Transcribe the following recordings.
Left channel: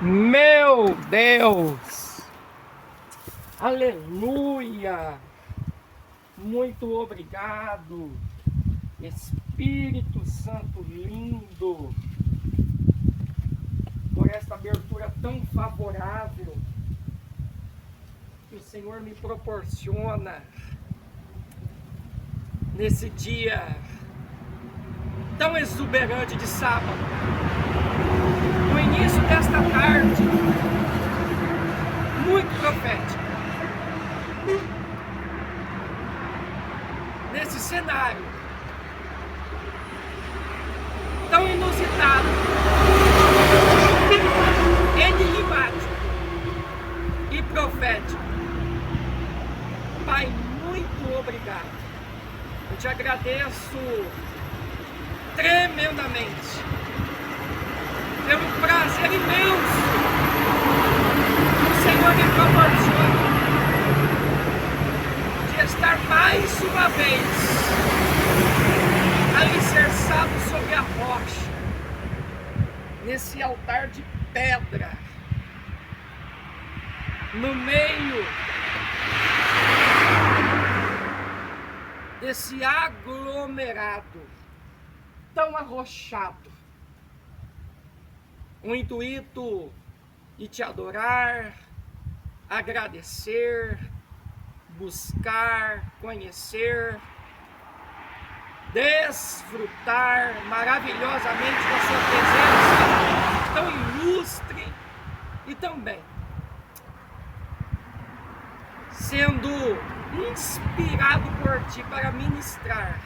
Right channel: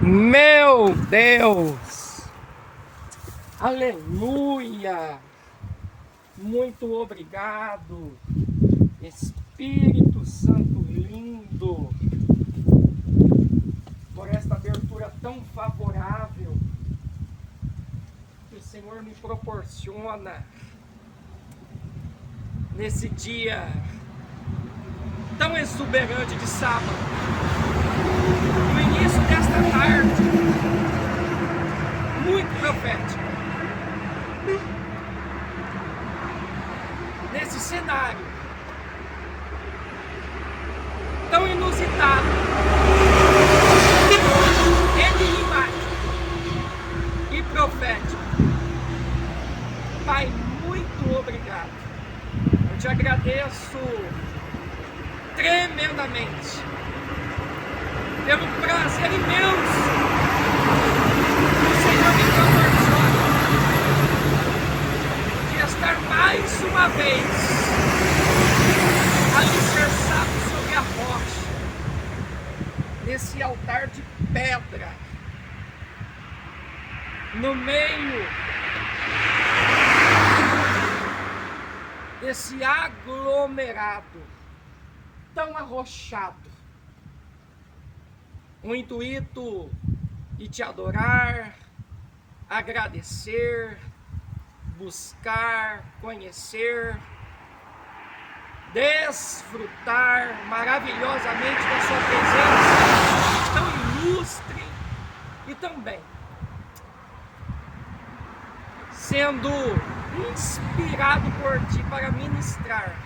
Meu Deus! Aleluia! Muito obrigado, Espírito Santo lindo, por esta abertura tão favorável que o Senhor me proporciona nesse dia tão exuberante de sábado, no início desta tarde, muito profética. Nesse cenário tão inusitado, enigmático e profético. Pai, muito obrigado. Eu te agradeço tremendamente pelo prazer imenso que o Senhor me proporciona de estar mais uma vez alicerçado sobre a rocha, nesse altar de pedra, no meio desse aglomerado tão arrochado, o intuito de te adorar, agradecer, buscar, conhecer, desfrutar maravilhosamente da sua presença tão ilustre e também sendo inspirado por ti para ministrar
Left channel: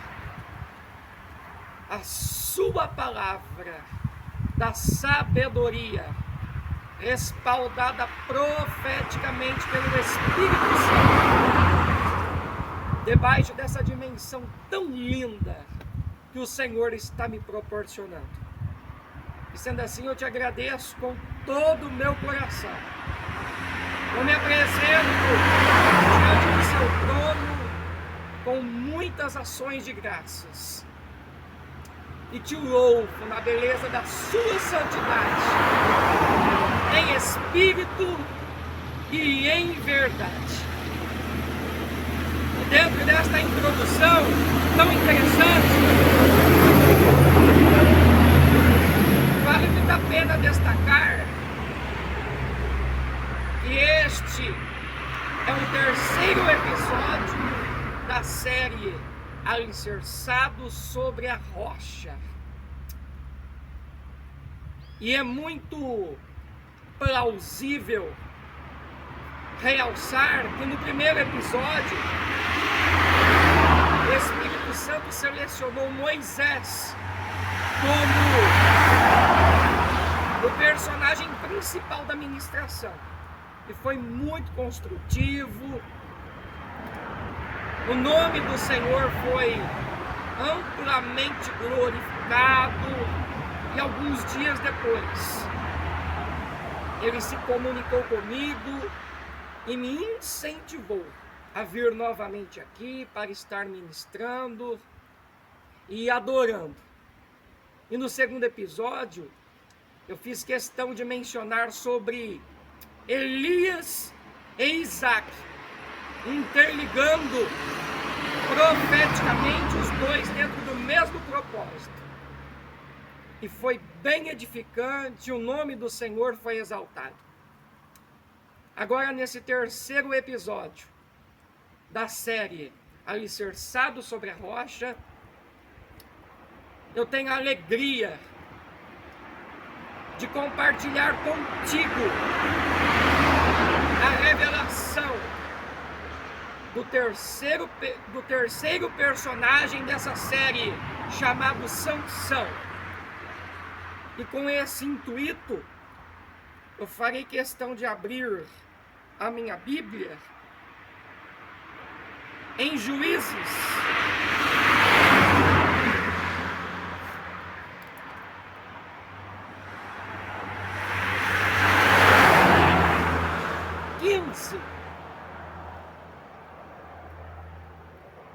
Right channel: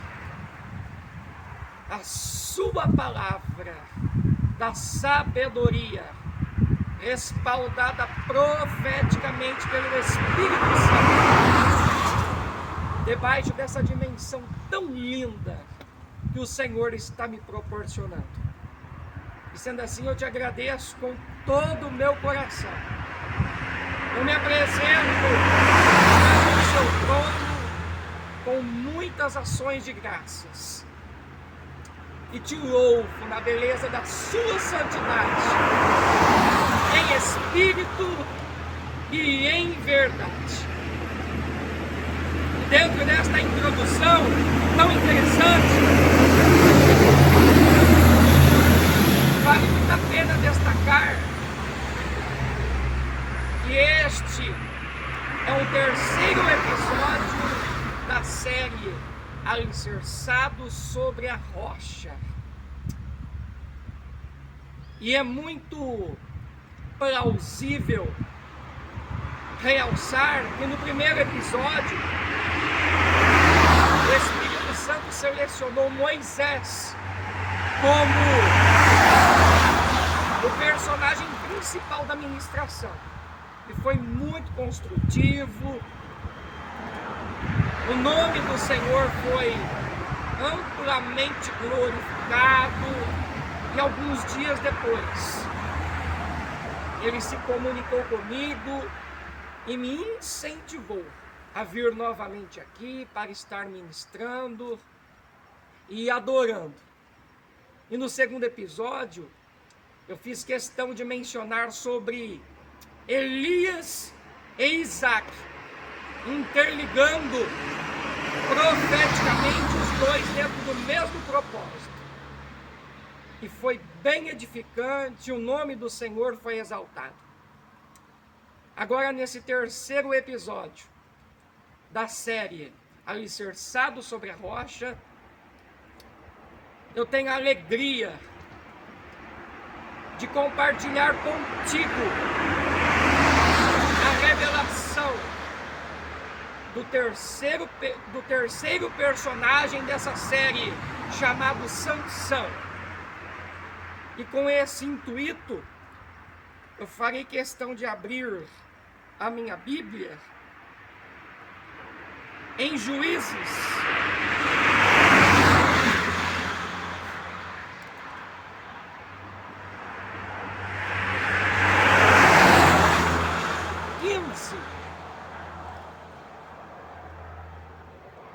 a sua palavra da sabedoria, respaldada profeticamente pelo Espírito Santo, debaixo dessa dimensão tão linda que o Senhor está me proporcionando. E sendo assim, eu te agradeço com todo o meu coração. Eu me apresento diante do seu trono com muitas ações de graças e te louvo na beleza da sua santidade, em espírito e em verdade. E dentro desta introdução tão interessante, vale muito a pena destacar que este é o terceiro episódio da série Alicerçado sobre a Rocha. E é muito plausível realçar que no primeiro episódio o Espírito Santo selecionou Moisés como o personagem principal da ministração. E foi muito construtivo. O nome do Senhor foi amplamente glorificado. E alguns dias depois, ele se comunicou comigo e me incentivou a vir novamente aqui para estar ministrando e adorando. E no segundo episódio, eu fiz questão de mencionar sobre Elias e Isaac, interligando profeticamente os dois dentro do mesmo propósito. E foi bem edificante, o nome do Senhor foi exaltado. Agora, nesse terceiro episódio da série Alicerçado sobre a Rocha, eu tenho a alegria de compartilhar contigo a revelação do terceiro personagem dessa série, chamado Sansão. E com esse intuito, eu farei questão de abrir a minha Bíblia em Juízes,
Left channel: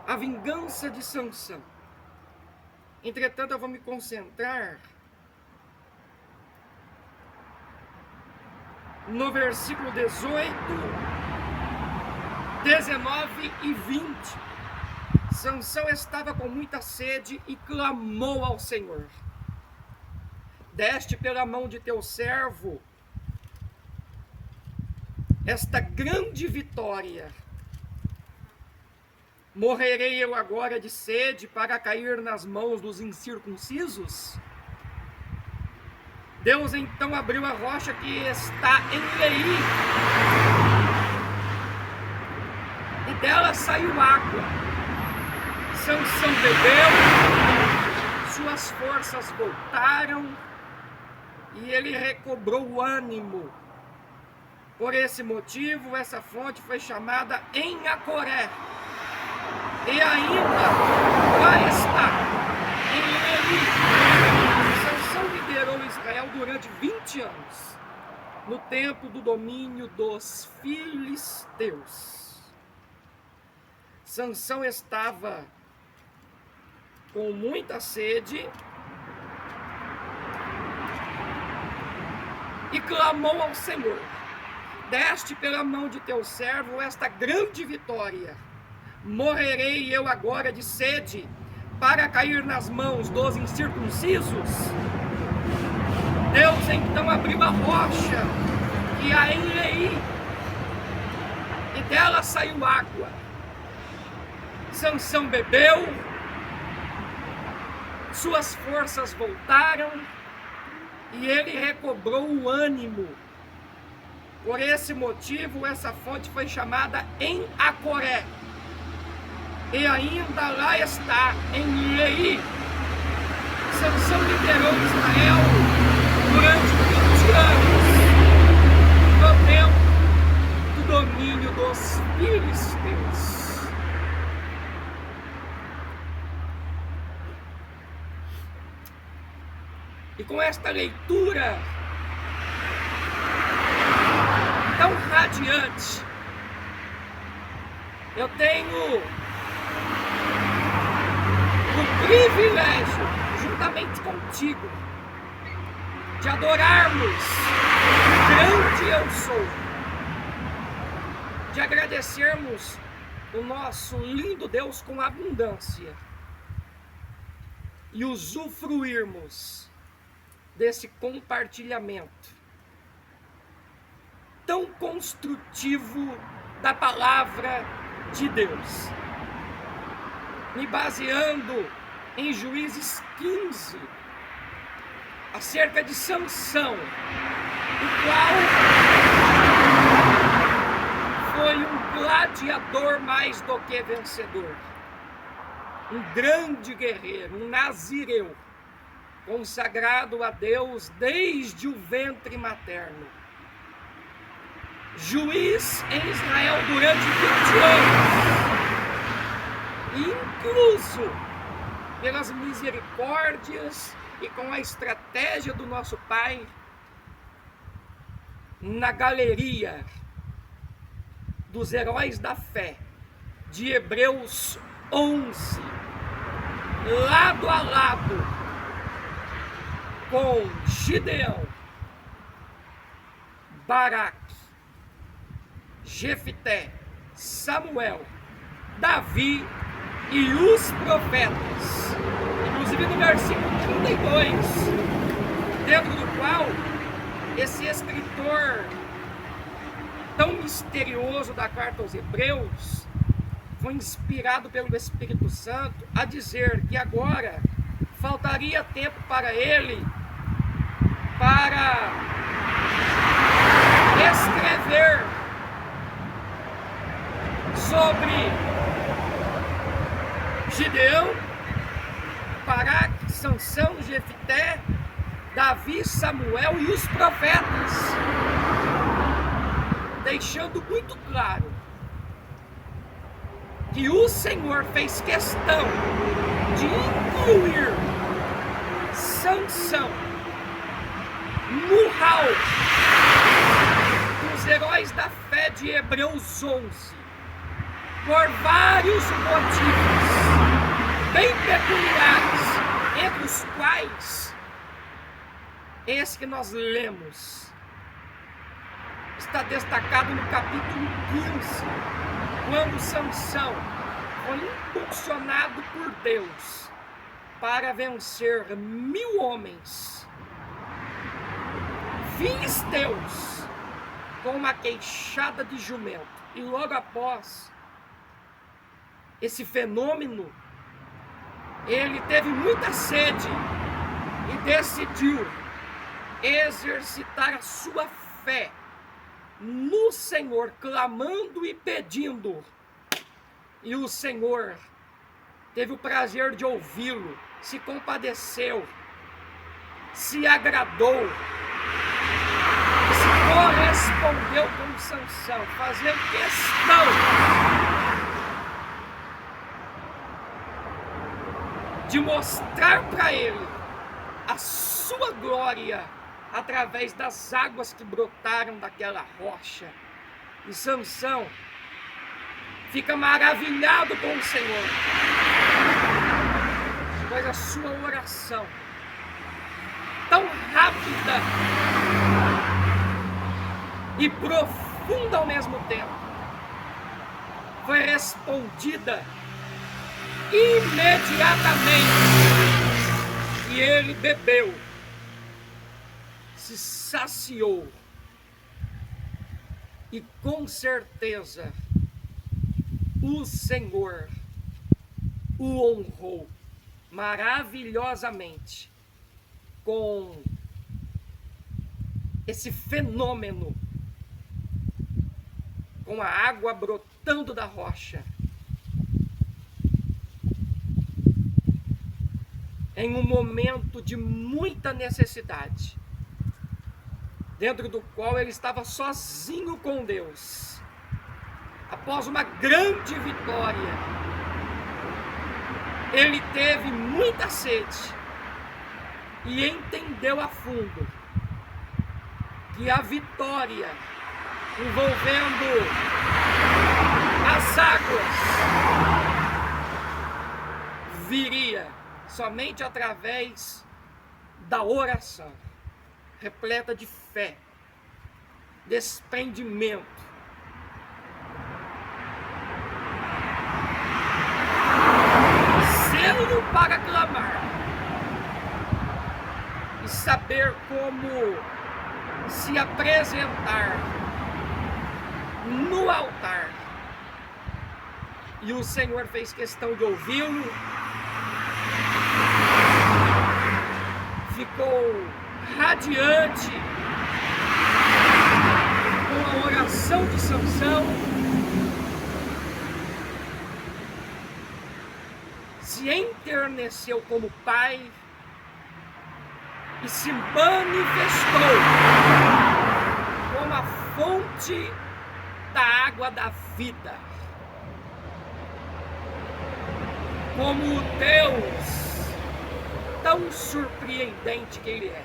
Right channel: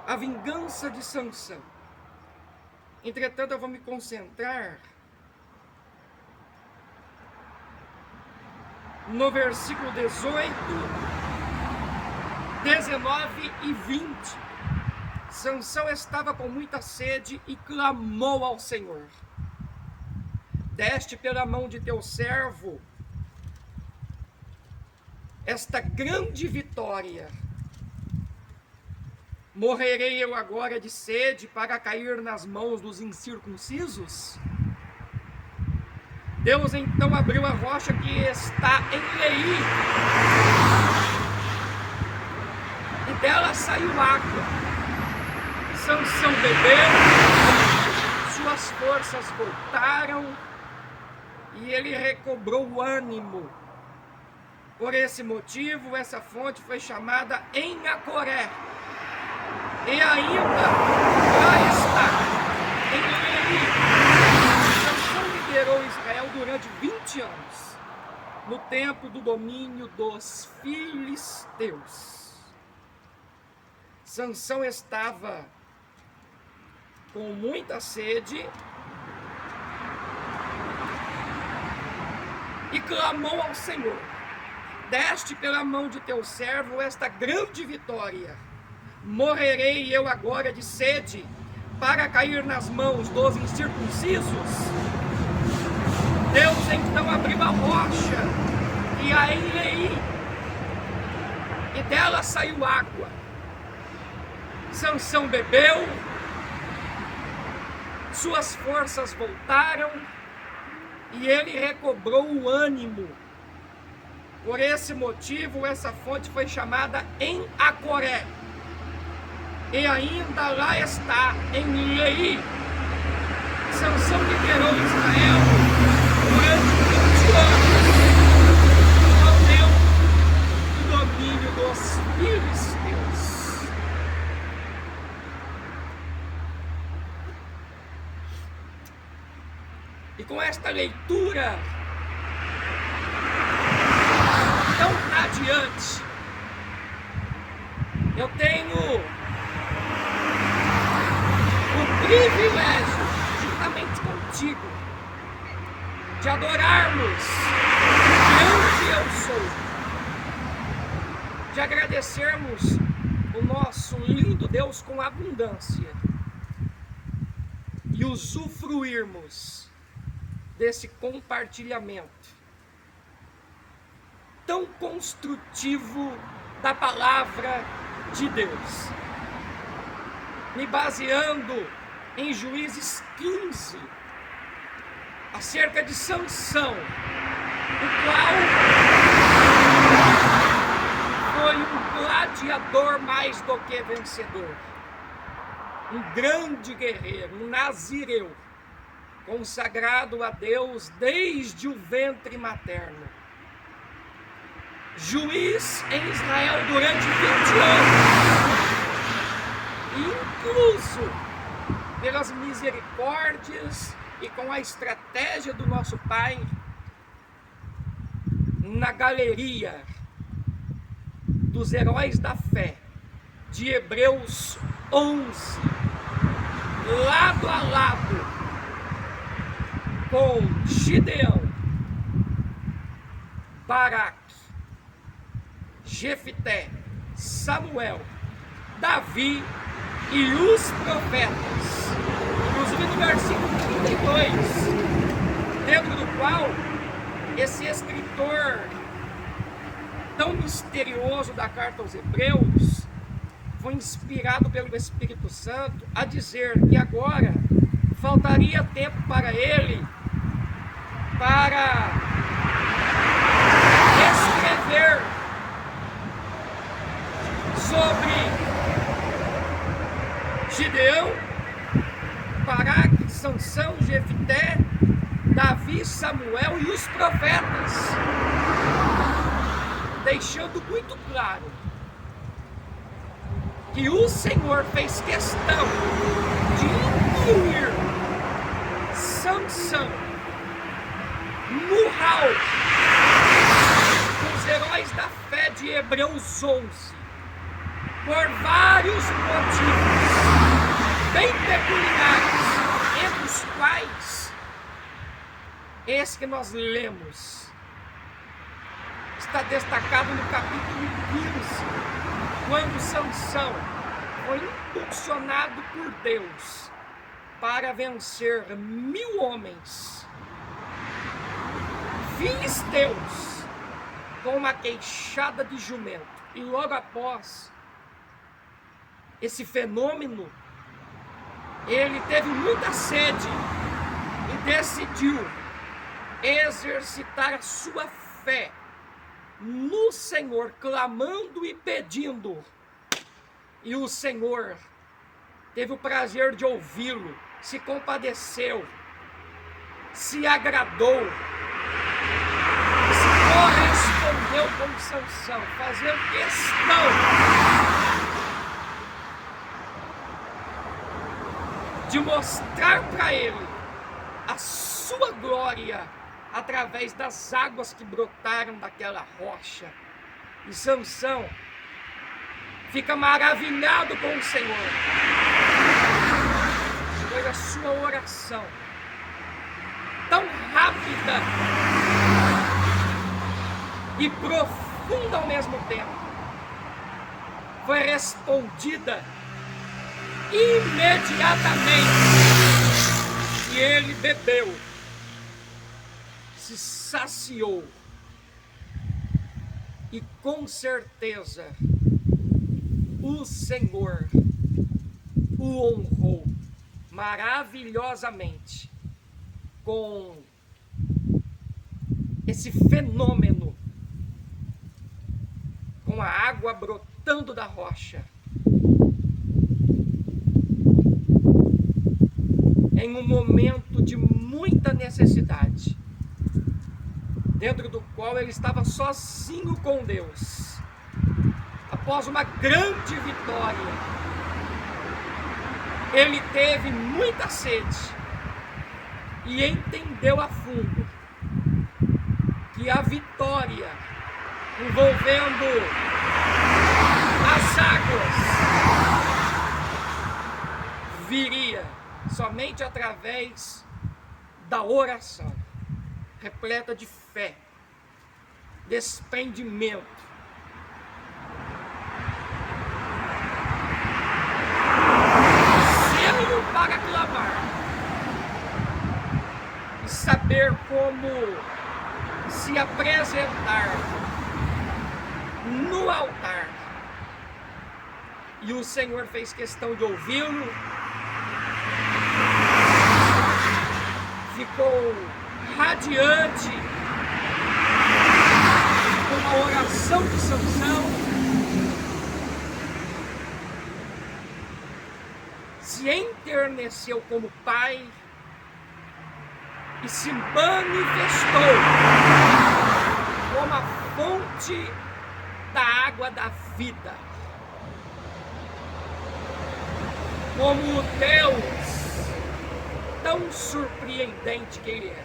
a vingança de Sansão. Entretanto, eu vou me concentrar no versículo 18, 19 e 20. Sansão estava com muita sede e clamou ao Senhor: deste pela mão de teu servo esta grande vitória. Morrerei eu agora de sede para cair nas mãos dos incircuncisos? Deus então abriu a rocha que está em Leí, e dela saiu água. Sansão bebeu, suas forças voltaram e ele recobrou o ânimo. Por esse motivo, essa fonte foi chamada Em-Acoré. E ainda lá está, em Leí. Sansão liderou Israel durante 20 anos, no tempo do domínio dos filisteus. Sansão estava com muita sede e clamou ao Senhor: deste pela mão de teu servo esta grande vitória. Morrerei eu agora de sede para cair nas mãos dos incircuncisos? Deus então abriu a rocha que há em Leí, e dela saiu água. Sansão bebeu, suas forças voltaram e ele recobrou o ânimo. Por esse motivo, essa fonte foi chamada Em-Acoré. E ainda lá está, em Leí. Sansão liderou Israel durante 20 anos, no tempo do domínio dos filisteus. E com esta leitura tão radiante, eu tenho o privilégio, juntamente contigo, de adorarmos o grande eu sou, de agradecermos o nosso lindo Deus com abundância e usufruirmos desse compartilhamento tão construtivo da palavra de Deus, me baseando em Juízes 15, acerca de Sansão, o qual foi um gladiador mais do que vencedor, um grande guerreiro, um nazireu, consagrado a Deus desde o ventre materno, juiz em Israel durante 20 anos, incluso pelas misericórdias e com a estratégia do nosso Pai, na galeria dos heróis da fé de Hebreus 11, lado a lado com Gideão, Baraque, Jefité, Samuel, Davi e os profetas. Inclusive no versículo 32, dentro do qual esse escritor tão misterioso da carta aos Hebreus foi inspirado pelo Espírito Santo a dizer que agora faltaria tempo para ele para escrever sobre Gideão, Baraque, Sansão, Jefité, Davi, Samuel e os profetas, deixando muito claro que o Senhor fez questão de incluir Sansão no hall dos heróis da fé de Hebreus 11, por vários motivos bem peculiares, entre os quais esse que nós lemos está destacado no capítulo 15, quando Sansão foi impulsionado por Deus para vencer 1000 homens filisteus com uma queixada de jumento. E logo após esse fenômeno, ele teve muita sede e decidiu exercitar a sua fé no Senhor, clamando e pedindo. E o Senhor teve o prazer de ouvi-lo, se compadeceu, se agradou, se correspondeu com Sansão, fazendo questão de mostrar para ele a sua glória através das águas que brotaram daquela rocha. E Sansão fica maravilhado com o Senhor, pois a sua oração, tão rápida e profunda ao mesmo tempo, foi respondida imediatamente. E ele bebeu, se saciou e com certeza o Senhor o honrou maravilhosamente com esse fenômeno, com a água brotando da rocha, em um momento de muita necessidade, dentro do qual ele estava sozinho com Deus. Após uma grande vitória, ele teve muita sede e entendeu a fundo que a vitória envolvendo as águas viria somente através da oração, repleta de fé, desprendimento. Selo para clamar e saber como se apresentar no altar. E o Senhor fez questão de ouvi-lo, ficou radiante com a oração de Sansão, se enterneceu como pai e se manifestou como a fonte da água da vida, como o Deus tão surpreendente que Ele é.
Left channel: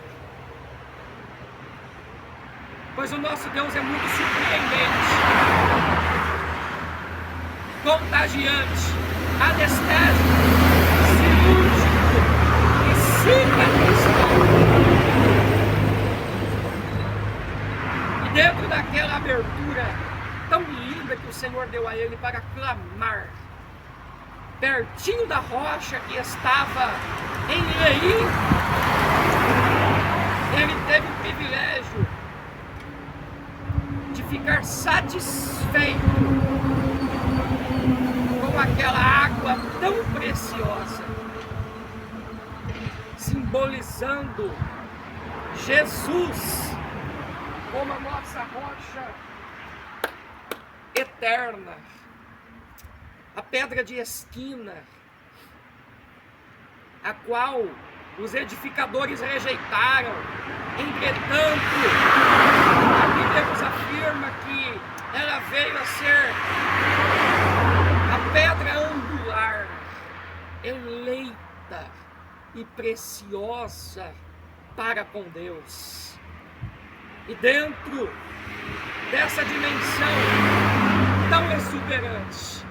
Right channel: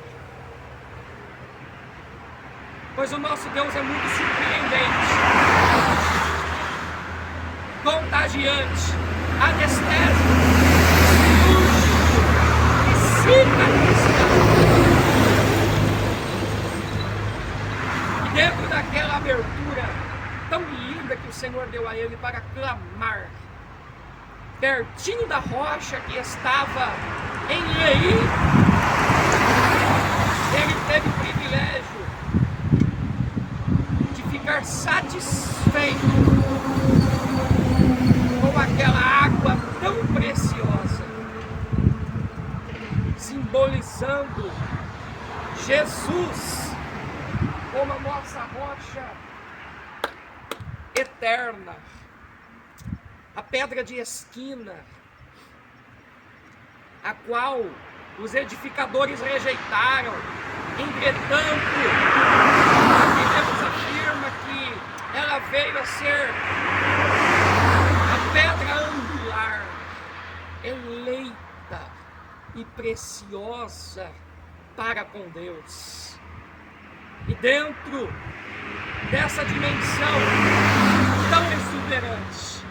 Pois o nosso Deus é muito surpreendente, contagiante, anestésico, cirúrgico e cicatrizador. E dentro daquela abertura tão linda que o Senhor deu a ele para clamar, pertinho da rocha que estava em Leí, ele teve o privilégio de ficar satisfeito com aquela água tão preciosa, simbolizando Jesus como a nossa rocha eterna, a pedra de esquina, a qual os edificadores rejeitaram. Entretanto, a Bíblia nos afirma que ela veio a ser a pedra angular, eleita e preciosa para com Deus. E dentro dessa dimensão tão exuberante,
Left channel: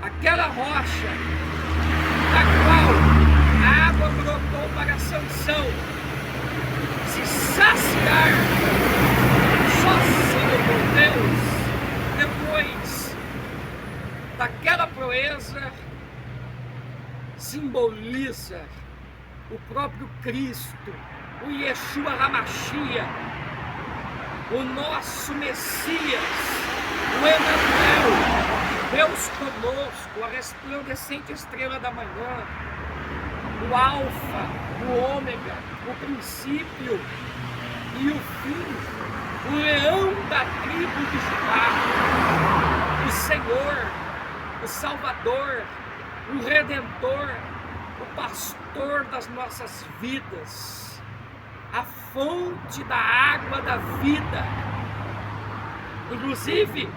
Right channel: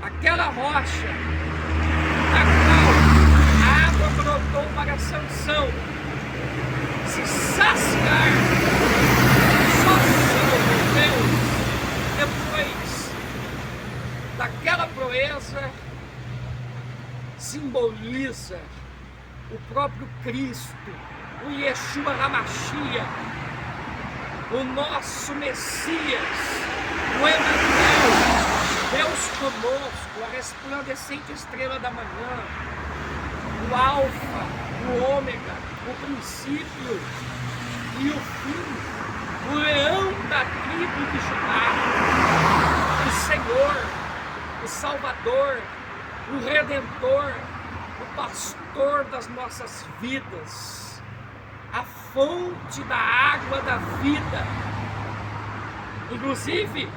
aquela rocha da qual a água brotou para Sansão se saciar simboliza o próprio Cristo, o Yeshua HaMashiach, o nosso Messias, o Emanuel, Deus conosco, a resplandecente estrela da manhã, o Alfa, o Ômega, o princípio e o fim, o leão da tribo de Judá, o Senhor, o Salvador, o Redentor, o pastor das nossas vidas, a fonte da água da vida, inclusive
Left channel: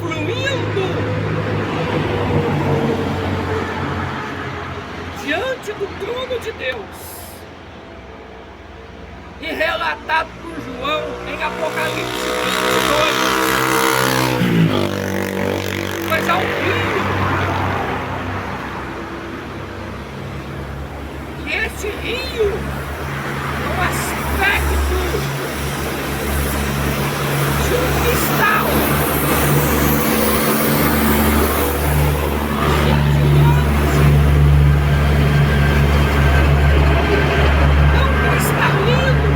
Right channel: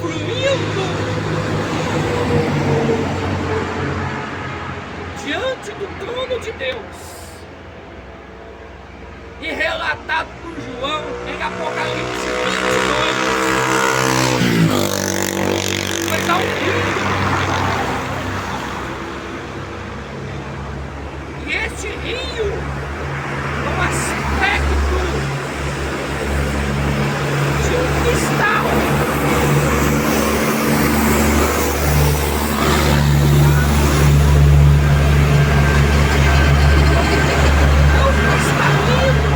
fluindo diante do trono de Deus e relatado por João em Apocalipse 22. Vai dar um rio. E este rio, com aspecto de um cristal, tão cristalino,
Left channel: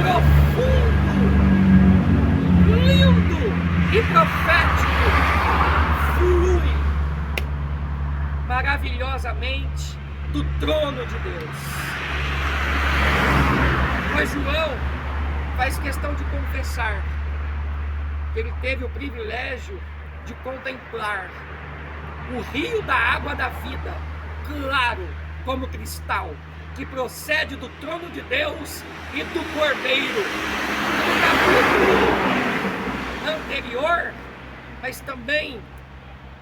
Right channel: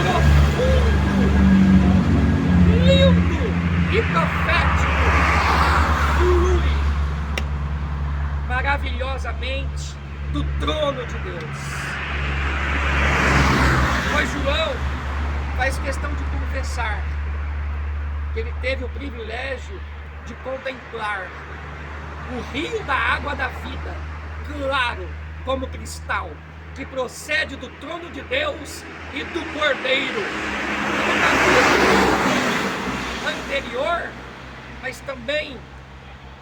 profundo, lindo e profético, flui maravilhosamente do trono de Deus. Pois João faz questão de confessar que ele teve o privilégio de contemplar o rio da água da vida, claro como cristal, que procede do trono de Deus e do Cordeiro. No capítulo anterior, mas também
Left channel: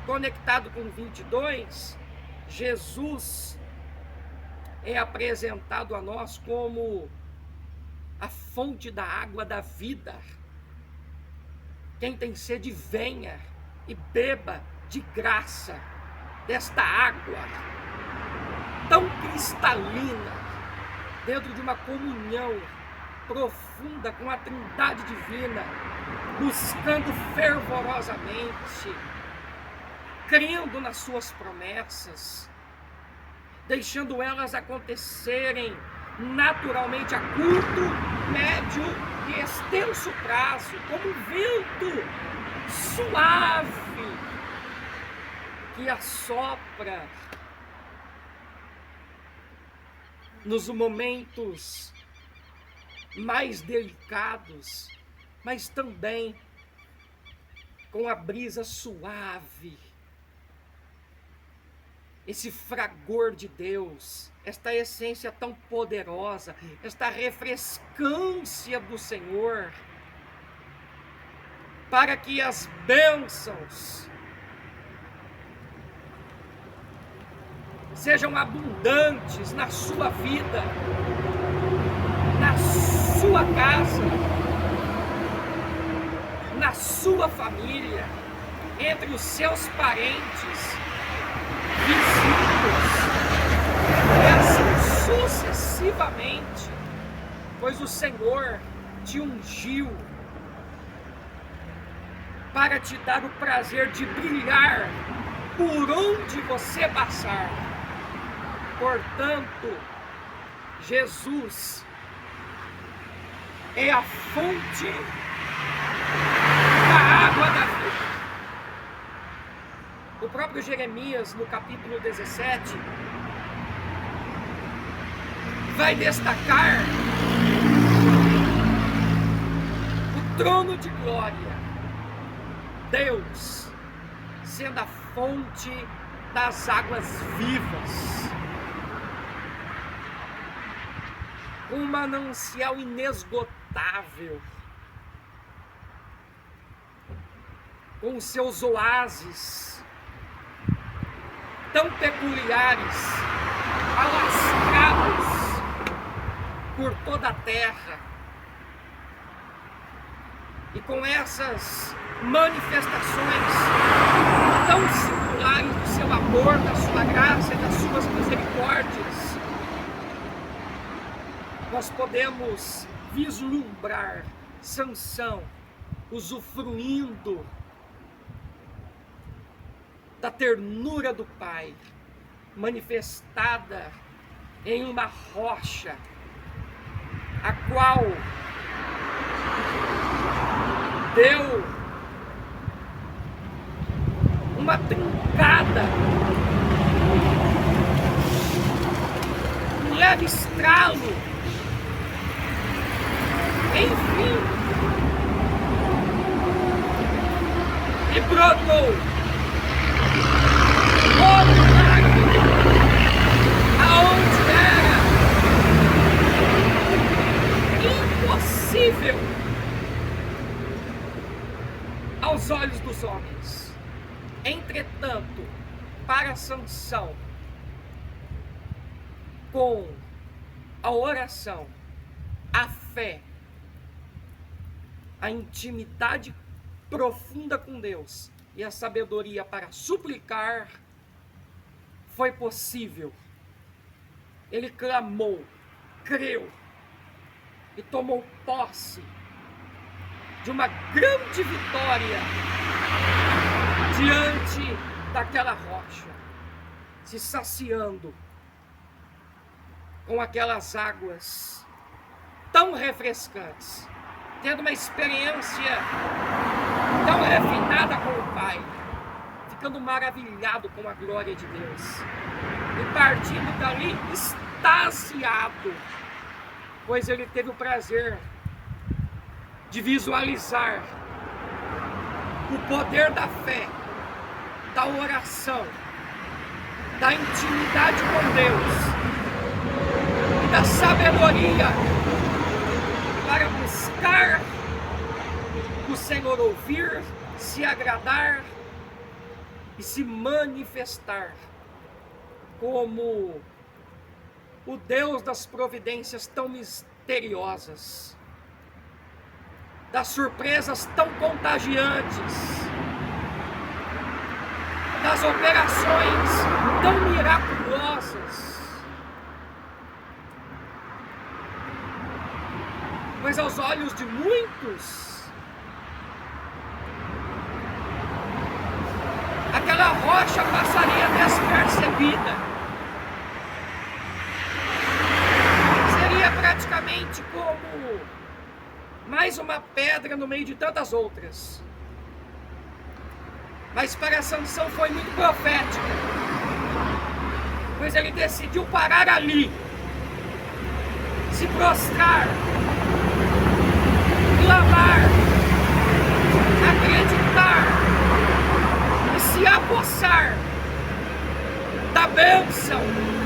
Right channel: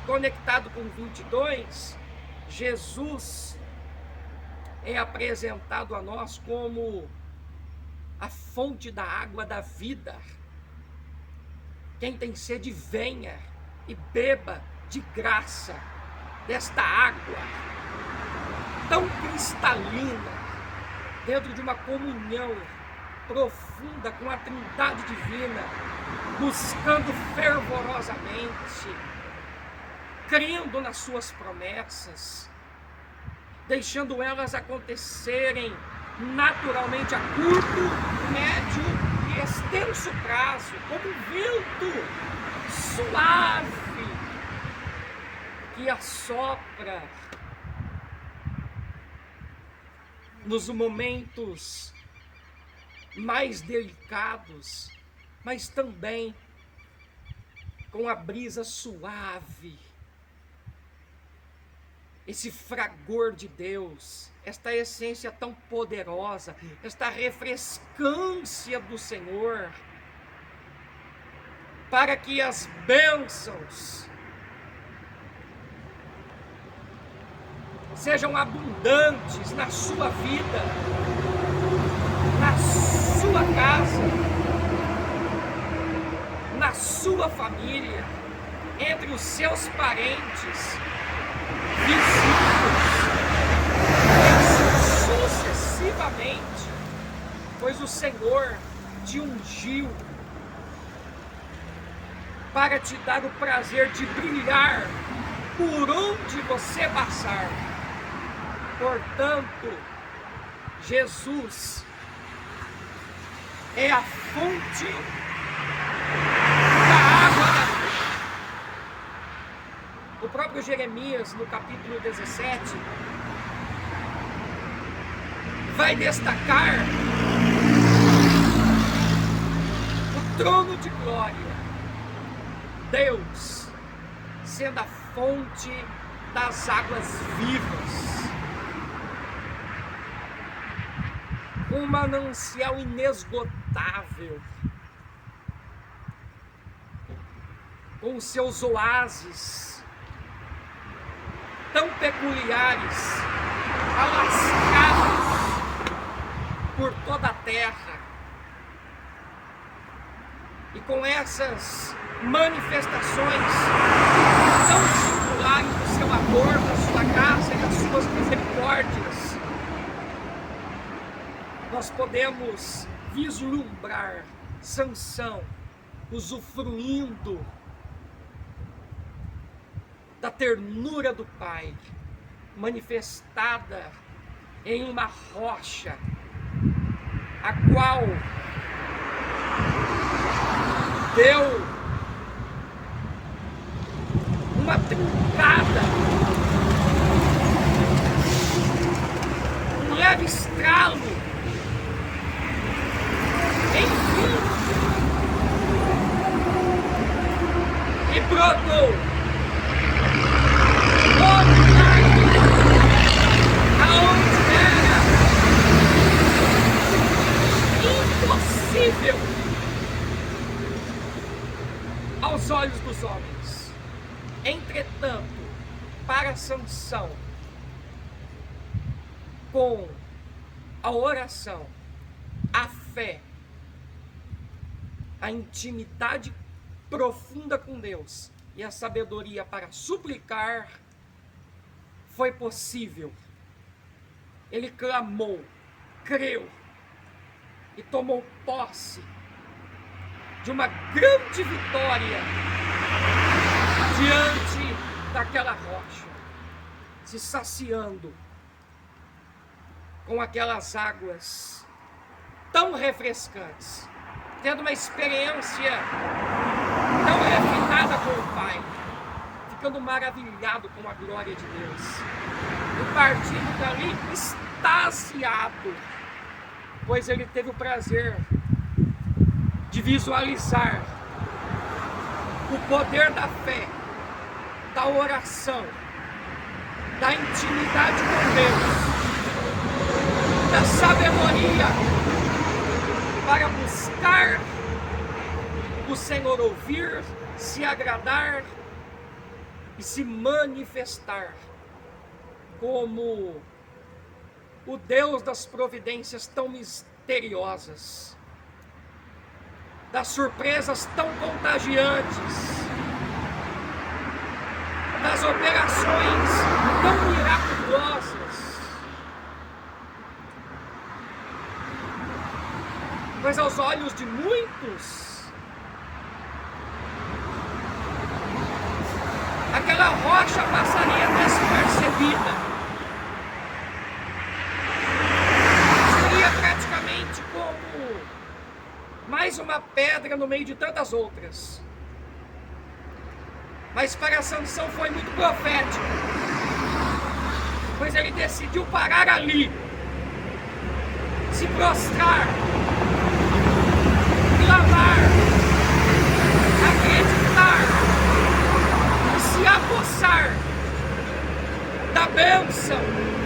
conectado com 22, Jesus é apresentado a nós como a fonte da água da vida. Quem tem sede, venha e beba de graça desta água tão cristalina, dentro de uma comunhão profunda com a Trindade Divina, buscando fervorosamente, crendo nas suas promessas, deixando elas acontecerem naturalmente a curto, médio e extenso prazo, como um vento suave que assopra nos momentos mais delicados, mas também com a brisa suave, esse fragor de Deus, esta essência tão poderosa, esta refrescância do Senhor, para que as bênçãos sejam abundantes na sua vida, na sua casa, na sua família, entre os seus parentes, vizinhos, e assim sucessivamente, pois o Senhor te ungiu para te dar o prazer de brilhar por onde você passar. Portanto, Jesus é a fonte da água da vida. O próprio Jeremias, no capítulo 17, vai destacar o trono de glória, Deus sendo a fonte das águas vivas, um manancial inesgotável, com os seus oásis tão peculiares, alascados por toda a terra, e com essas manifestações tão singulares do seu amor, da sua graça e das suas misericórdias, nós podemos vislumbrar Sansão usufruindo da ternura do Pai, manifestada em uma rocha, a qual deu uma trincada, um leve estralo, enfim, e brotou o milagre aonde era impossível aos olhos dos homens. Entretanto, para Sansão, com a oração, a fé, a intimidade profunda com Deus e a sabedoria para suplicar, foi possível. Ele clamou, creu e tomou posse de uma grande vitória diante daquela rocha, se saciando com aquelas águas tão refrescantes, tendo uma experiência tão refinada com o Pai, ficando maravilhado com a glória de Deus e partindo dali extasiado, pois ele teve o prazer de visualizar o poder da fé, da oração, da intimidade com Deus e da sabedoria para buscar o Senhor, ouvir, se agradar e se manifestar como o Deus das providências tão misteriosas, das surpresas tão contagiantes, das operações tão miraculosas. Mas aos olhos de muitos, aquela rocha passaria despercebida. Seria praticamente como mais uma pedra no meio de tantas outras. Mas para Sansão foi muito profético, pois ele decidiu parar ali, se prostrar, clamar, acreditar e se apossar da bênção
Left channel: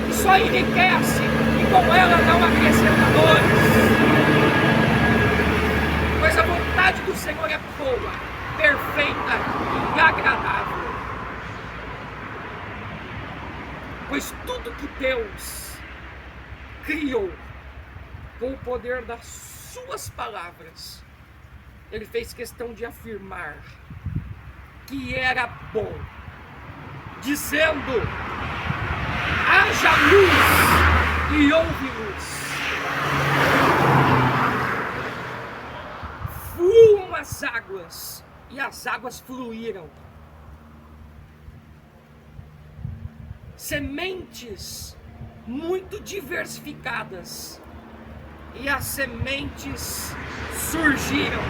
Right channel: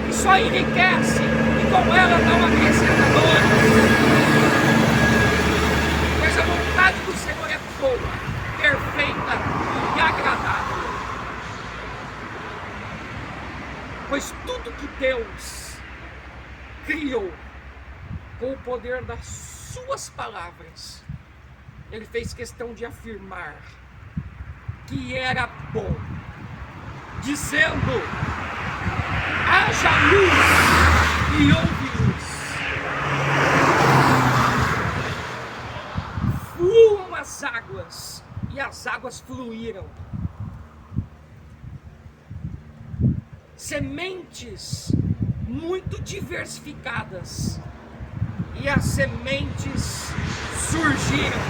que só enriquece e com ela não acrescenta dores. Pois a vontade do Senhor é boa, perfeita e agradável. Pois tudo que Deus criou com o poder das suas palavras, Ele fez questão de afirmar que era bom, dizendo: haja luz e houve luz. Fluam as águas, e as águas fluíram. Sementes muito diversificadas, e as sementes surgiram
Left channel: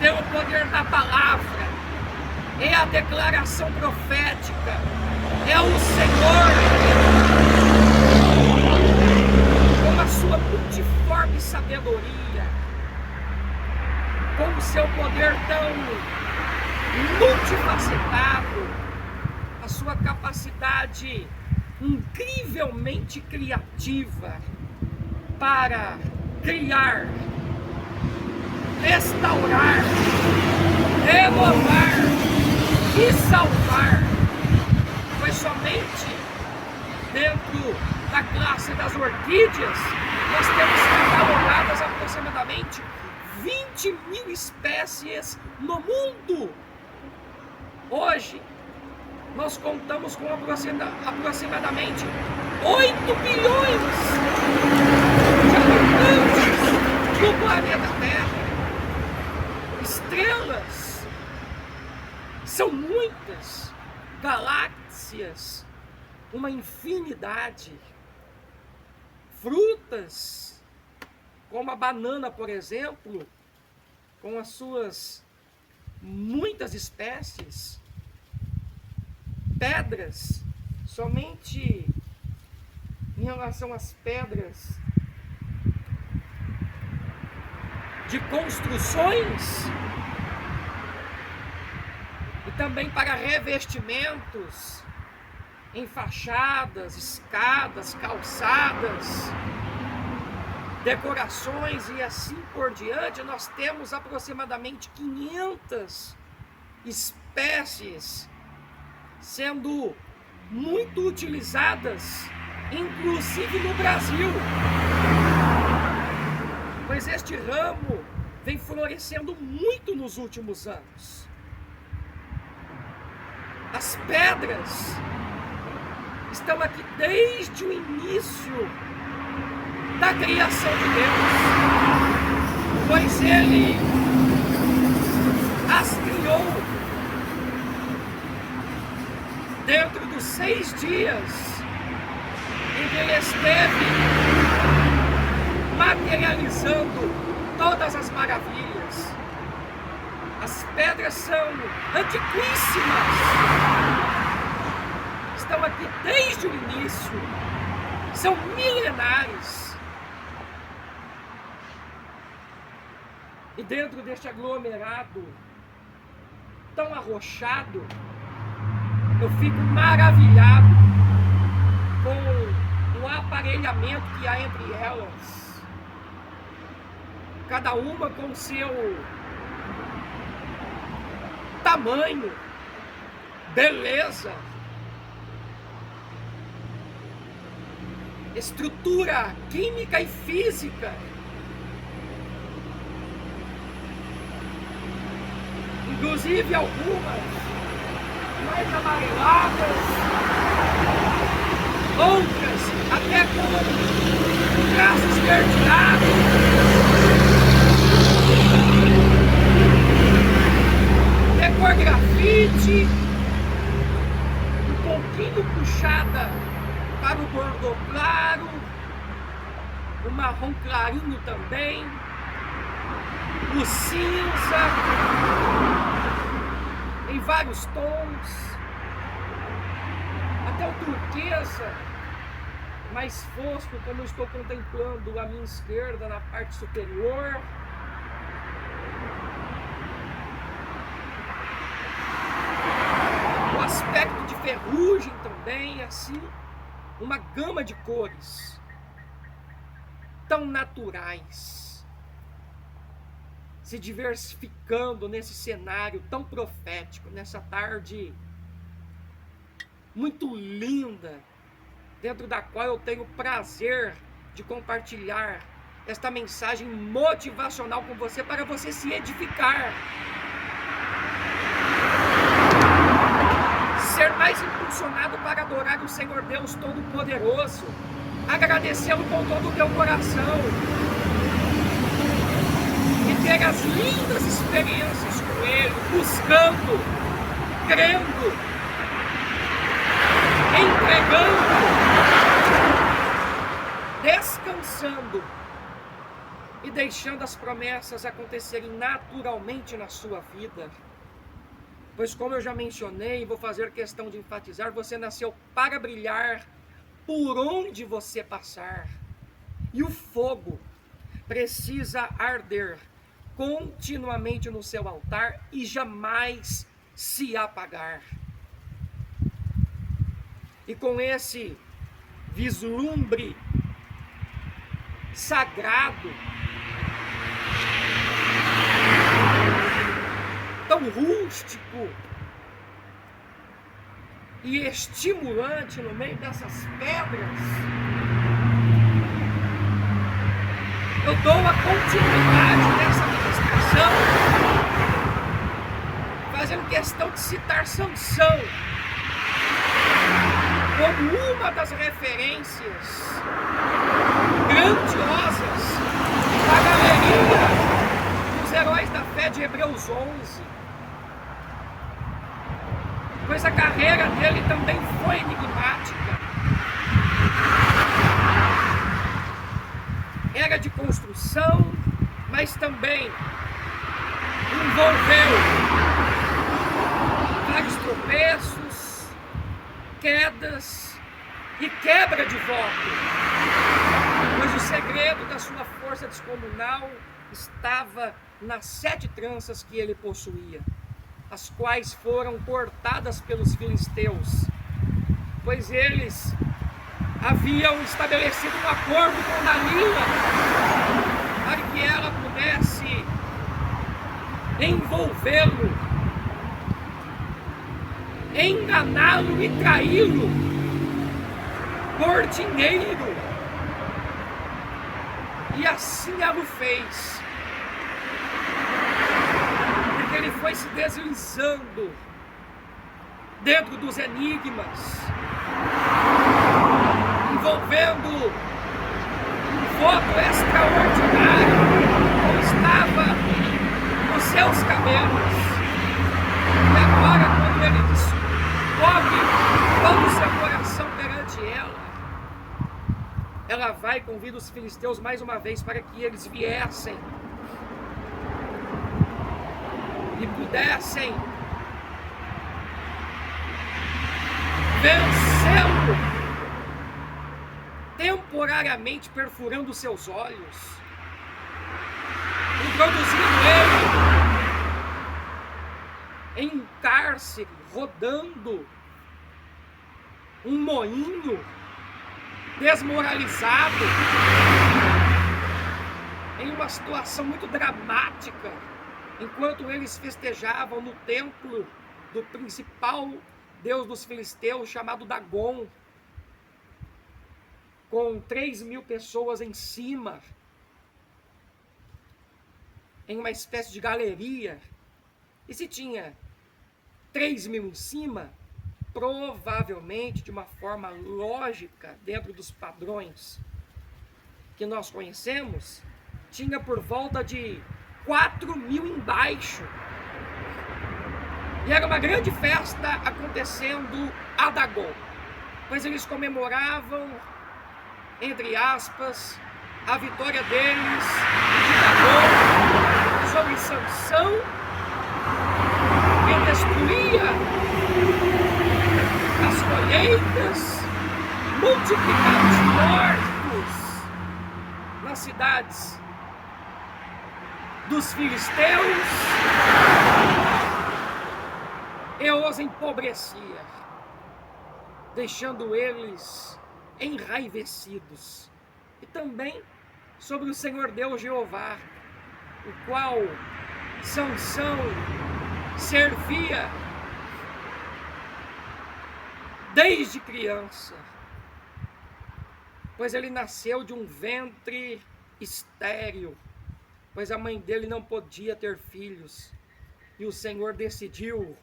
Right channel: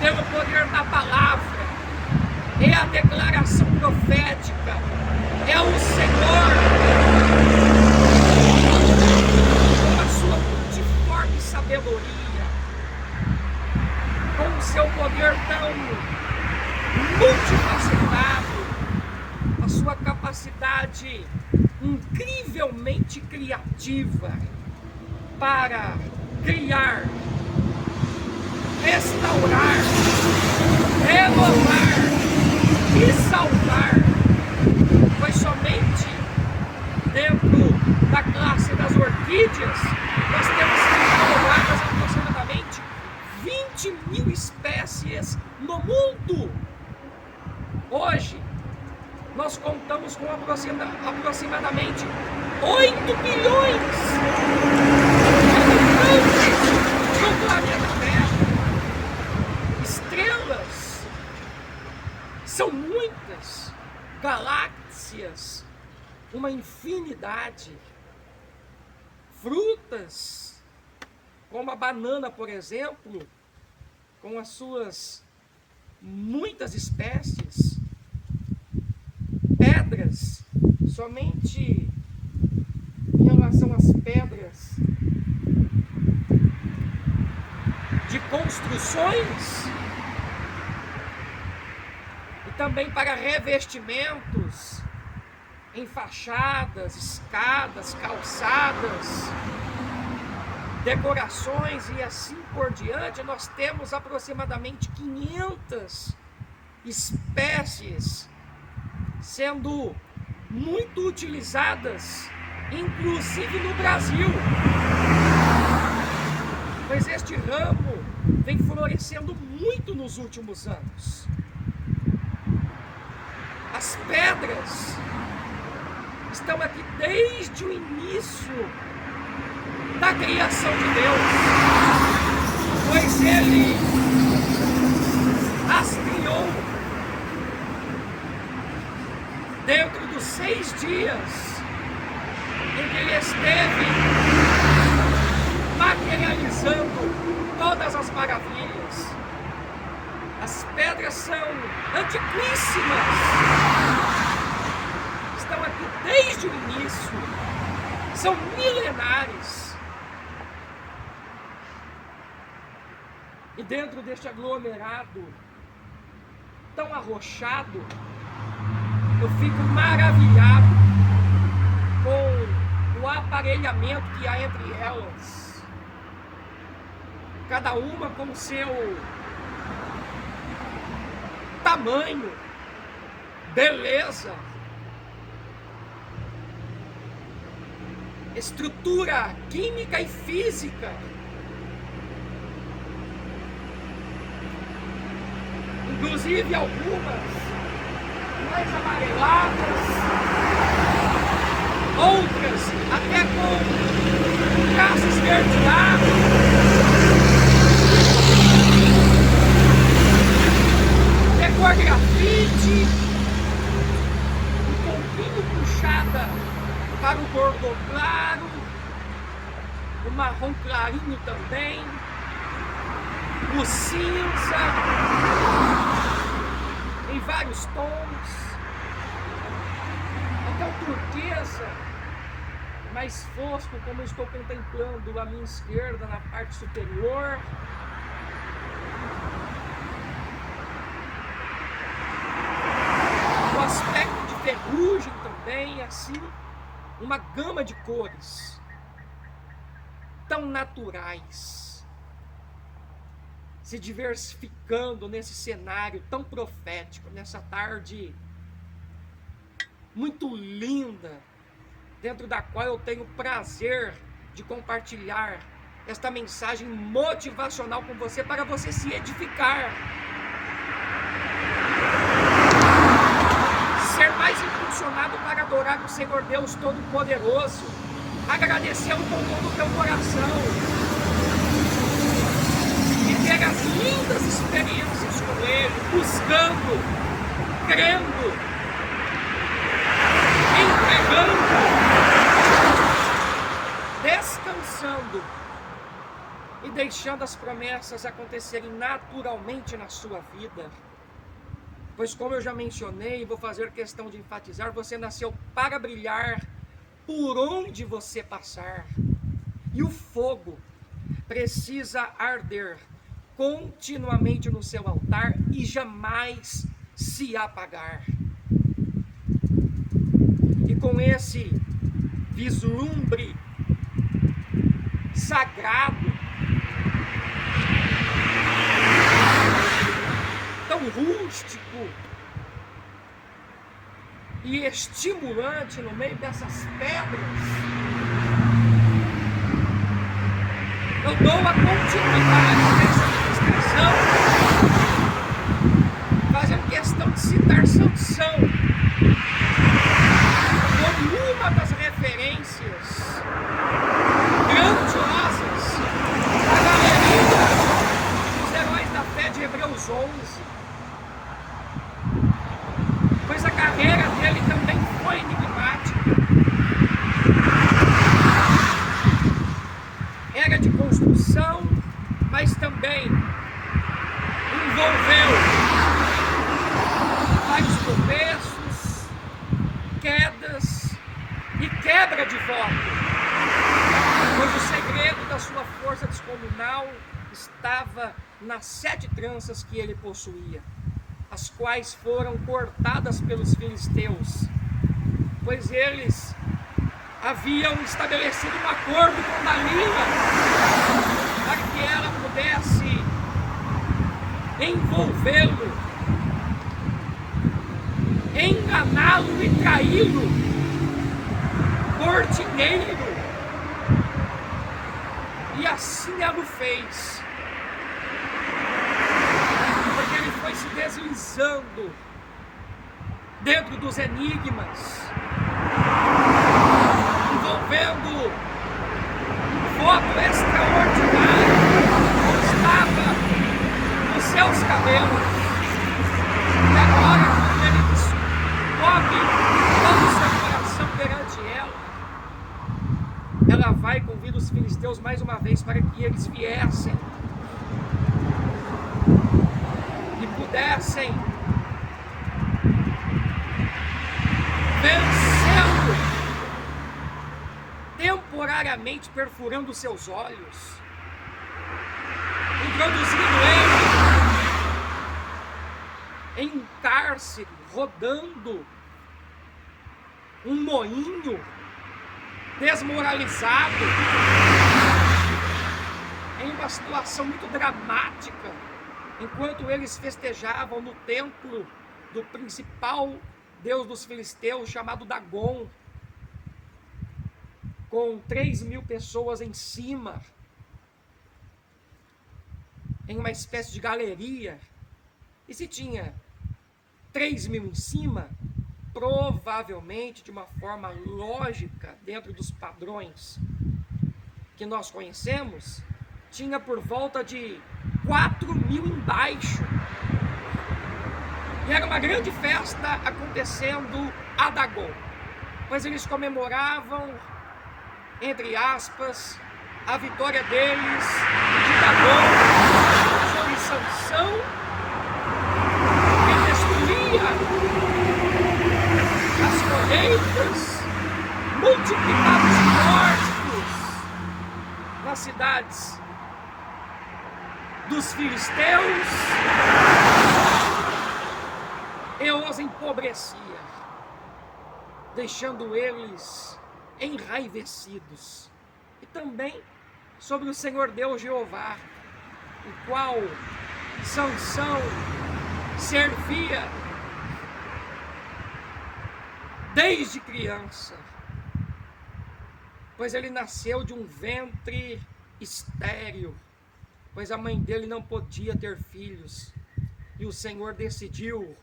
pelo poder da palavra. É a declaração profética, é o Senhor com a sua multiforme sabedoria, com o seu poder tão multifacetado, a sua capacidade incrivelmente criativa para criar, restaurar, renovar e salvar. Foi somente dentro da classe das orquídeas nós temos catalogadas aproximadamente 20.000 espécies no mundo. Hoje nós contamos com aproximadamente 8 bilhões de habitantes no planeta Terra. Estrelas são muitas, galáxias uma infinidade. Frutas, como a banana, por exemplo, com as suas muitas espécies. Pedras, somente em relação às pedras de construções e também para revestimentos em fachadas, escadas, calçadas, decorações e assim por diante, nós temos aproximadamente 500 espécies sendo muito utilizadas, inclusive no Brasil, pois este ramo vem florescendo muito nos últimos anos. As pedras estão aqui desde o início da criação de Deus, pois Ele as criou dentro dos 6 dias em que Ele esteve materializando todas as maravilhas. As pedras são antiquíssimas, estão aqui desde o início, são milenares. E dentro deste aglomerado tão arrochado, eu fico maravilhado com o aparelhamento que há entre elas, cada uma com o seu tamanho, beleza, estrutura química e física. Inclusive algumas mais amareladas, outras até com traço esverdeado. De cor grafite, um pouquinho puxada para o bordô claro, o marrom clarinho também, o cinza, em vários tons, até o turquesa, mais fosco, como eu estou contemplando à minha esquerda na parte superior. O aspecto de ferrugem também, assim, uma gama de cores tão naturais, se diversificando nesse cenário tão profético, nessa tarde muito linda, dentro da qual eu tenho prazer de compartilhar esta mensagem motivacional com você, para você se edificar, ser mais impulsionado para adorar o Senhor Deus Todo-Poderoso, agradecê-lo com todo o teu coração e ter as lindas experiências com Ele, buscando, crendo, entregando, descansando e deixando as promessas acontecerem naturalmente na sua vida. Pois, como eu já mencionei e vou fazer questão de enfatizar, você nasceu para brilhar por onde você passar. E o fogo precisa arder continuamente no seu altar e jamais se apagar. E com esse vislumbre sagrado, tão rústico e estimulante no meio dessas pedras, eu dou a continuidade dessa ministração, fazendo questão de citar Sansão como uma das referências grandiosas da galerinha dos heróis da fé de Hebreus 11. pois a carreira dele também foi enigmática. Era de construção, mas também envolveu vários tropeços, quedas e quebra de voto, pois o segredo da sua força descomunal estava nas 7 tranças que ele possuía, as quais foram cortadas pelos filisteus, pois eles haviam estabelecido um acordo com Dalila para que ela pudesse envolvê-lo, enganá-lo e traí-lo por dinheiro. E assim ela o fez, porque ele foi se deslizando dentro dos enigmas, envolvendo um voto extraordinário como estava nos seus cabelos. E agora, quando ele descobre todo o seu coração perante ela vai e convida os filisteus mais uma vez para que eles viessem e pudessem vencê-lo temporariamente, perfurando seus olhos, introduzindo ele em um cárcere, rodando um moinho, desmoralizado, em uma situação muito dramática, enquanto eles festejavam no templo do principal deus dos filisteus, chamado Dagon, com 3.000 pessoas em cima, em uma espécie de galeria. E se tinha 3.000 em cima, provavelmente, de uma forma lógica, dentro dos padrões que nós conhecemos, tinha por volta de 4.000 embaixo. E era uma grande festa acontecendo a Dagon, pois eles comemoravam, entre aspas, a vitória deles, de Dagon, sobre Sansão, que destruía as colheitas, multiplicava os mortos nas cidades dos filisteus e os empobrecia, deixando eles enraivecidos. E também sobre o Senhor Deus Jeová, o qual Sansão servia desde criança, pois ele nasceu de um ventre estéril, pois a mãe dele não podia ter filhos, e o Senhor decidiu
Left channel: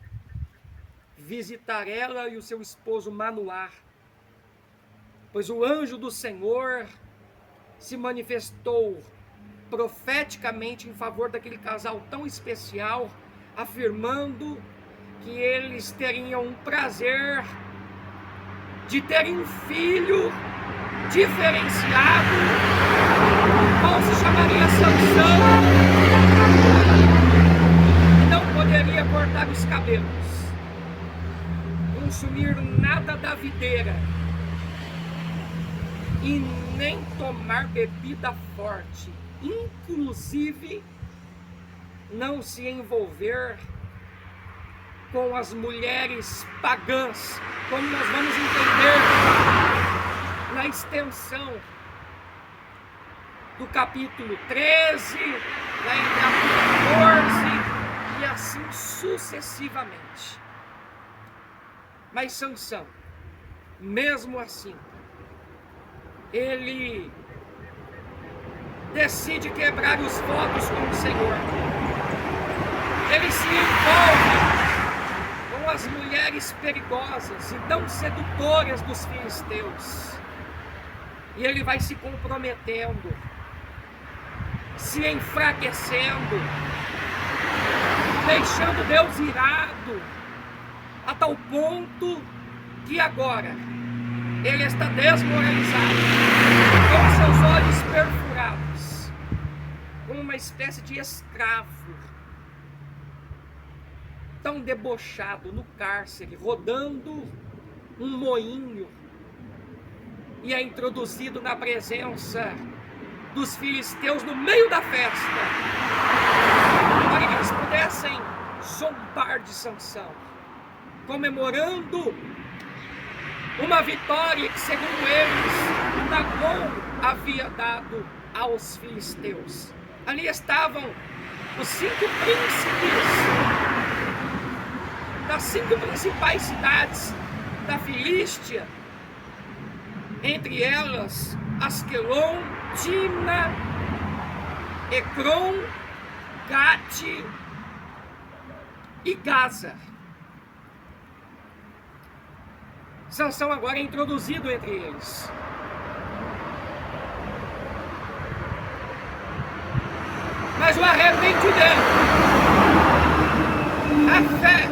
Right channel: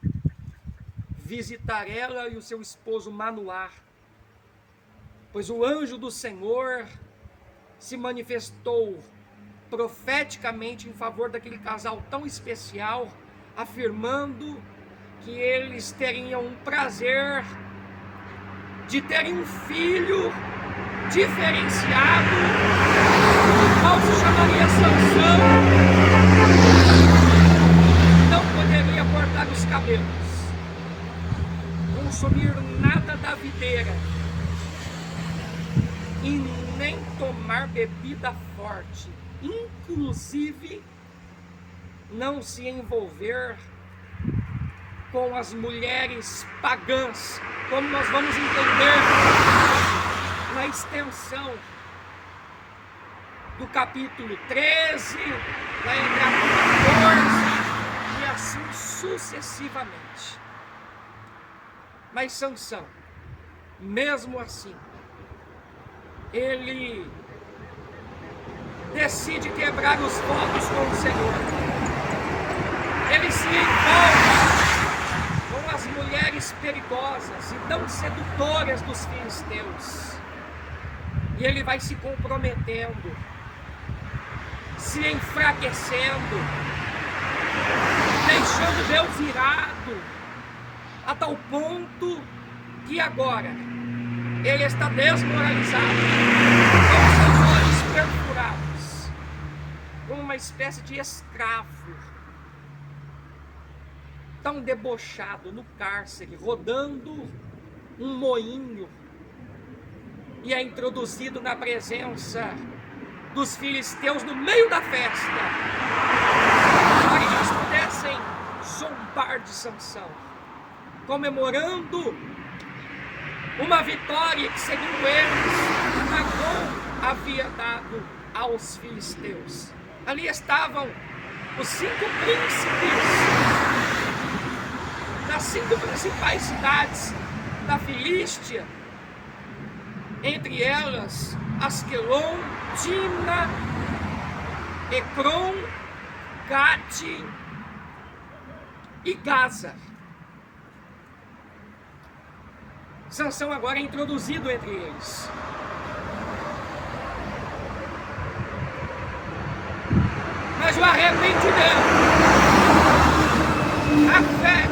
visitar ela e o seu esposo Manoá, pois o anjo do Senhor se manifestou profeticamente em favor daquele casal tão especial, afirmando que eles teriam um prazer de terem um filho diferenciado, o qual se chamaria Sansão, e não poderia cortar os cabelos, consumir nada da videira e nem tomar bebida forte, inclusive não se envolver com as mulheres pagãs, como nós vamos entender na extensão do capítulo 13, vai entrar no 14 e assim sucessivamente. Mas Sansão, mesmo assim, ele decide quebrar os votos com o Senhor. Ele se envolve com as mulheres perigosas e tão sedutoras dos filisteus. E ele vai se comprometendo, se enfraquecendo, deixando Deus irado, a tal ponto que agora ele está desmoralizado, com seus olhos perfurados, como uma espécie de escravo, tão debochado no cárcere, rodando um moinho, e é introduzido na presença dos filisteus no meio da festa, para que eles pudessem zombar de Sansão, comemorando uma vitória que, segundo eles, Dagom havia dado aos filisteus. Ali estavam os 5 príncipes das 5 principais cidades da Filístia, entre elas Asquelon, Timna, Ecrom, Gate e Gaza. Sansão agora é introduzido entre eles. Mas o arrependimento, a fé,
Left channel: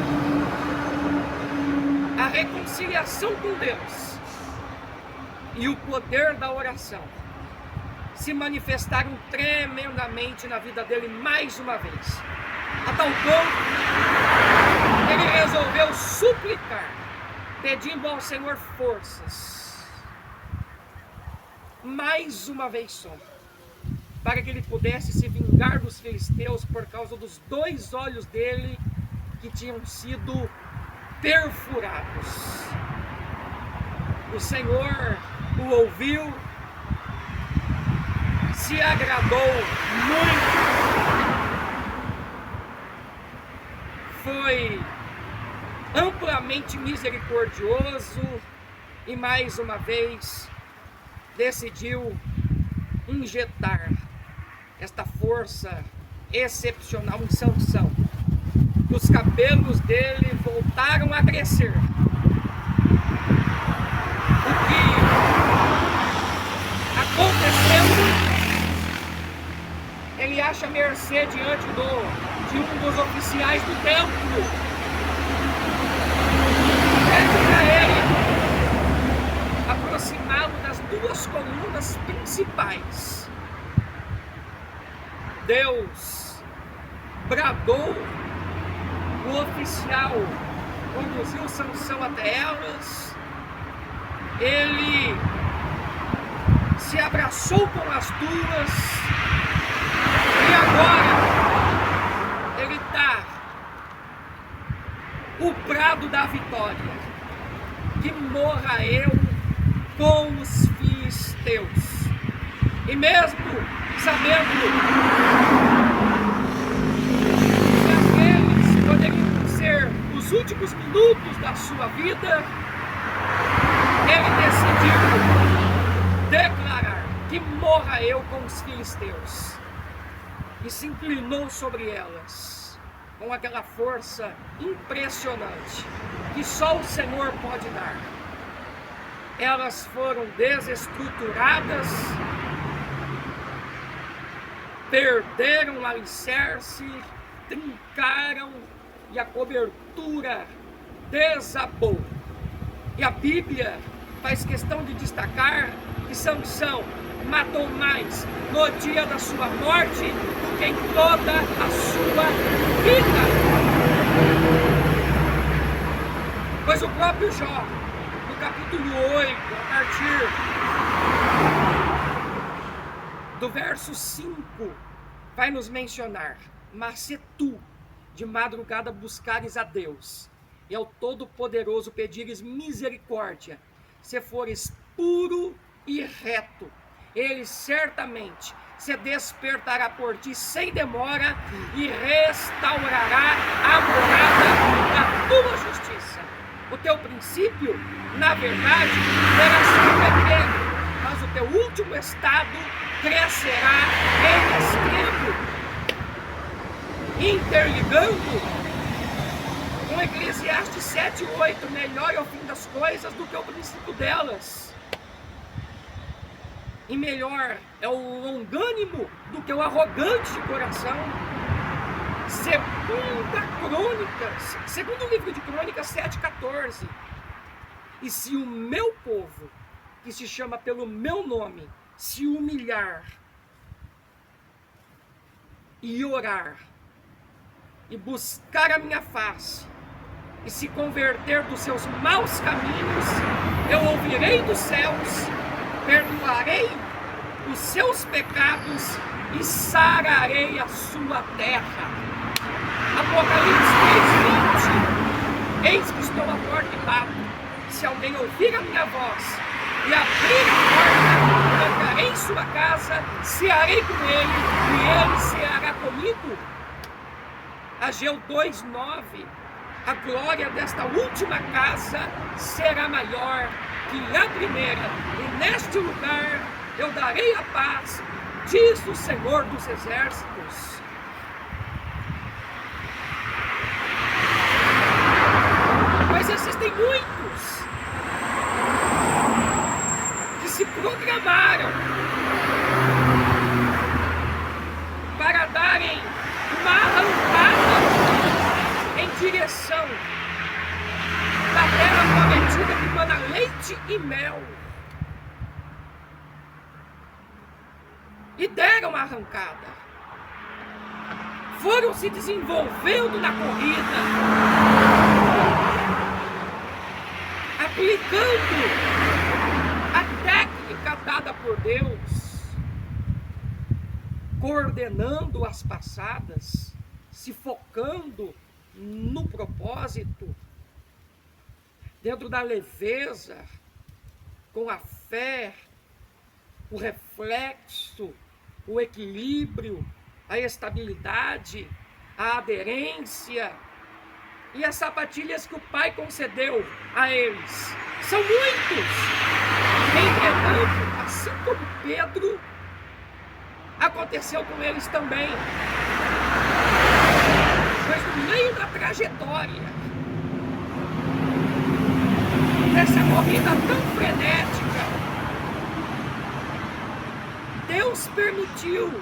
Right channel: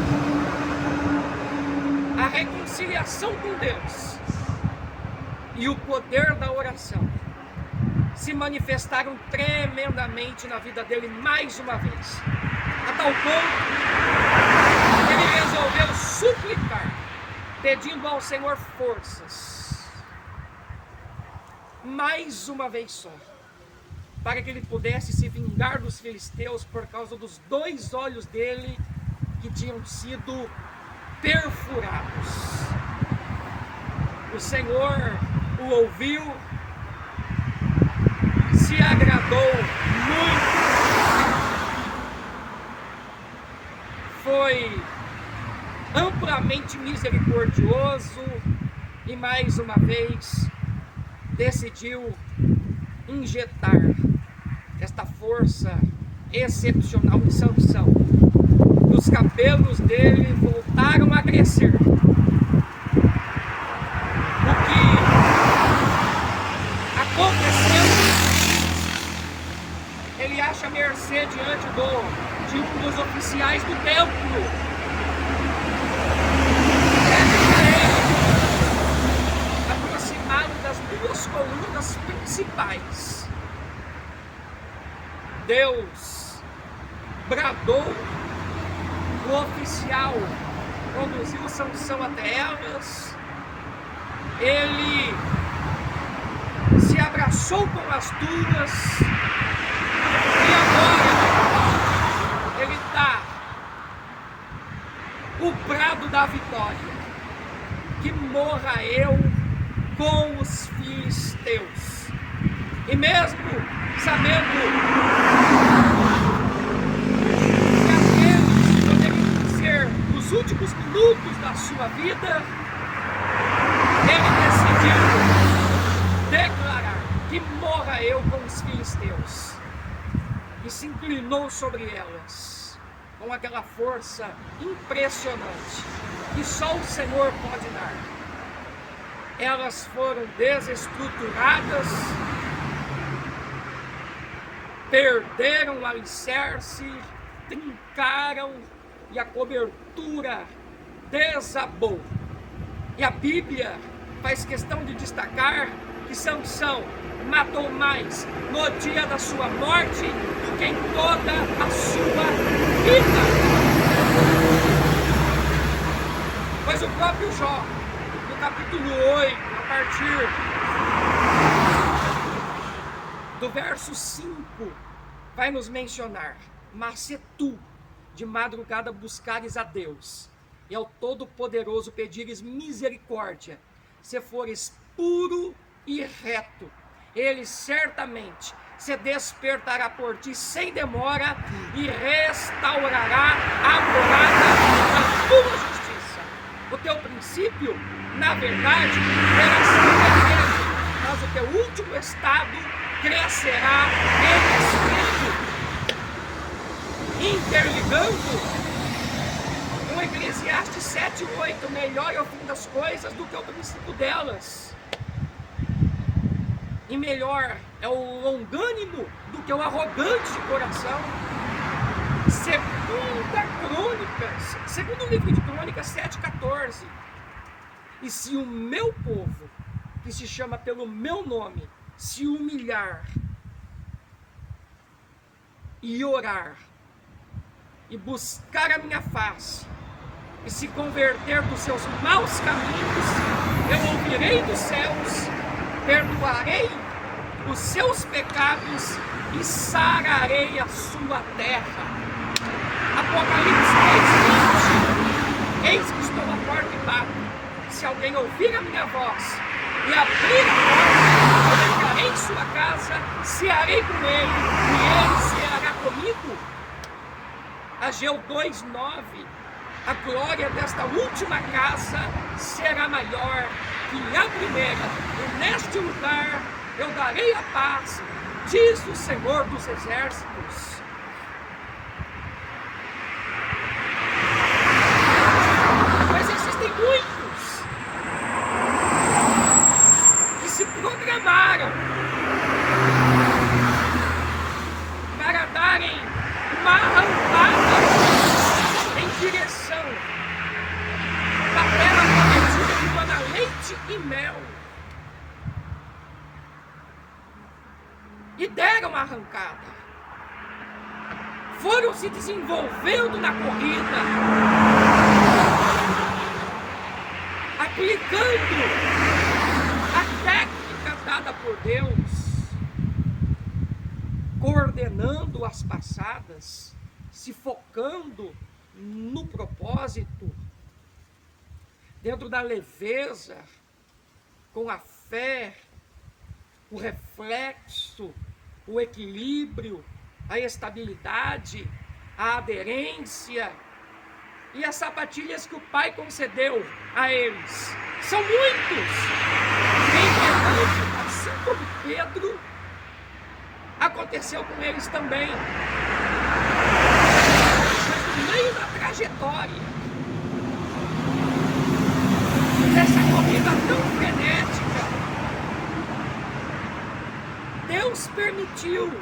a reconciliação com Deus e o poder da oração se manifestaram tremendamente na vida dele mais uma vez, a tal ponto que ele resolveu suplicar, pedindo ao Senhor forças, mais uma vez só, para que ele pudesse se vingar dos filisteus por causa dos 2 olhos dele que tinham sido perfurados. O Senhor o ouviu, se agradou muito, foi amplamente misericordioso e mais uma vez decidiu injetar esta força excepcional em Sansão. E os cabelos dele voltaram a crescer. O que aconteceu? Ele acha mercê diante de um dos oficiais do templo. Pede para ele aproximá-lo das 2 colunas principais. Deus bradou, o oficial conduziu Sansão até elas, ele se abraçou com as 2 e agora ele dá o brado da vitória: que morra eu com os filisteus. E mesmo sabendo que aqueles poderiam ser os últimos minutos da sua vida, ele decidiu declarar: que morra eu com os filisteus. E se inclinou sobre elas com aquela força impressionante que só o Senhor pode dar. Elas foram desestruturadas, perderam o alicerce, trincaram e a cobertura desabou. E a Bíblia faz questão de destacar que Sansão matou mais no dia da sua morte do que em toda a sua vida. Pois o próprio Jó, no capítulo 8, a partir do verso 5, vai nos mencionar: mas se tu de madrugada buscares a Deus e ao Todo-Poderoso pedires misericórdia, se fores puro e reto, ele certamente se despertará por ti sem demora e restaurará a morada da tua justiça. O teu princípio, na verdade, terá sido pequeno, mas o teu último estado crescerá em extremo. Interligando com Eclesiastes 7:8, melhor é o fim das coisas do que o princípio delas. E melhor é o longânimo do que o arrogante de coração. Segundo livro de Crônicas 7,14. E se o meu povo, que se chama pelo meu nome, se humilhar e orar e buscar a minha face e se converter dos seus maus caminhos, eu ouvirei dos céus, perdoarei os seus pecados e sararei a sua terra. Apocalipse 3:20. Eis que estou à porta e bato. Se alguém ouvir a minha voz e abrir a porta, eu entrarei em sua casa, cearei com ele e ele ceará comigo. Ageu 2:9. A glória desta última casa será maior que a primeira, e neste lugar eu darei a paz, diz o Senhor dos Exércitos. Mas existem muitos que se programaram para darem uma arrancada em direção da terra prometida que mana leite e mel. E deram uma arrancada. Foram se desenvolvendo na corrida, aplicando a técnica dada por Deus, coordenando as passadas, se focando no propósito, dentro da leveza, com a fé, o reflexo, o equilíbrio, a estabilidade, a aderência e as sapatilhas que o Pai concedeu a eles. São muitos. Entretanto, assim como Pedro, aconteceu com eles também. Mas no meio da trajetória, nessa corrida tão frenética, Deus permitiu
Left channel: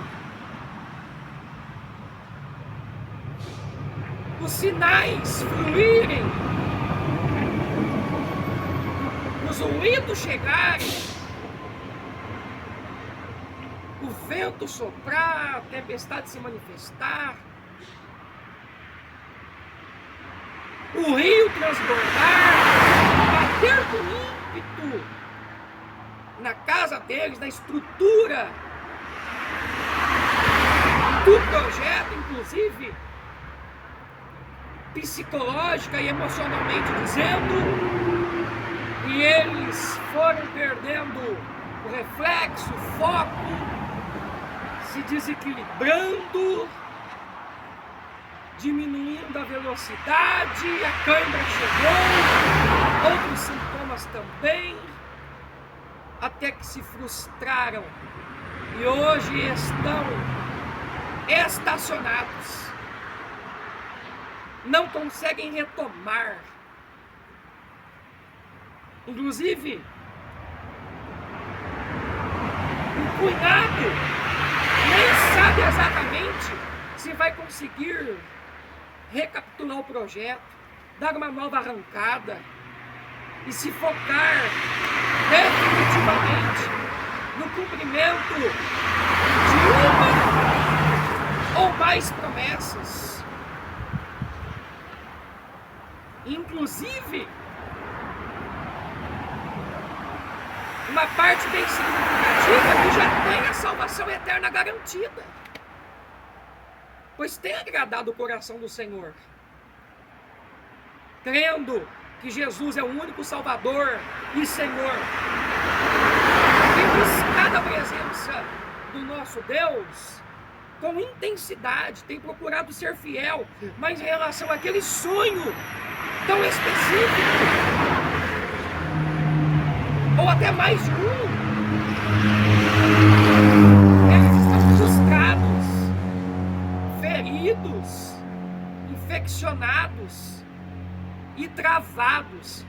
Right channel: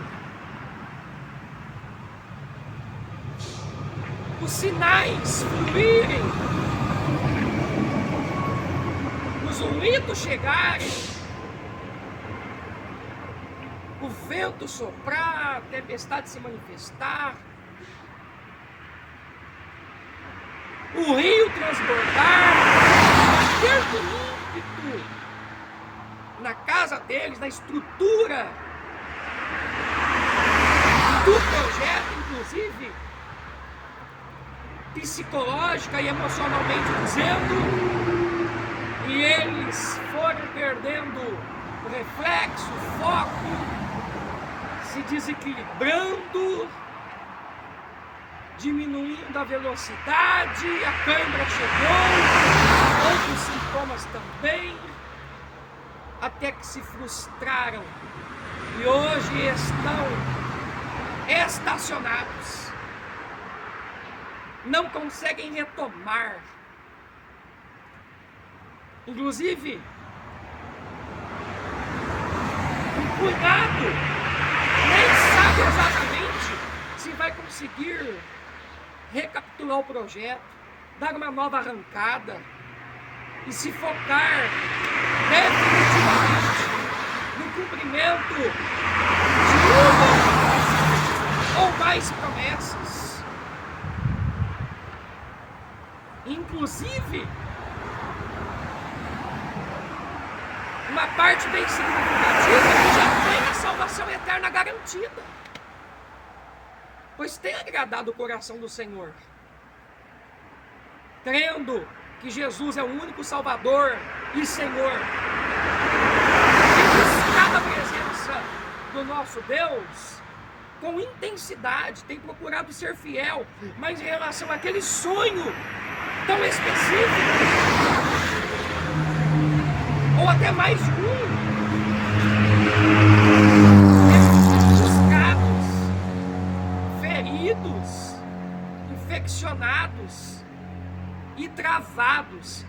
os sinais fluírem, os ruídos chegarem, o vento soprar, a tempestade se manifestar, o rio transbordar, bater com ímpeto na casa deles, na estrutura do projeto, inclusive psicológica e emocionalmente dizendo, e eles foram perdendo o reflexo, o foco, se desequilibrando, diminuindo a velocidade, a cãibra chegou, outros sintomas também, até que se frustraram e hoje estão estacionados. Não conseguem retomar. Inclusive, um punhado nem sabe exatamente se vai conseguir recapitular o projeto, dar uma nova arrancada e se focar definitivamente no cumprimento de uma ou mais promessas. Inclusive, uma parte bem significativa que já tem a salvação eterna garantida, pois tem agradado o coração do Senhor, crendo que Jesus é o único Salvador e Senhor, e buscado a presença do nosso Deus com intensidade, tem procurado ser fiel, mas em relação àquele sonho tão específico, ou até mais de um, eles estão frustrados, feridos, infeccionados e travados.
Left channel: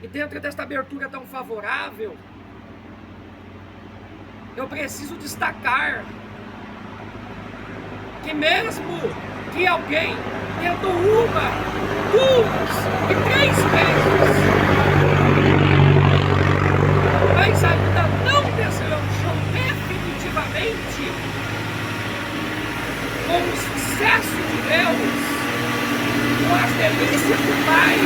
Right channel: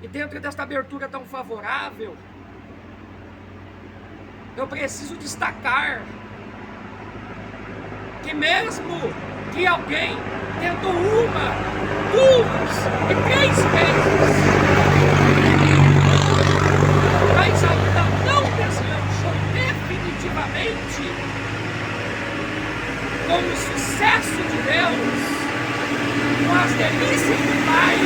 E dentro desta abertura tão favorável, eu preciso destacar que mesmo que alguém tentou uma, duas e 3 vezes, mas ainda não deslanchou definitivamente com o sucesso de Deus, com as delícias do Pai,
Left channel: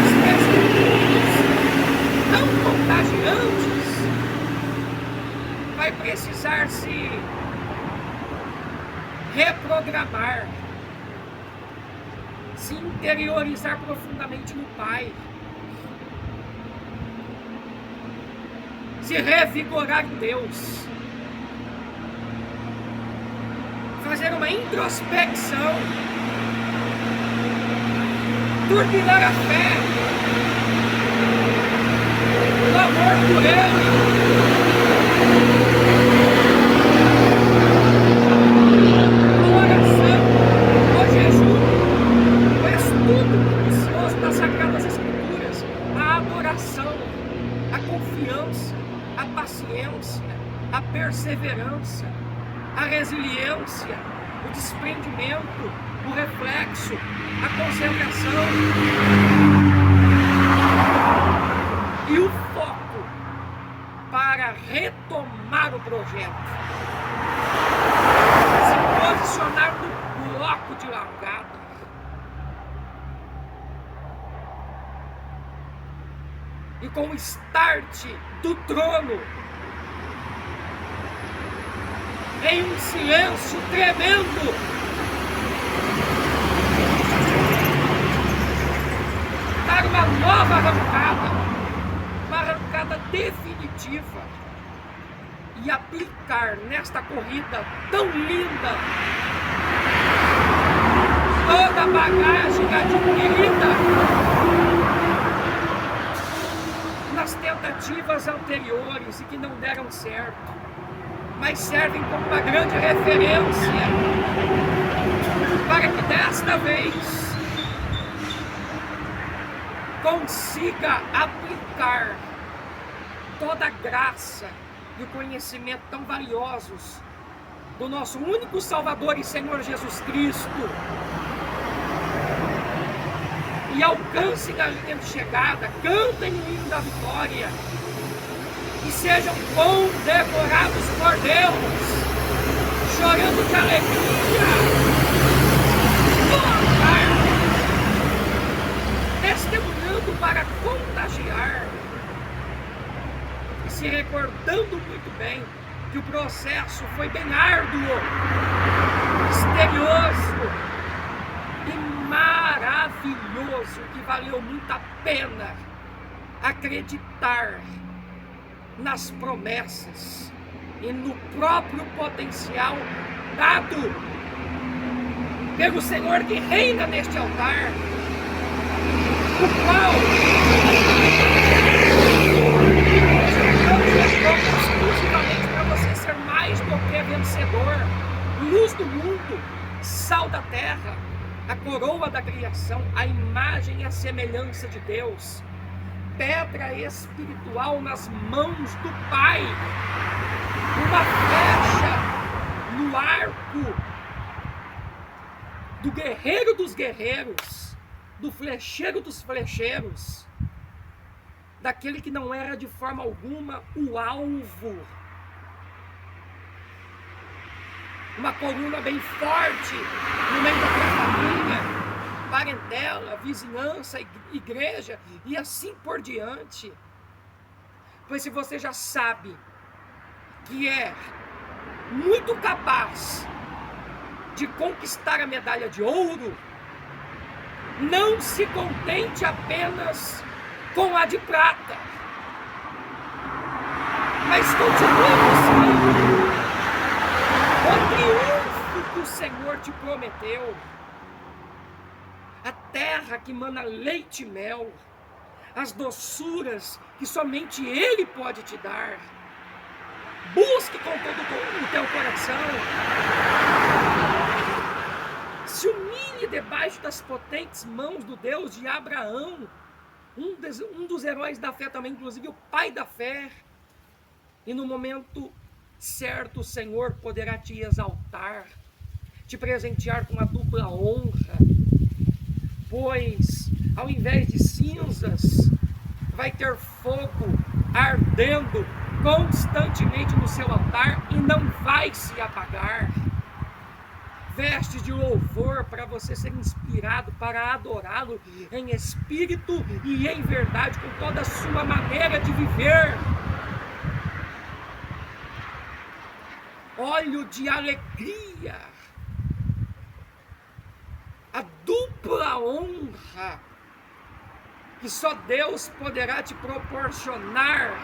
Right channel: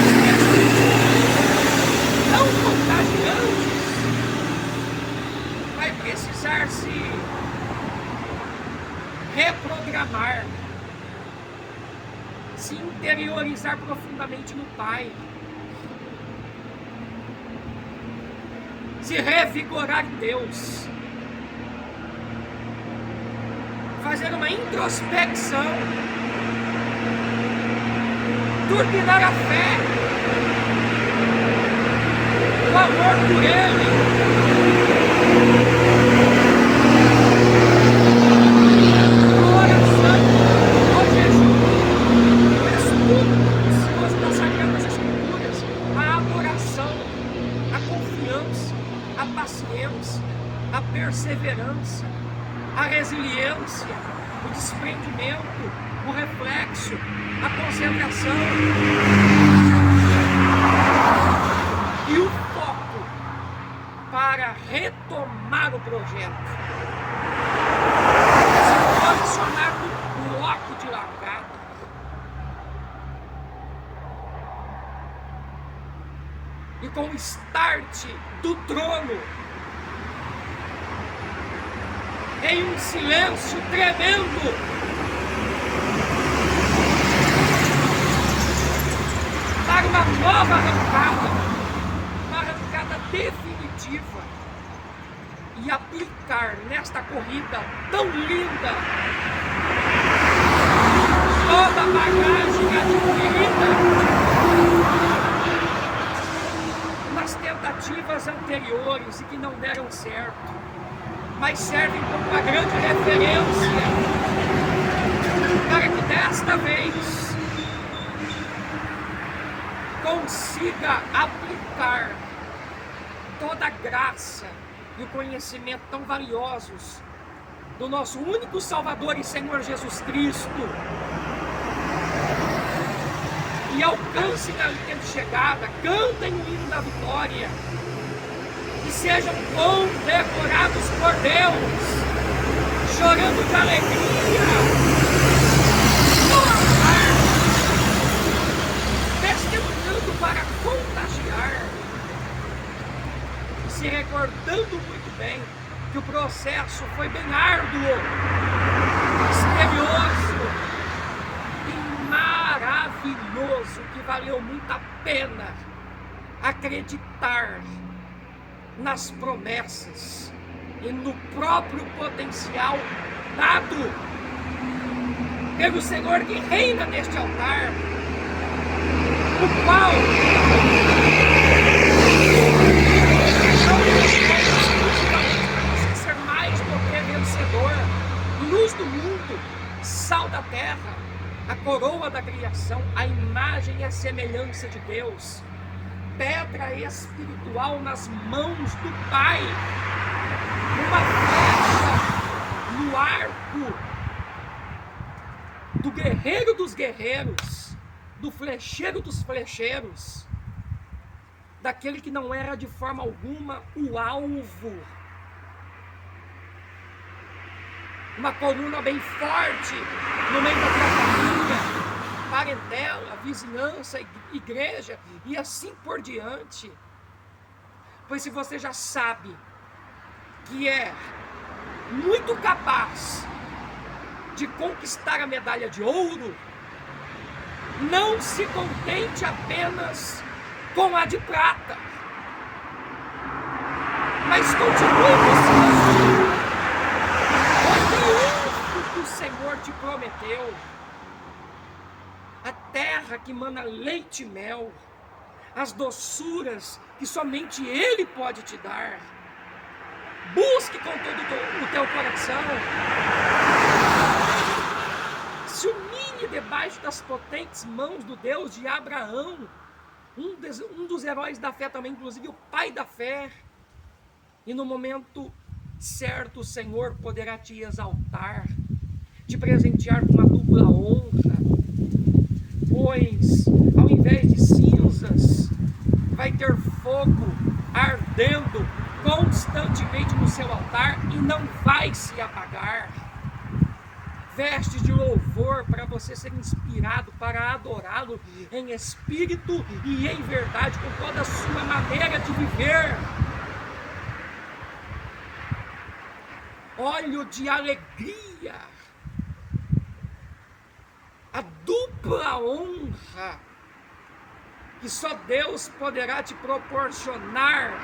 os testemunhos não contagiantes, vai precisar se reprogramar, se interiorizar profundamente no Pai, se revigorar em Deus, fazer uma introspecção, turbinar a fé, o amor por Ele, a oração, o jejum, o estudo minucioso das Sagradas Escrituras, a adoração, a confiança, a paciência, a perseverança, a resiliência, o desprendimento, o reflexo, a concentração e o foco para retomar o projeto, se posicionar no bloco de largada. E com o start do trono, em um silêncio tremendo, dar uma nova arrancada, uma arrancada definitiva, e aplicar nesta corrida tão linda toda a bagagem adquirida nas tentativas anteriores e que não deram certo, mas servem como uma grande referência para que desta vez consiga aplicar toda a graça e o conhecimento tão valiosos do nosso único Salvador e Senhor Jesus Cristo, e alcancem a linha de chegada, cantem o hino da vitória e sejam condecorados por Deus, chorando de alegria no altar, testemunhando para contagiar, e se recordando muito bem que o processo foi bem árduo, misterioso e maravilhoso, que valeu muito a pena acreditar nas promessas e no próprio potencial dado pelo Senhor que reina neste altar, o qual não responde exclusivamente para você ser mais do que vencedor, luz do mundo, sal da terra, a coroa da criação, a imagem e a semelhança de Deus, pedra espiritual nas mãos do Pai, uma flecha no arco do guerreiro dos guerreiros, do flecheiro dos flecheiros, daquele que não erra de forma alguma o alvo, uma coluna bem forte no meio da tua família, parentela, vizinhança, igreja e assim por diante. Pois se você já sabe que é muito capaz de conquistar a medalha de ouro, não se contente apenas com a de prata, mas continue buscando o triunfo que o Senhor te prometeu, a terra que mana leite e mel, as doçuras que somente Ele pode te dar. Busque com todo o teu coração, se humilhe debaixo das potentes mãos do Deus de Abraão, um dos heróis da fé também, inclusive o pai da fé, e no momento certo o Senhor poderá te exaltar, te presentear com uma dupla honra, pois ao invés de cinzas, vai ter fogo ardendo constantemente no seu altar e não vai se apagar. Vestes de louvor para você ser inspirado para adorá-lo em espírito e em verdade, com toda a sua maneira de viver. Óleo de alegria, a dupla honra que só Deus poderá te proporcionar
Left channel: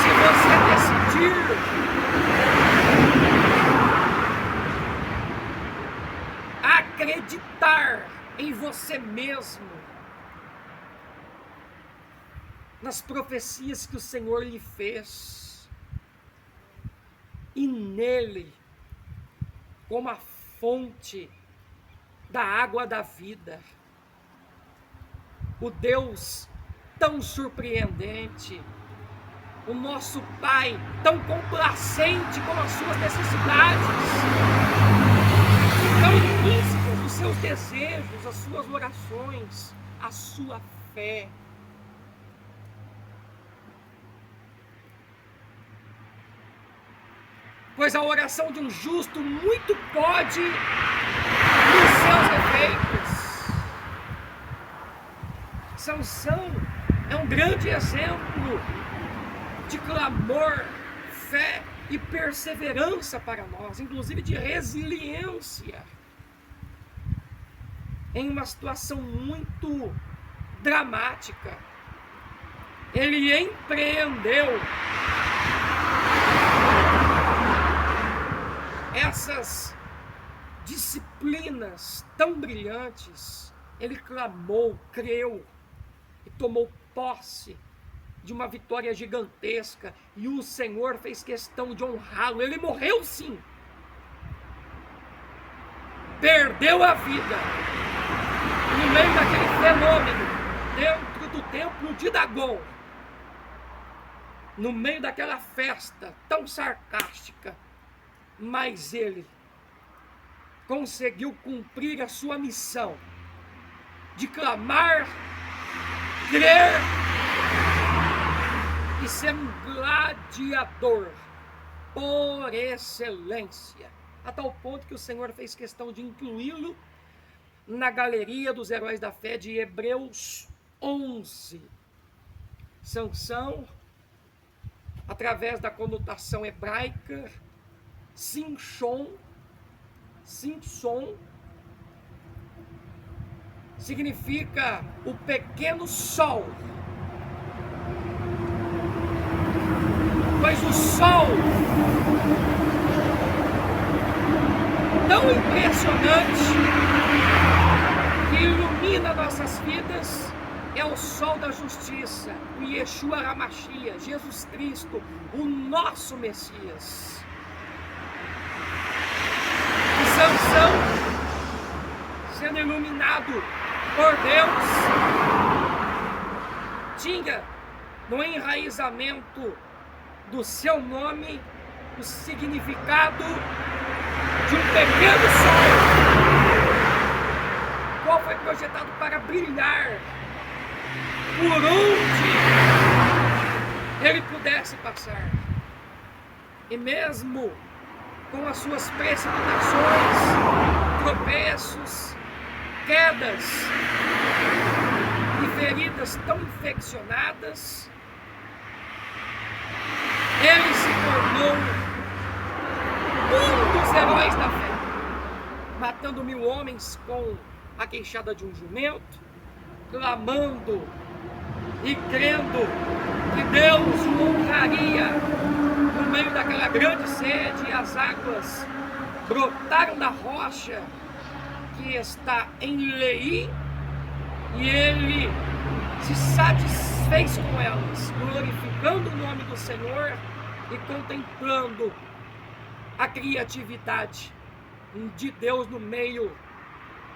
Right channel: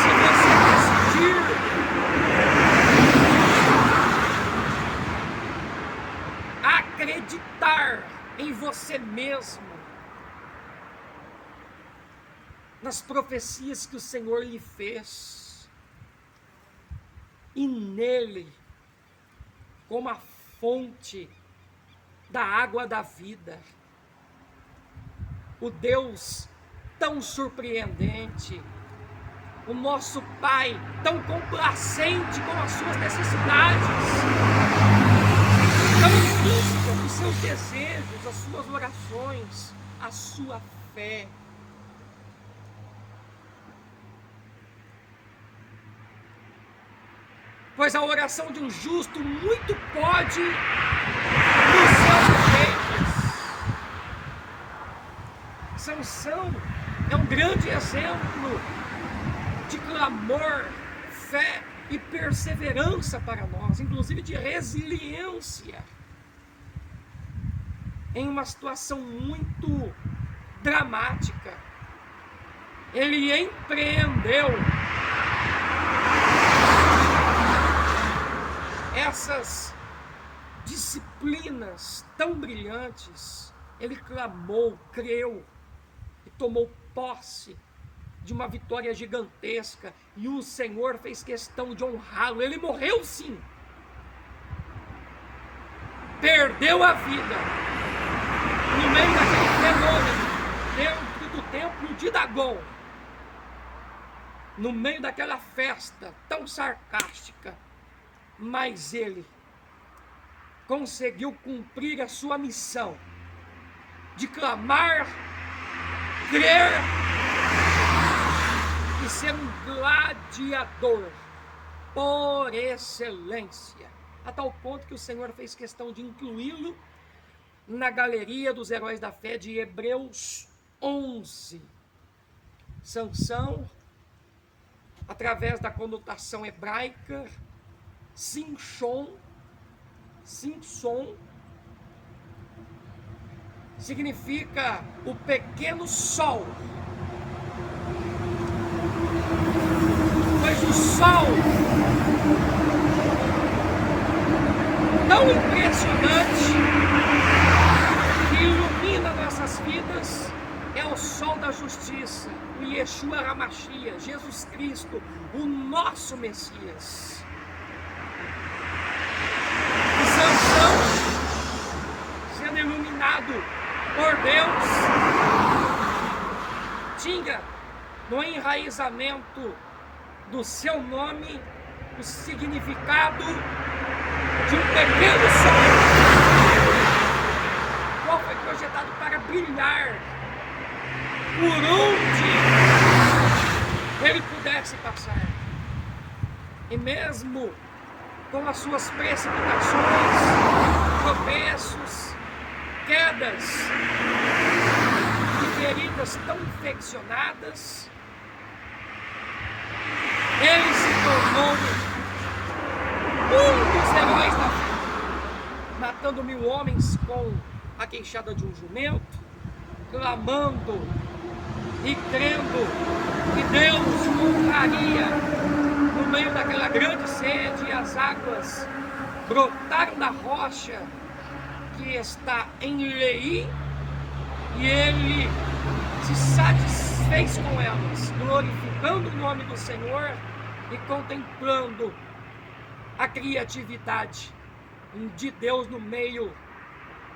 se você decidir acreditar em você mesmo, nas profecias que o Senhor lhe fez, e nele, como a fonte da água da vida, o Deus tão surpreendente, o nosso Pai tão complacente com as suas necessidades, tão implícita nos seus desejos, as suas orações, a sua fé. Pois a oração de um justo muito pode nos seus efeitos. Sansão é um grande exemplo de clamor, fé e perseverança para nós, inclusive de resiliência, em uma situação muito dramática. Ele empreendeu essas disciplinas tão brilhantes, ele clamou, creu e tomou posse de uma vitória gigantesca, e o Senhor fez questão de honrá-lo. Ele morreu sim, perdeu a vida no meio daquele fenômeno, dentro do templo de Dagon, no meio daquela festa tão sarcástica, mas ele conseguiu cumprir a sua missão de clamar, crer e ser um gladiador por excelência, a tal ponto que o Senhor fez questão de incluí-lo na galeria dos heróis da fé de Hebreus 11. Sansão, através da conotação hebraica Simson, significa o pequeno sol, pois o sol tão impressionante que ilumina nossas vidas é o sol da justiça, o Yeshua HaMashiach, Jesus Cristo, o nosso Messias. E Sansão, sendo iluminado por Deus, tinha no enraizamento do seu nome o significado de um pequeno sol, qual foi projetado para brilhar por onde ele pudesse passar. E mesmo com as suas precipitações, tropeços, quedas e feridas tão infeccionadas, ele se tornou um dos heróis da fé, matando 1000 homens com a queixada de um jumento, clamando e crendo que Deus o honraria no meio daquela grande sede, e as águas brotaram da rocha que está em Leí, e ele se satisfez com elas, glorificando o nome do Senhor e contemplando a criatividade de Deus no meio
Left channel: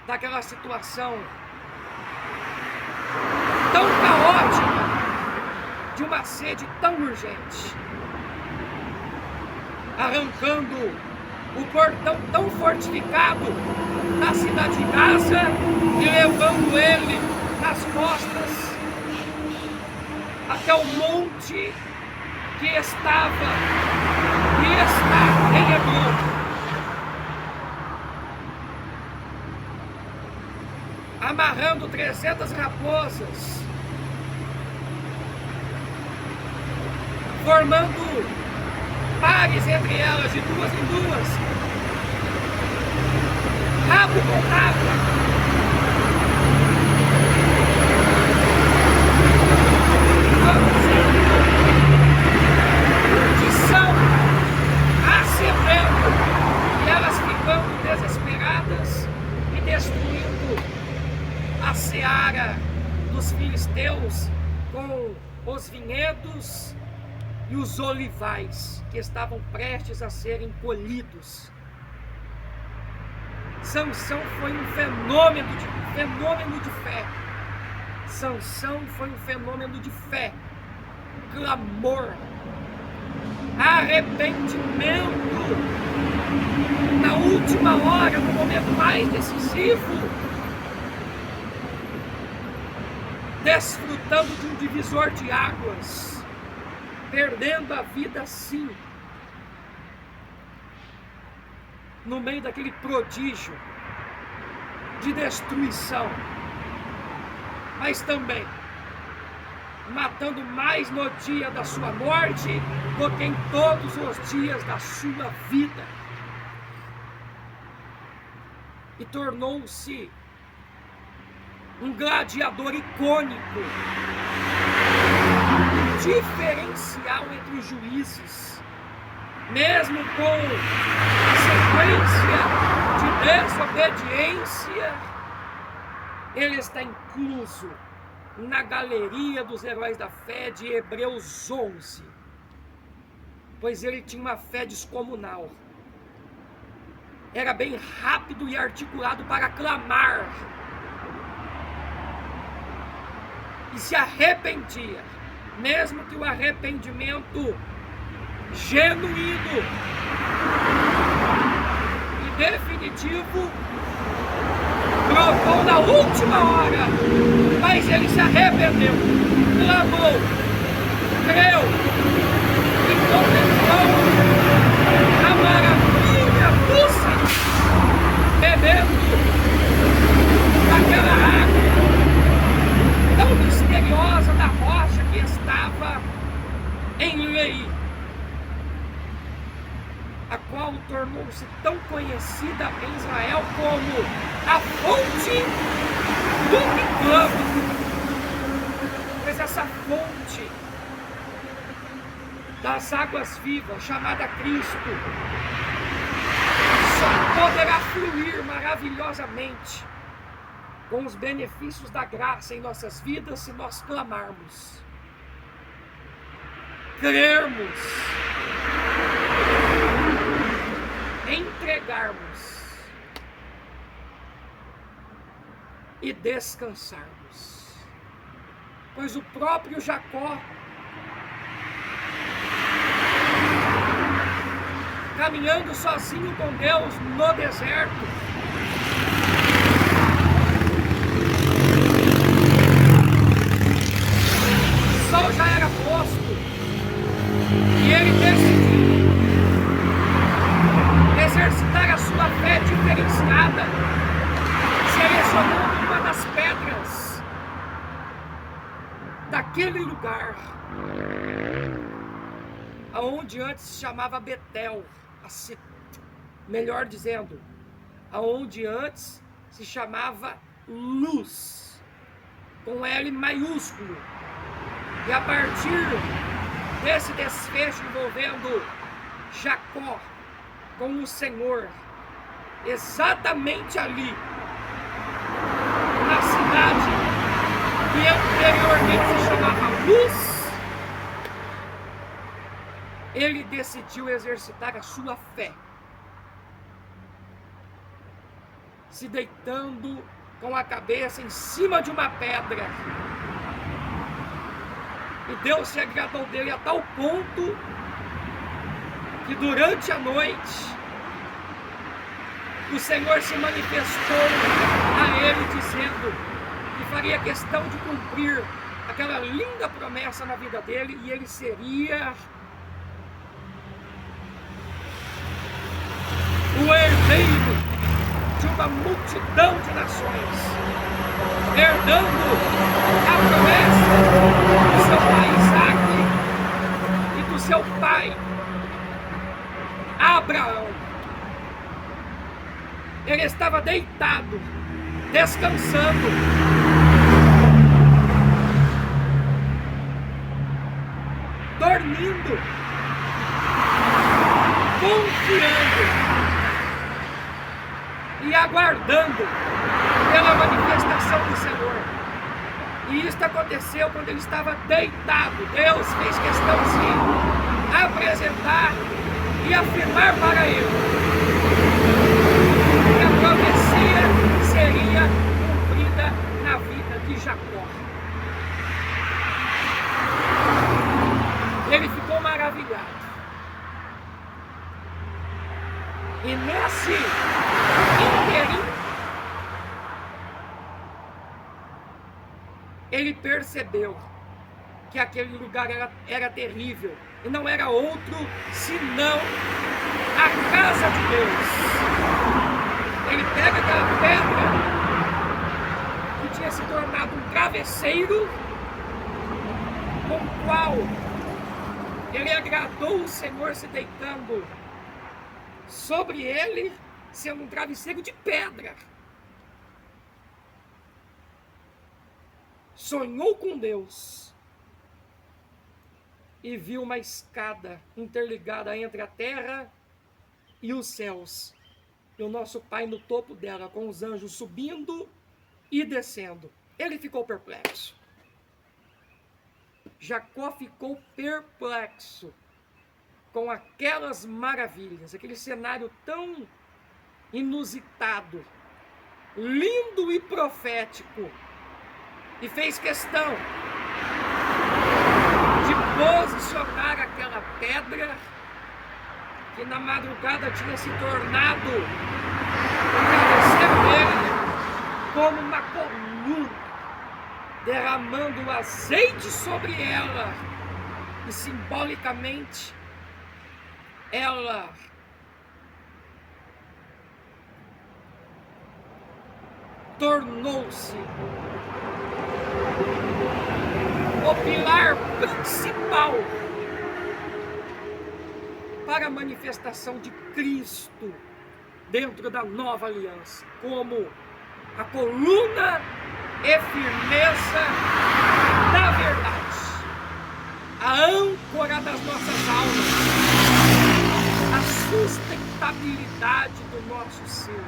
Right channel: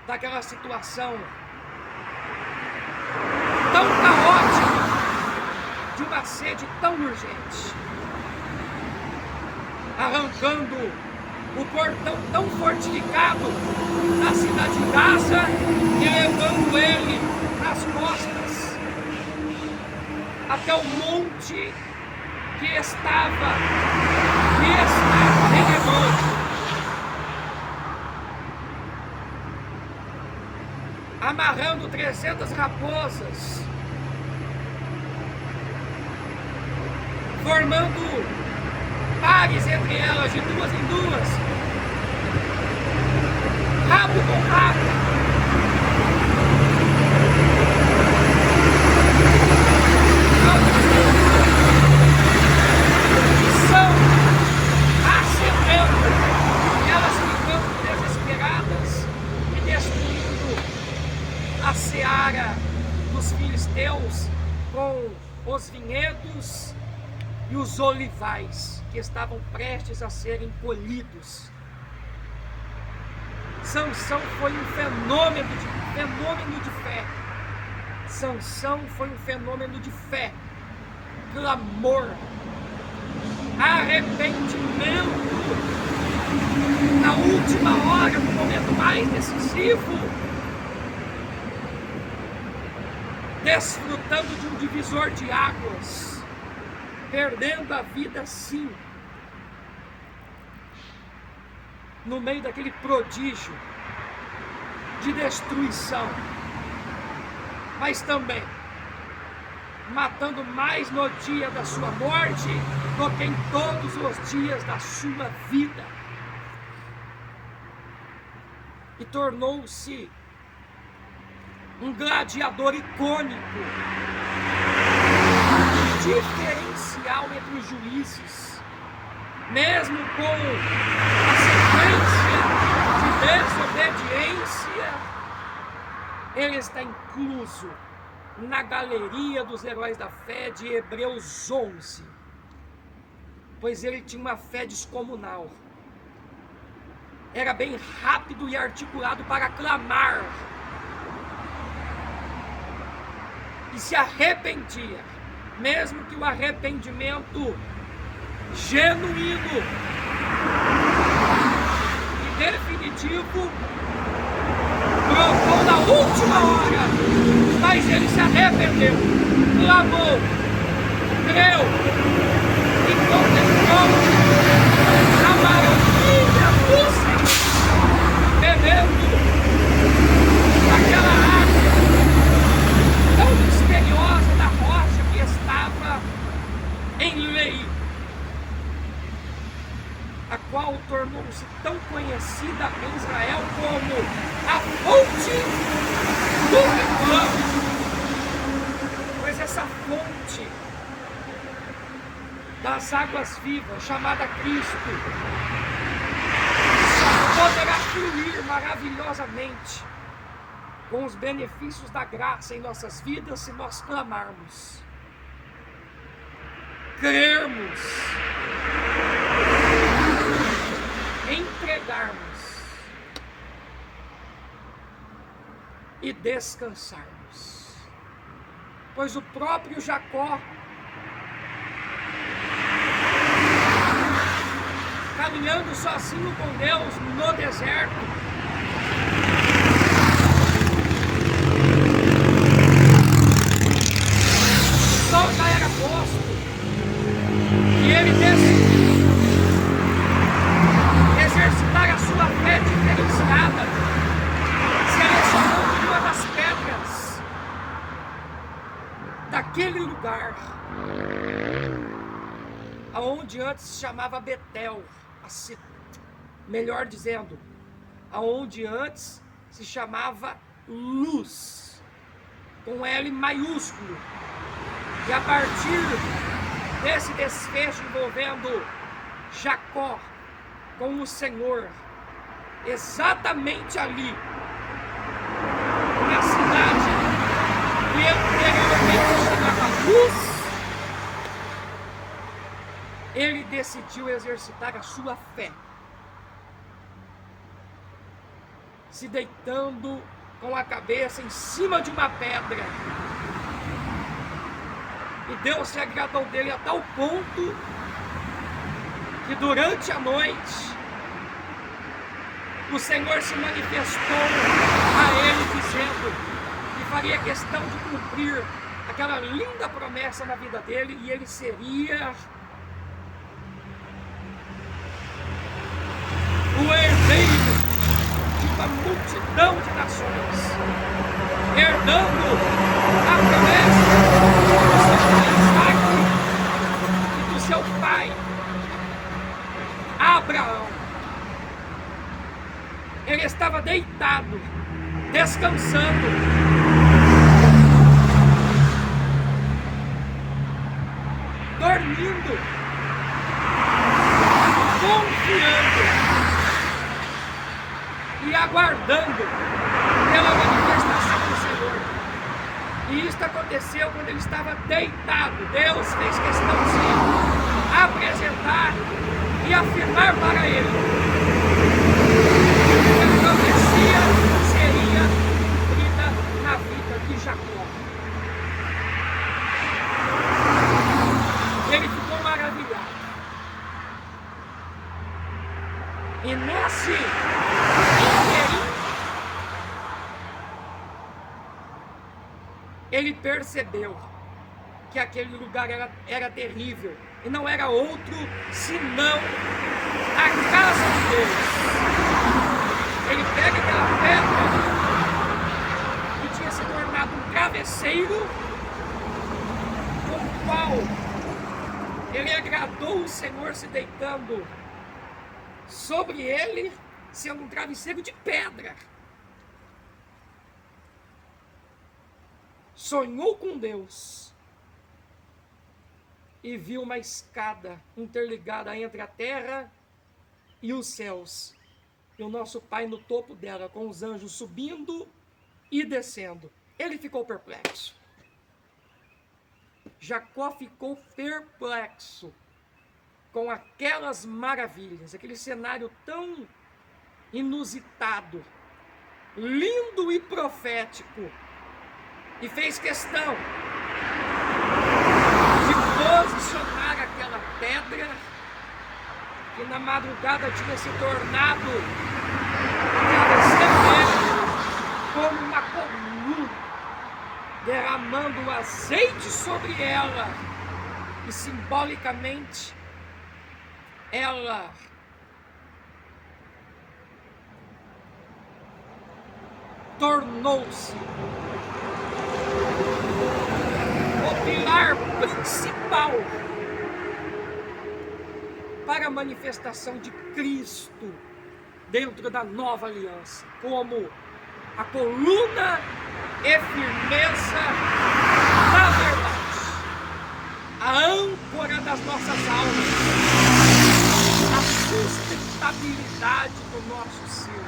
daquela situação tão caótica, de uma sede tão urgente. arrancando o portão tão fortificado da cidade de Gaza e levando ele nas costas até o monte que está em Hebron. Amarrando 300 raposas, formando pares entre elas de duas em duas, rabo com rabo, produzindo fundição, acendendo, e elas ficando desesperadas e destruindo a seara dos filisteus com os vinhedos e os olivais que estavam prestes a serem colhidos. Sansão foi um fenômeno de fé. Sansão foi um fenômeno de fé, clamor, arrependimento na última hora, no momento mais decisivo, desfrutando de um divisor de águas, perdendo a vida sim, no meio daquele prodígio de destruição, mas também matando mais no dia da sua morte do que em todos os dias da sua vida, e tornou-se um gladiador icônico, diferencial entre os juízes, mesmo com a sequência de desobediência. Ele está incluso na galeria dos heróis da fé de Hebreus 11, pois ele tinha uma fé descomunal, era bem rápido e articulado para clamar, e se arrependia, mesmo que o arrependimento genuíno e definitivo brotou na última hora, mas ele se arrependeu, clamou, creu e contemplou a maravilha do Senhor, bebendo daquela água tão misteriosa da rocha que estava em Lei, a qual tornou-se tão conhecida em Israel como a fonte do que clama. Pois essa fonte das águas vivas, chamada Cristo, só poderá fluir maravilhosamente com os benefícios da graça em nossas vidas se nós clamarmos, crermos, entregarmos e descansarmos. Pois o próprio Jacó, caminhando sozinho com Deus no deserto, o sol já era posto e ele decidiu exercitar a sua fé diferenciada, selecionando uma das pedras daquele lugar, aonde antes se chamava Betel, melhor dizendo, aonde antes se chamava Luz, com L maiúsculo, e a partir desse desfecho envolvendo Jacó com o Senhor, exatamente ali, na cidade que anteriormente se chamava Luz, ele decidiu exercitar a sua fé, se deitando com a cabeça em cima de uma pedra, e Deus se agradou dele a tal ponto que durante a noite o Senhor se manifestou a ele dizendo que faria questão de cumprir aquela linda promessa na vida dele, e ele seria o herdeiro de uma multidão de nações, herdando a promessa do seu pai Isaque e do seu pai Abraão. Ele estava deitado, descansando, dormindo, confiando e aguardando pela manifestação do Senhor. E isso aconteceu quando ele estava deitado. Deus fez questão de se apresentar e afirmar para ele que a profecia seria cumprida na vida de Jacó. Ele ficou maravilhado. E nesse inteirinho, ele percebeu que aquele lugar era terrível, e não era outro senão a casa de Deus. Ele pega aquela pedra que tinha se tornado um travesseiro, com o qual ele agradou o Senhor se deitando sobre ele, sendo um travesseiro de pedra. Sonhou com Deus e viu uma escada interligada entre a terra e os céus, e o nosso Pai no topo dela, com os anjos subindo e descendo. Ele ficou perplexo. Jacó ficou perplexo com aquelas maravilhas, aquele cenário tão inusitado, lindo e profético, e fez questão de posicionar aquela pedra que na madrugada tinha se tornado o travesseiro dele como uma coluna, derramando o azeite sobre ela, e simbolicamente ela tornou-se o pilar principal para a manifestação de Cristo dentro da nova aliança, como a coluna e firmeza da verdade, a âncora das nossas almas, a sustentabilidade do nosso ser,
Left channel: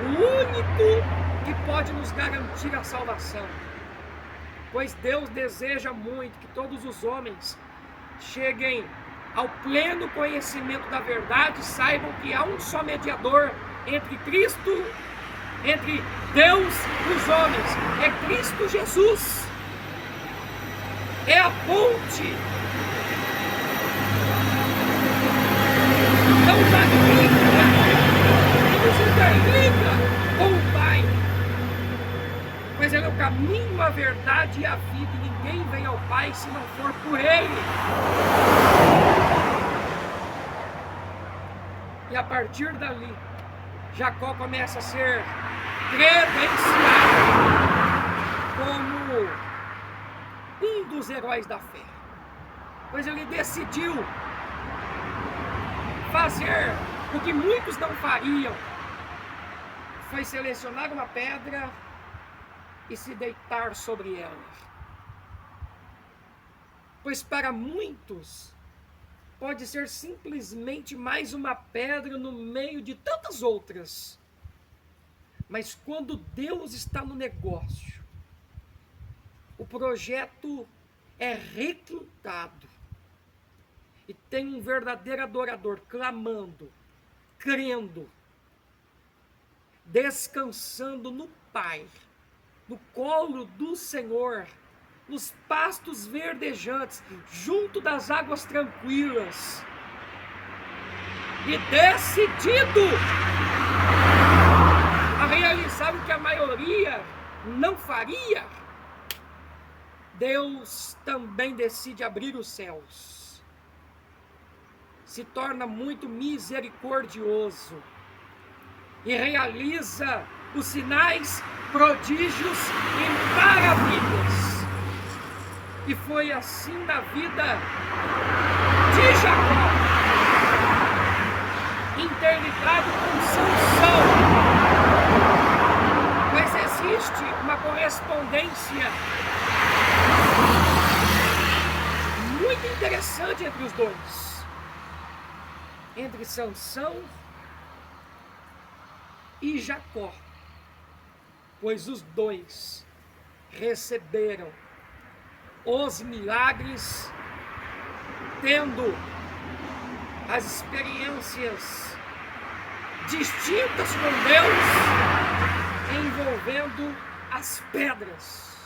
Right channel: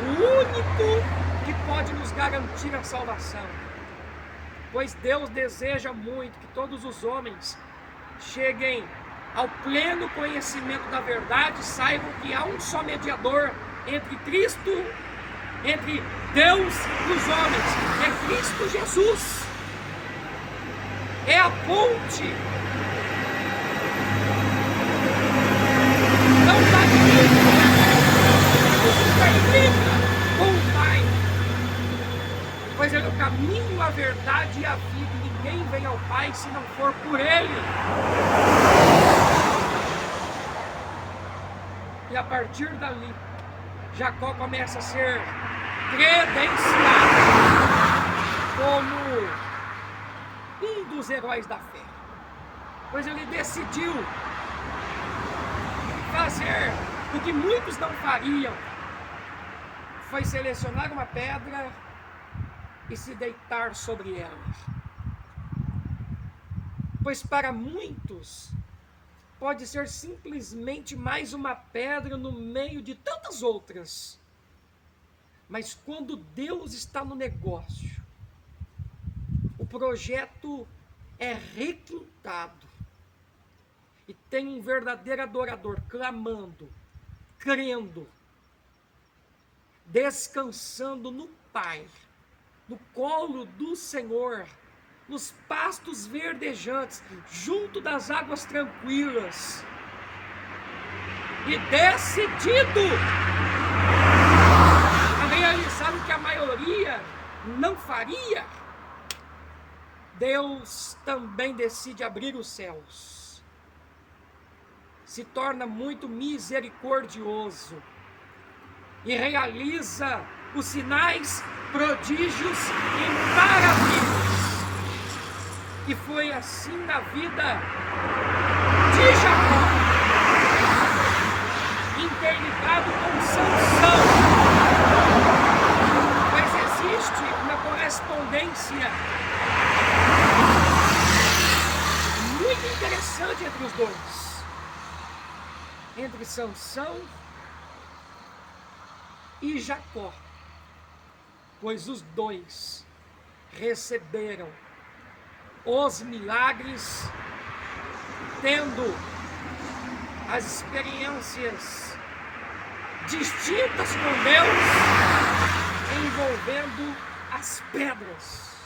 o único que pode nos garantir a salvação. Pois Deus deseja muito que todos os homens cheguem ao pleno conhecimento da verdade, saibam que há um só mediador entre Cristo, entre Deus e os homens, é Cristo Jesus. É a ponte, não da Bíblia, que nos interliga com o Pai. Pois Ele é o caminho, a verdade e a vida, e ninguém vem ao Pai se não for por Ele. E a partir dali, Jacó começa a ser credenciado como um dos heróis da fé. Pois ele decidiu fazer o que muitos não fariam, foi selecionar uma pedra e se deitar sobre ela. Pois para muitos pode ser simplesmente mais uma pedra no meio de tantas outras. Mas quando Deus está no negócio, o projeto é requintado. E tem um verdadeiro adorador clamando, crendo, descansando no Pai, no colo do Senhor, nos pastos verdejantes, junto das águas tranquilas, e decidido a realizar o que a maioria não faria, Deus também decide abrir os céus. Se torna muito misericordioso e realiza os sinais, prodígios e maravilhas. E foi assim na vida de Jacó, interligado com Sansão, pois existe uma correspondência muito interessante entre os dois, entre Sansão e Jacó, pois os dois receberam os milagres, tendo as experiências distintas com Deus, envolvendo as pedras.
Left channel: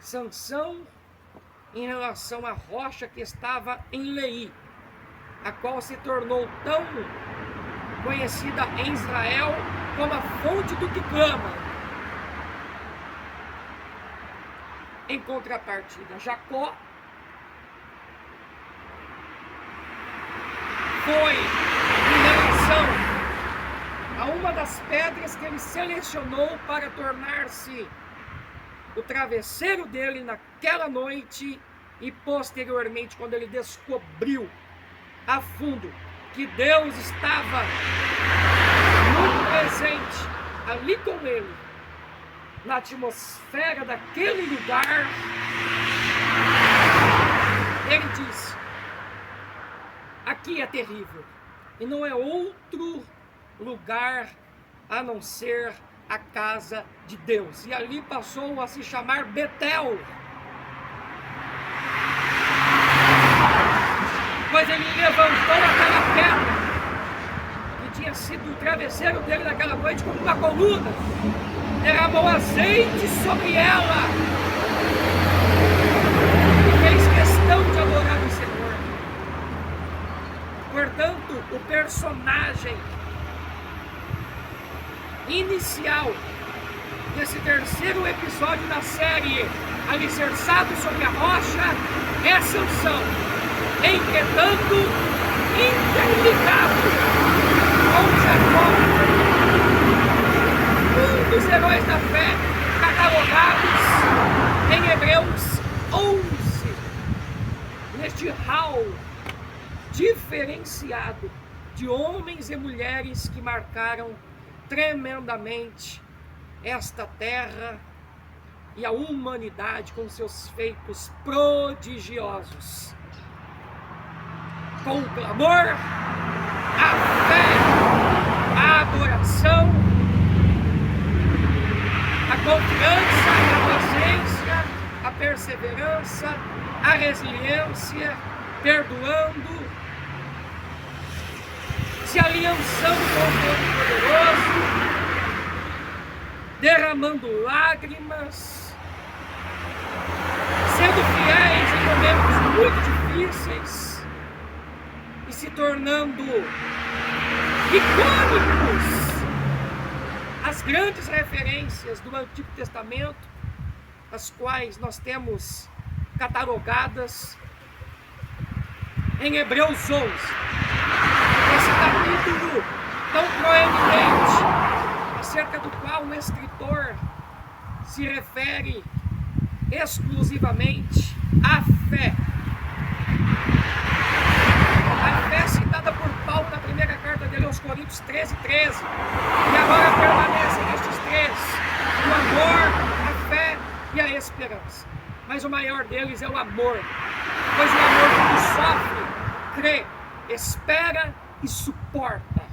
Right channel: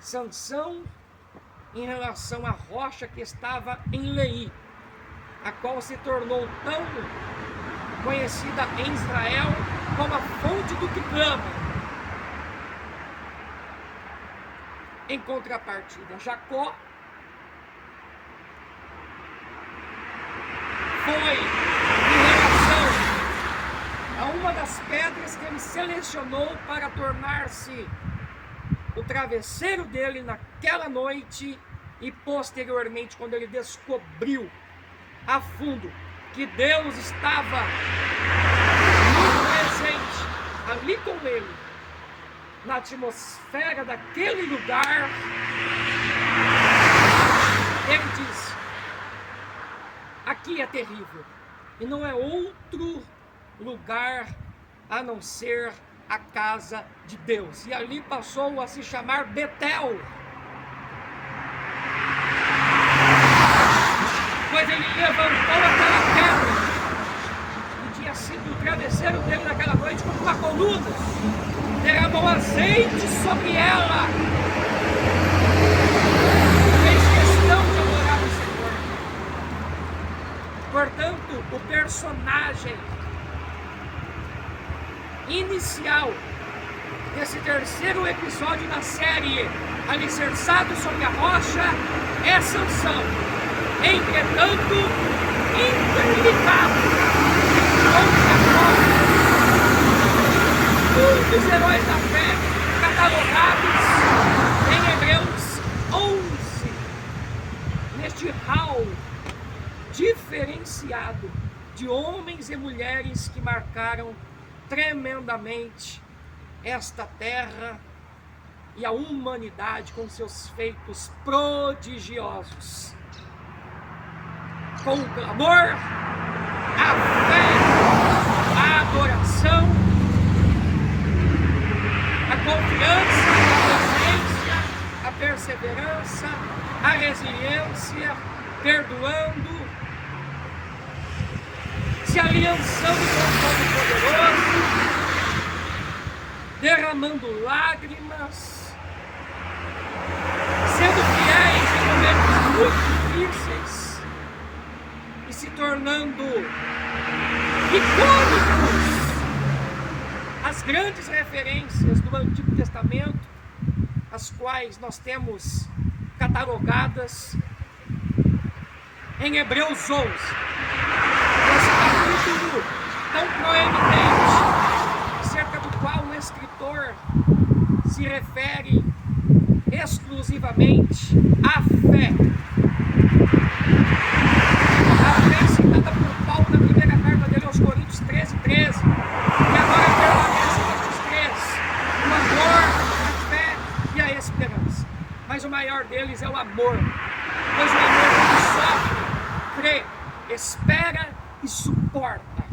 Sansão em relação à rocha que estava em Leí, a qual se tornou tão conhecida em Israel como a fonte do que clama. Em contrapartida, Jacó foi em relação a uma das pedras que ele selecionou para tornar-se o travesseiro dele naquela noite, e posteriormente, quando ele descobriu a fundo que Deus estava muito presente ali com ele, na atmosfera daquele lugar, ele disse: aqui é terrível, e não é outro lugar a não ser a casa de Deus. E ali passou a se chamar Betel, pois ele levantou aquela pedra que tinha sido o travesseiro dele naquela noite como uma coluna, derramou azeite sobre ela, fez questão de adorar o Senhor. Portanto, o personagem inicial desse terceiro episódio da série Alicerçado sobre a Rocha é Sansão, entretanto interligado com Jacó, um dos heróis da fé catalogados em Hebreus 11, neste hall diferenciado de homens e mulheres que marcaram tremendamente esta terra e a humanidade com seus feitos prodigiosos. Com o clamor, a fé, a adoração, a confiança, a paciência, a perseverança, a resiliência, perdoando, se aliançando com o Todo-Poderoso, derramando lágrimas, sendo fiéis em momentos muito difíceis e se tornando icônicos. As grandes referências do Antigo Testamento, as quais nós temos catalogadas em Hebreus 11, esse capítulo tão proeminente, acerca do qual o escritor se refere exclusivamente à fé. A fé citada por Paulo na primeira carta dele aos Coríntios 13:13, e agora permanece nestes três: o amor, a fé e a esperança. Mas o maior deles é o amor, pois o amor sofre, crê, espera e suporta.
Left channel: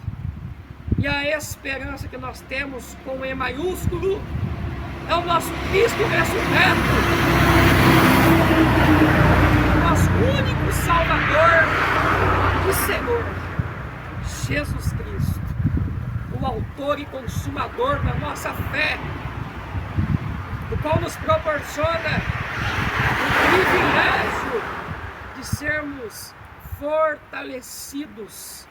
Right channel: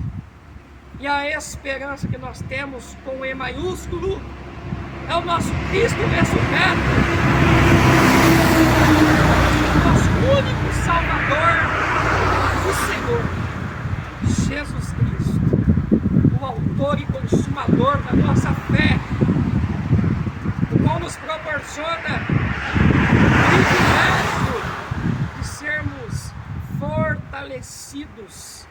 E a esperança que nós temos com E maiúsculo é o nosso Cristo ressurreto, o nosso único Salvador e Senhor, Jesus Cristo, o autor e consumador da nossa fé, o qual nos proporciona o privilégio de sermos fortalecidos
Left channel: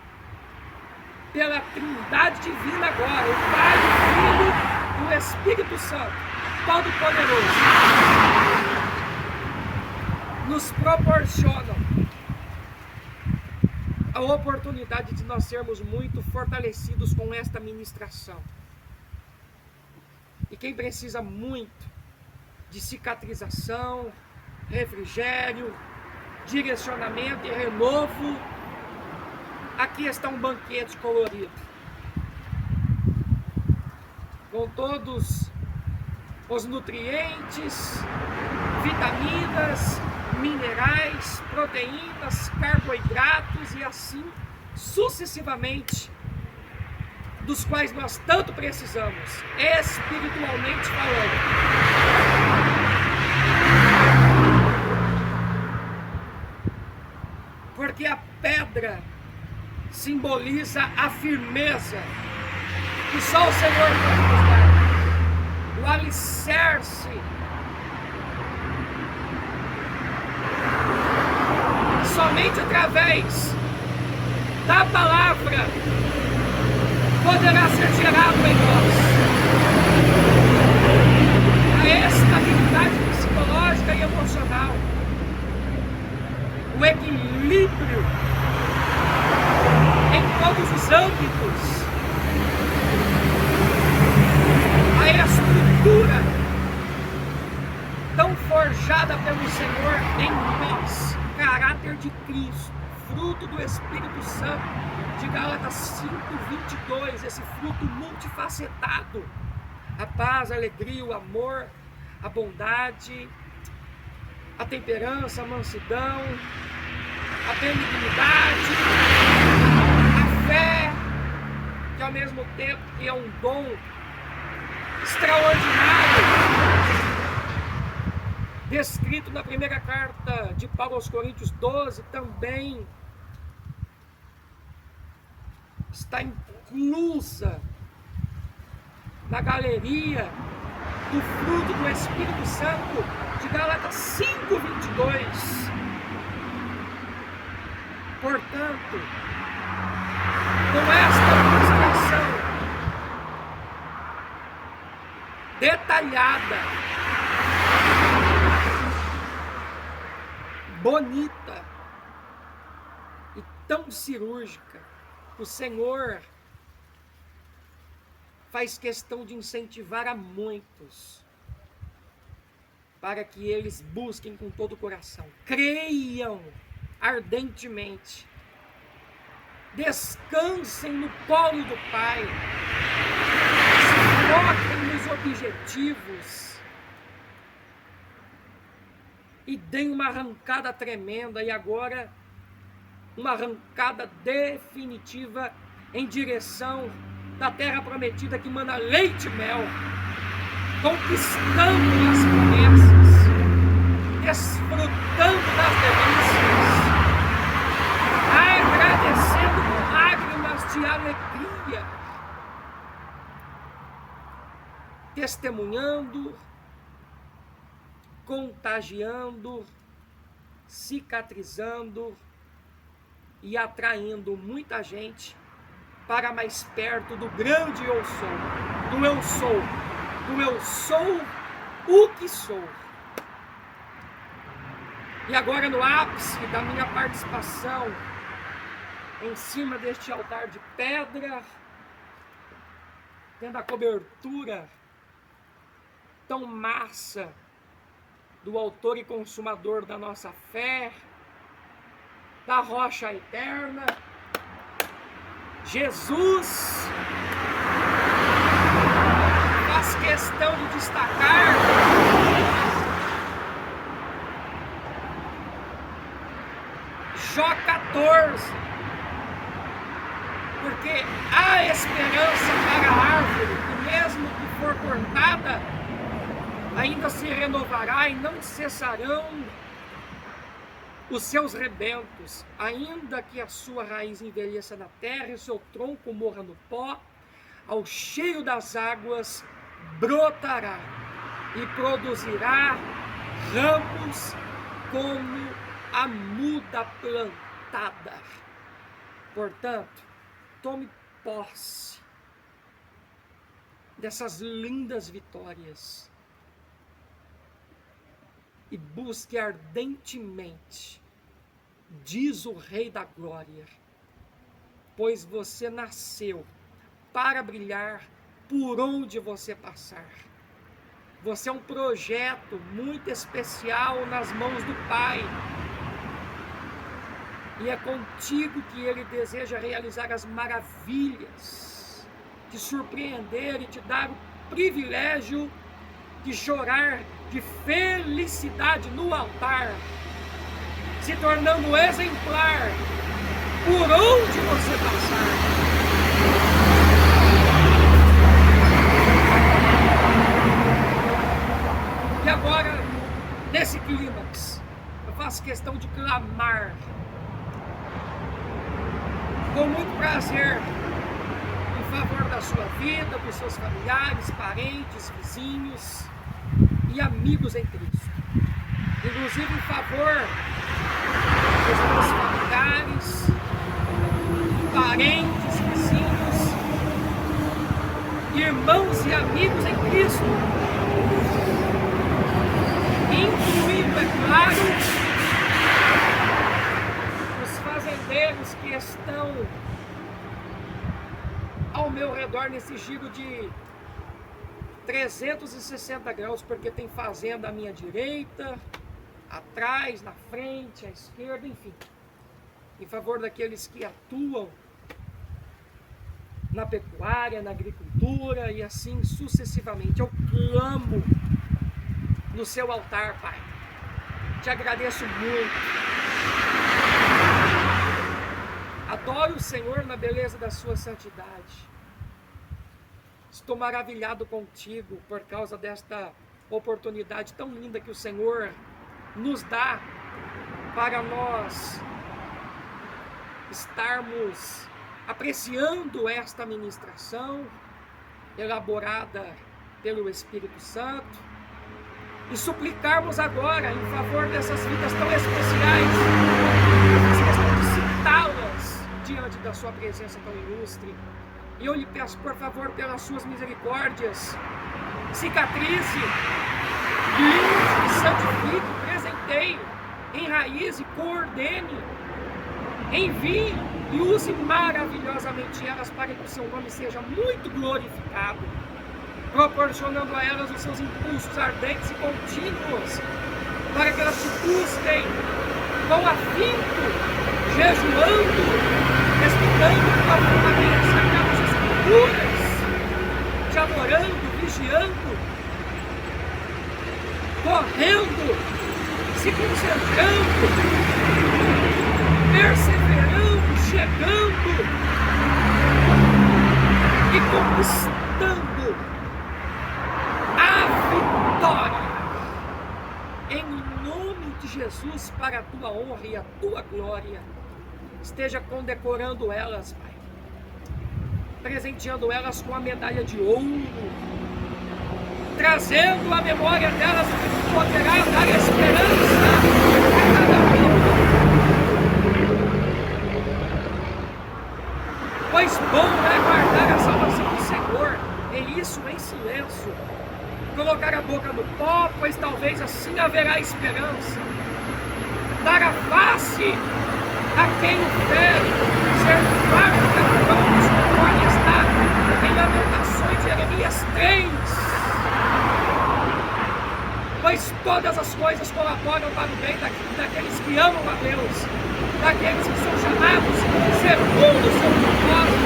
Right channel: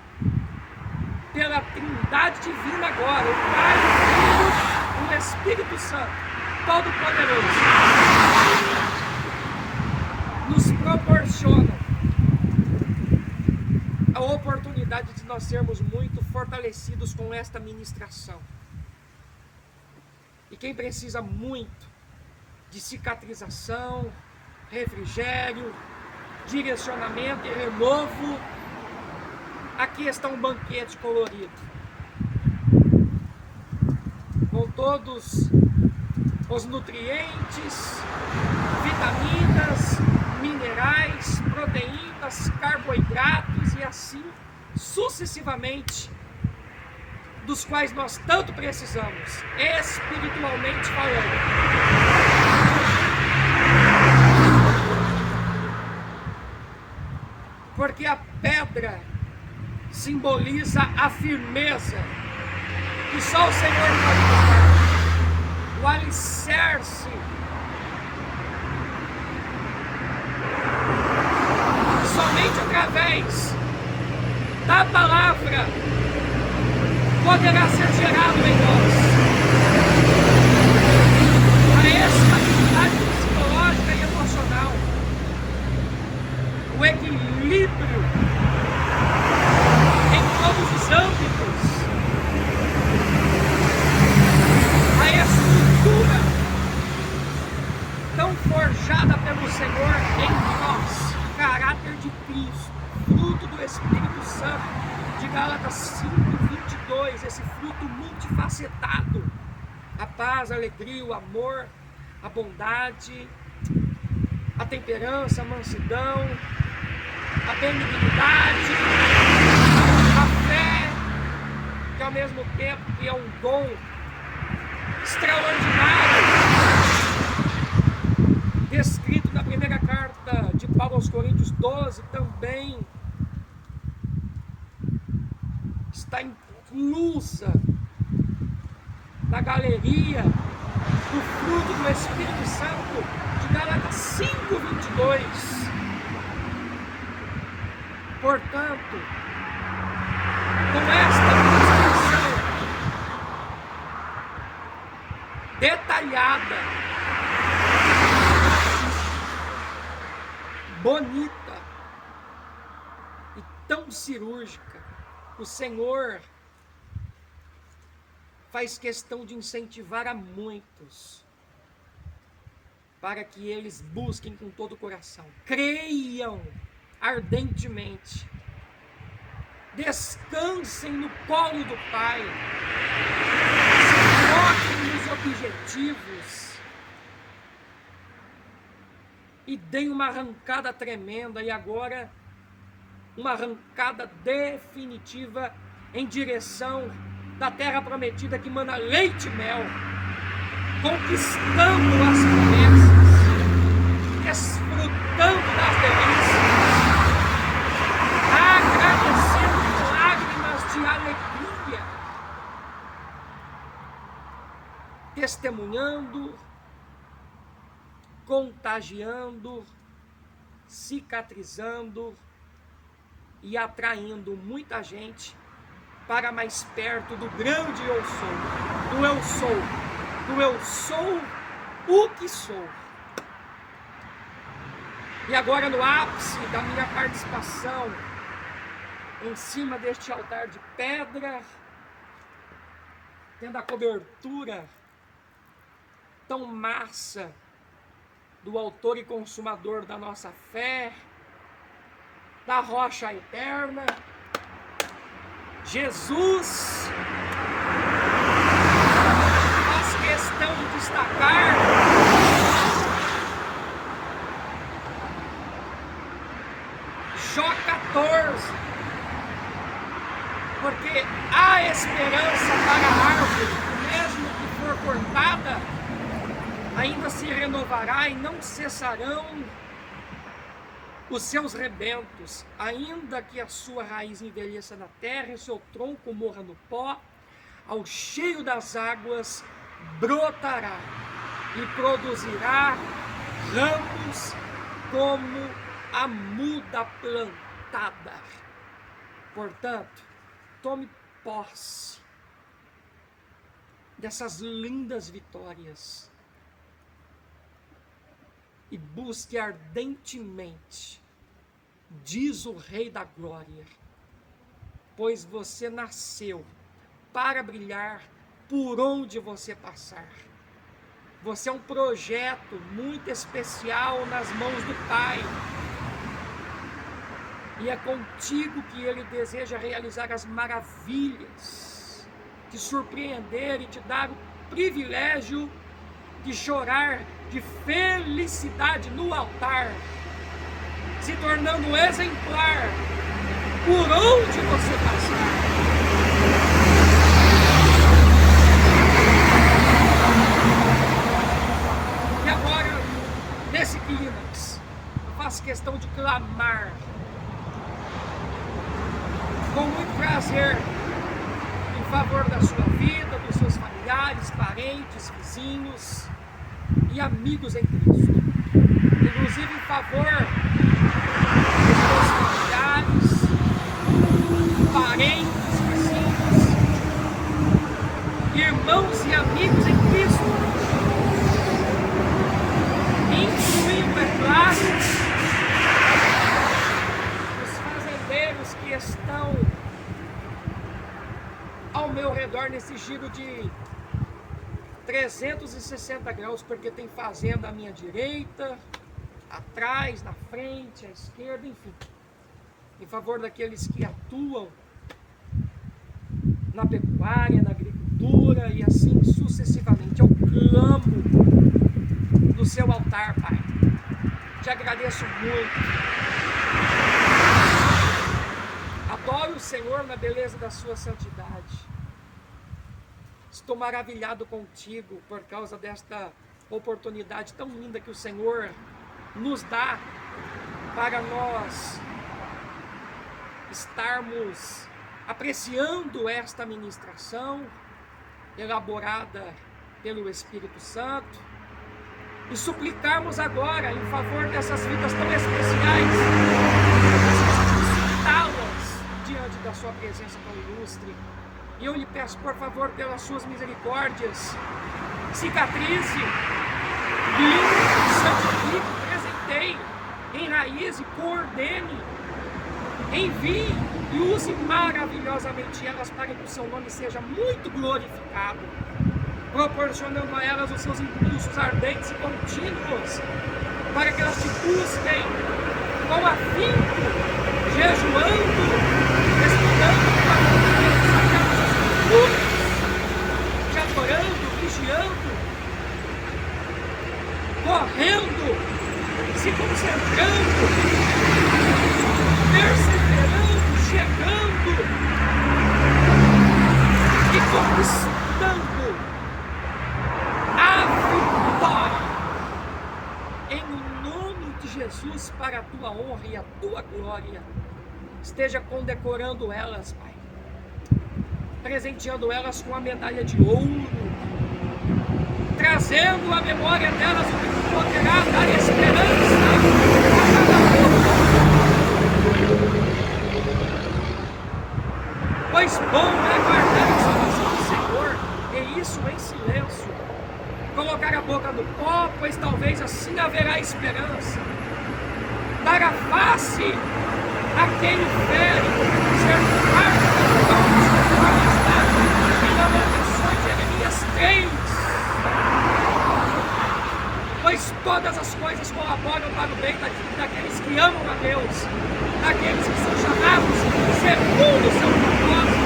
pela Trindade Divina agora, o Pai, o Filho e o Espírito Santo, Todo-Poderoso, nos proporcionam a oportunidade de nós sermos muito fortalecidos com esta ministração. E quem precisa muito de cicatrização, refrigério, direcionamento e renovo, aqui está um banquete colorido, com todos os nutrientes, vitaminas, minerais, proteínas, carboidratos e assim sucessivamente, dos quais nós tanto precisamos, espiritualmente falando. Porque a pedra simboliza a firmeza que só o Senhor pode nos dar, o alicerce somente através da palavra poderá ser gerado em nós a estabilidade psicológica e emocional, o equilíbrio em todos os âmbitos, a estrutura tão forjada pelo Senhor em nós, caráter de Cristo, fruto do Espírito Santo, de Gálatas 5:22, esse fruto multifacetado, a paz, a alegria, o amor, a bondade, a temperança, a mansidão, a benignidade, a fé, que ao mesmo tempo que é um dom extraordinário, descrito na primeira carta de Paulo aos Coríntios 12, também está inclusa na galeria do fruto do Espírito Santo de Gálatas 5:22. Portanto, com esta ministração detalhada, bonita e tão cirúrgica, o Senhor faz questão de incentivar a muitos para que eles busquem com todo o coração, creiam ardentemente, descansem no colo do Pai, foquem nos objetivos e deem uma arrancada tremenda, e agora uma arrancada definitiva em direção da terra prometida que mana leite e mel, conquistando as promessas, desfrutando das delícias, agradecendo com lágrimas de alegria, testemunhando, contagiando, cicatrizando e atraindo muita gente para mais perto do grande eu sou, do eu sou, do eu sou o que sou. E agora, no ápice da minha participação, em cima deste altar de pedra, tendo a cobertura tão massa do autor e consumador da nossa fé, da rocha eterna, Jesus, faz questão de destacar Jó 14, porque há esperança para a árvore, que mesmo que for cortada, ainda se renovará e não cessarão os seus rebentos, ainda que a sua raiz envelheça na terra e o seu tronco morra no pó, ao cheiro das águas brotará e produzirá ramos como a muda planta. exaltada. Portanto, tome posse dessas lindas vitórias e busque ardentemente, diz o Rei da Glória, pois você nasceu para brilhar por onde você passar. Você é um projeto muito especial nas mãos do Pai. E é contigo que Ele deseja realizar as maravilhas, te surpreender e te dar o privilégio de chorar de felicidade no altar, se tornando exemplar por onde você passar. E agora, nesse clímax, eu faço questão de clamar com muito prazer em favor da sua vida, dos seus familiares, parentes, vizinhos e amigos em Cristo. Inclusive em favor dos seus familiares, parentes, vizinhos, irmãos e amigos em Cristo, incluindo, é claro, os fazendeiros que estão ao meu redor nesse giro de 360 graus, porque tem fazenda à minha direita, atrás, na frente, à esquerda, enfim, em favor daqueles que atuam na pecuária, na agricultura e assim sucessivamente. Eu clamo no seu altar, Pai. Te agradeço muito. Adoro o Senhor na beleza da sua santidade. Estou maravilhado contigo por causa desta oportunidade tão linda que o Senhor nos dá para nós estarmos apreciando esta ministração elaborada pelo Espírito Santo e suplicarmos agora em favor dessas vidas tão especiais, citá-las diante da sua presença tão ilustre. E eu lhe peço, por favor, pelas suas misericórdias, cicatrize, limpe, santifique, presenteie, enraize, coordene, envie e use maravilhosamente elas para que o seu nome seja muito glorificado, proporcionando a elas os seus impulsos ardentes e contínuos, para que elas te busquem com afinco, jejuando, estudando tua vontade, sagradas escrituras, te adorando, vigiando, correndo, se concentrando, perseverando, chegando e conquistando a vitória em nome de Jesus, para a tua honra e a tua glória. Esteja condecorando elas, Pai, presenteando elas com a medalha de ouro, trazendo à memória delas o que poderá dar esperança a cada um. Pois bom é guardar a salvação do Senhor, e isso em silêncio, colocar a boca no pó, pois talvez assim haverá esperança, dar a face a quem o fere, ser farto pelos dons, conforme está em Lamentações de Jeremias 3. Pois todas as coisas colaboram para o bem daqueles que amam a Deus, daqueles que são chamados segundo o seu propósito.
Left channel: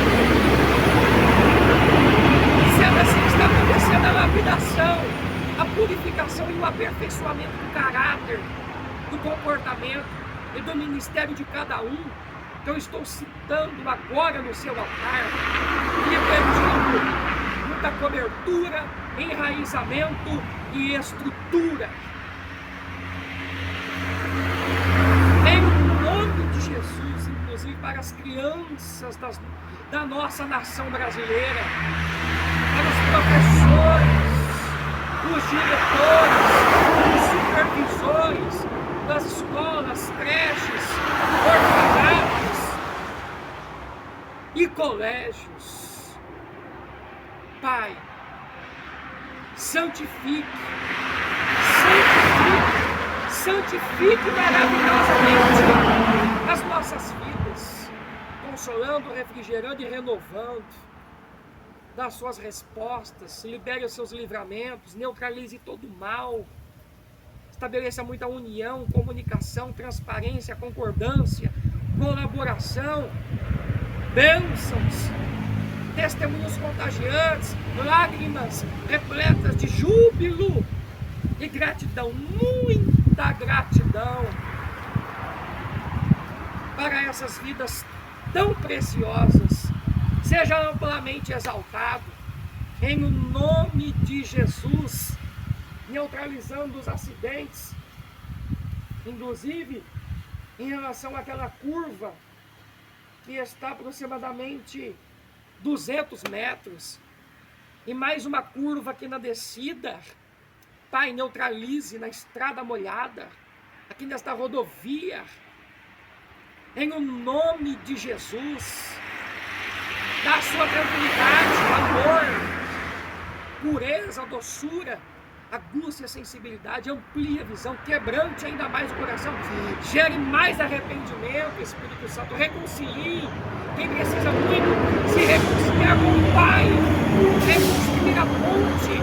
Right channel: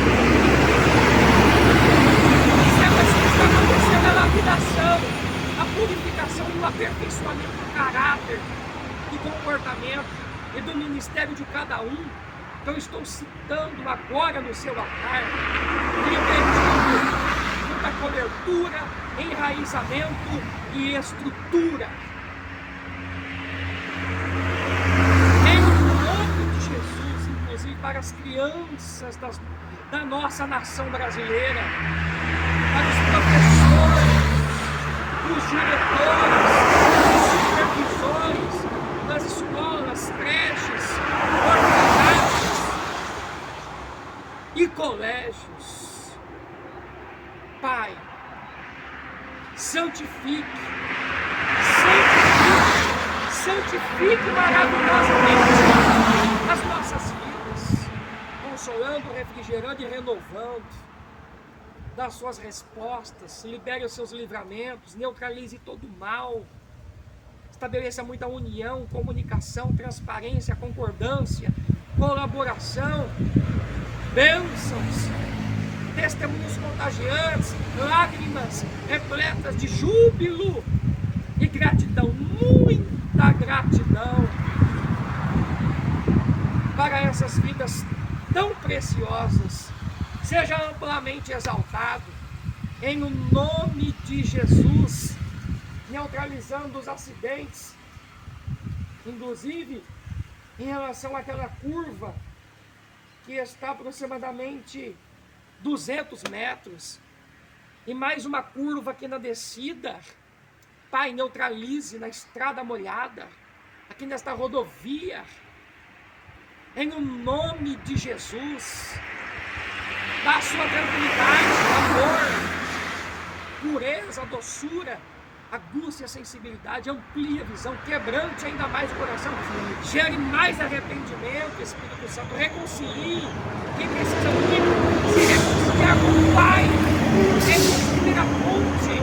E sendo assim que está acontecendo a lapidação, a purificação e o aperfeiçoamento do caráter, do comportamento e do ministério de cada um, que eu estou citando agora no seu altar, e pedindo muita cobertura, enraizamento e estrutura. Em nome de Jesus, inclusive para as crianças da nossa nação brasileira, para os professores, os diretores, os supervisores, das escolas, creches, orfanatos e colégios. Pai, santifique maravilhosamente as nossas vidas, consolando, refrigerando e renovando. Dá suas respostas, libere os seus livramentos, neutralize todo o mal, estabeleça muita união, comunicação, transparência, concordância, colaboração, bênçãos, testemunhos contagiantes, lágrimas repletas de júbilo e gratidão, muita gratidão para essas vidas tão preciosas. Seja amplamente exaltado, em nome de Jesus, neutralizando os acidentes, inclusive em relação àquela curva que está aproximadamente 200 metros, e mais uma curva aqui na descida. Pai, neutralize na estrada molhada, aqui nesta rodovia, em nome de Jesus. Dá sua tranquilidade, amor, pureza, doçura, aguce a sensibilidade, amplie a visão, quebrante ainda mais o coração, gere mais arrependimento, Espírito Santo, reconcilie quem precisa muito se reconciliar com o Pai, reconstruir a ponte,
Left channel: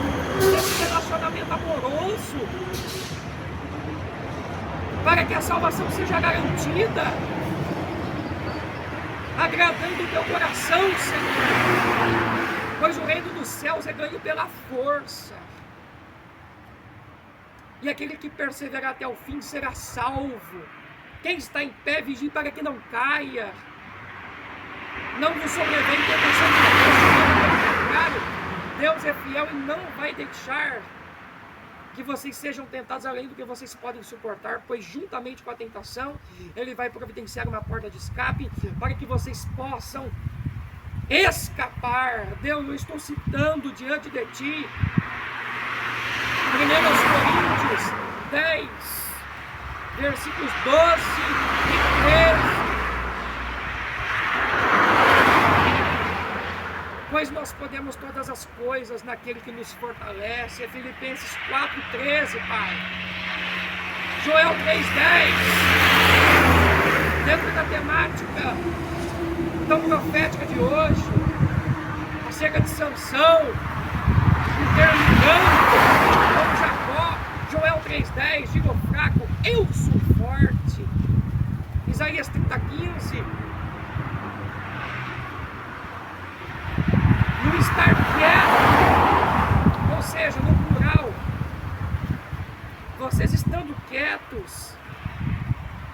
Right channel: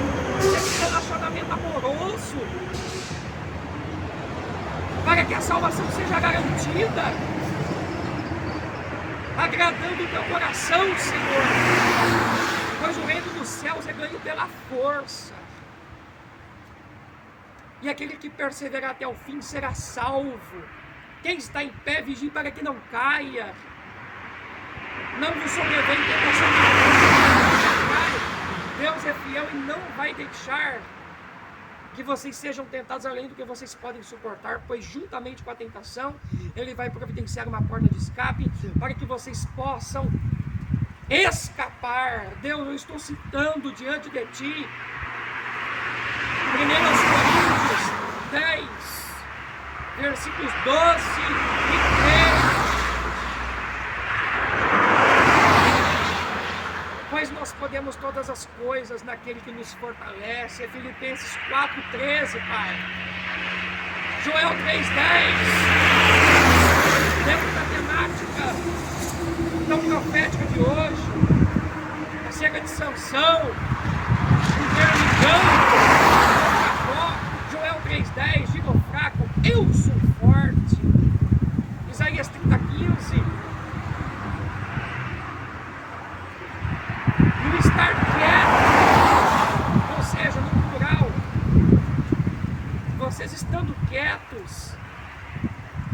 esse relacionamento amoroso, para que a salvação seja garantida, agradando o teu coração, Senhor, pois o reino dos céus é ganho pela força, e aquele que perseverar até o fim será salvo. Quem está em pé, vigie para que não caia, não vos sobrevém tentação de pelo contrário, Deus é fiel e não vai deixar que vocês sejam tentados além do que vocês podem suportar, pois juntamente com a tentação, Ele vai providenciar uma porta de escape para que vocês possam escapar. Deus, eu estou citando diante de Ti 1 Coríntios 10, versículos 12 e 13. Pois nós podemos todas as coisas naquele que nos fortalece. É Filipenses 4,13, Pai. Joel 3,10. Dentro da temática tão profética de hoje, acerca de Sansão, interligando com Jacó. Joel 3,10, diga ao fraco, eu sou forte. Isaías 30,15. No estar quieto, ou seja, no plural, vocês estando quietos,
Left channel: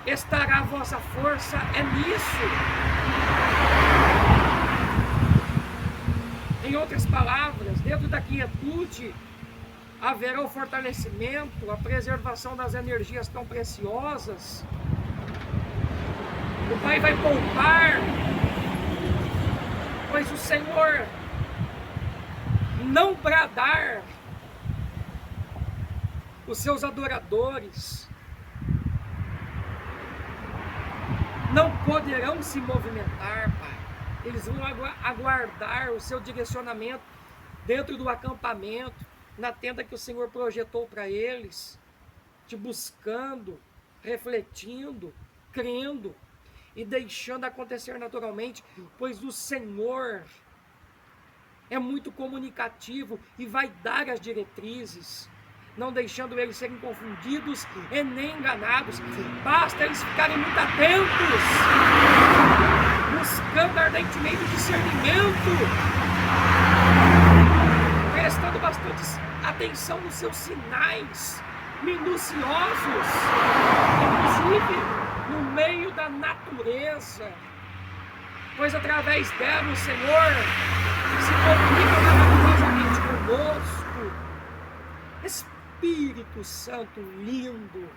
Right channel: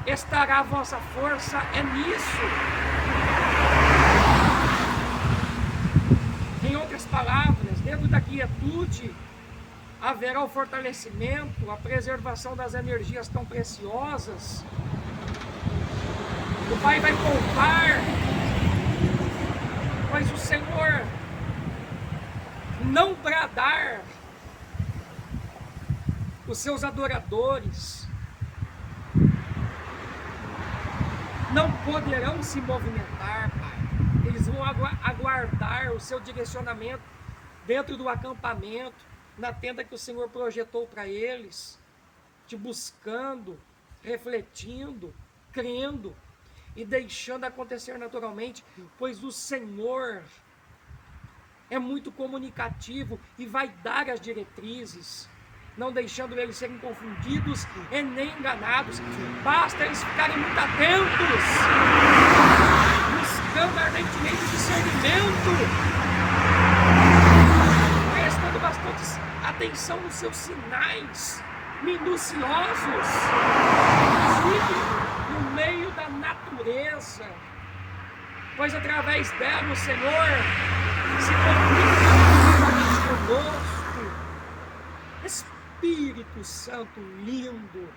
estará a vossa força, é nisso. Em outras palavras, dentro da quietude, haverá o fortalecimento, a preservação das energias tão preciosas. O Pai vai poupar, pois o Senhor não bradar, os seus adoradores não poderão se movimentar, Pai. Eles vão aguardar o seu direcionamento dentro do acampamento, na tenda que o Senhor projetou para eles, te buscando, refletindo, crendo e deixando acontecer naturalmente, pois o Senhor é muito comunicativo e vai dar as diretrizes, não deixando eles serem confundidos e nem enganados. Basta eles ficarem muito atentos, buscando ardentemente discernimento, prestando bastante atenção nos seus sinais minuciosos, inclusive no meio da natureza, pois através dela o Senhor se comunica maravilhosamente conosco. Espírito Santo lindo,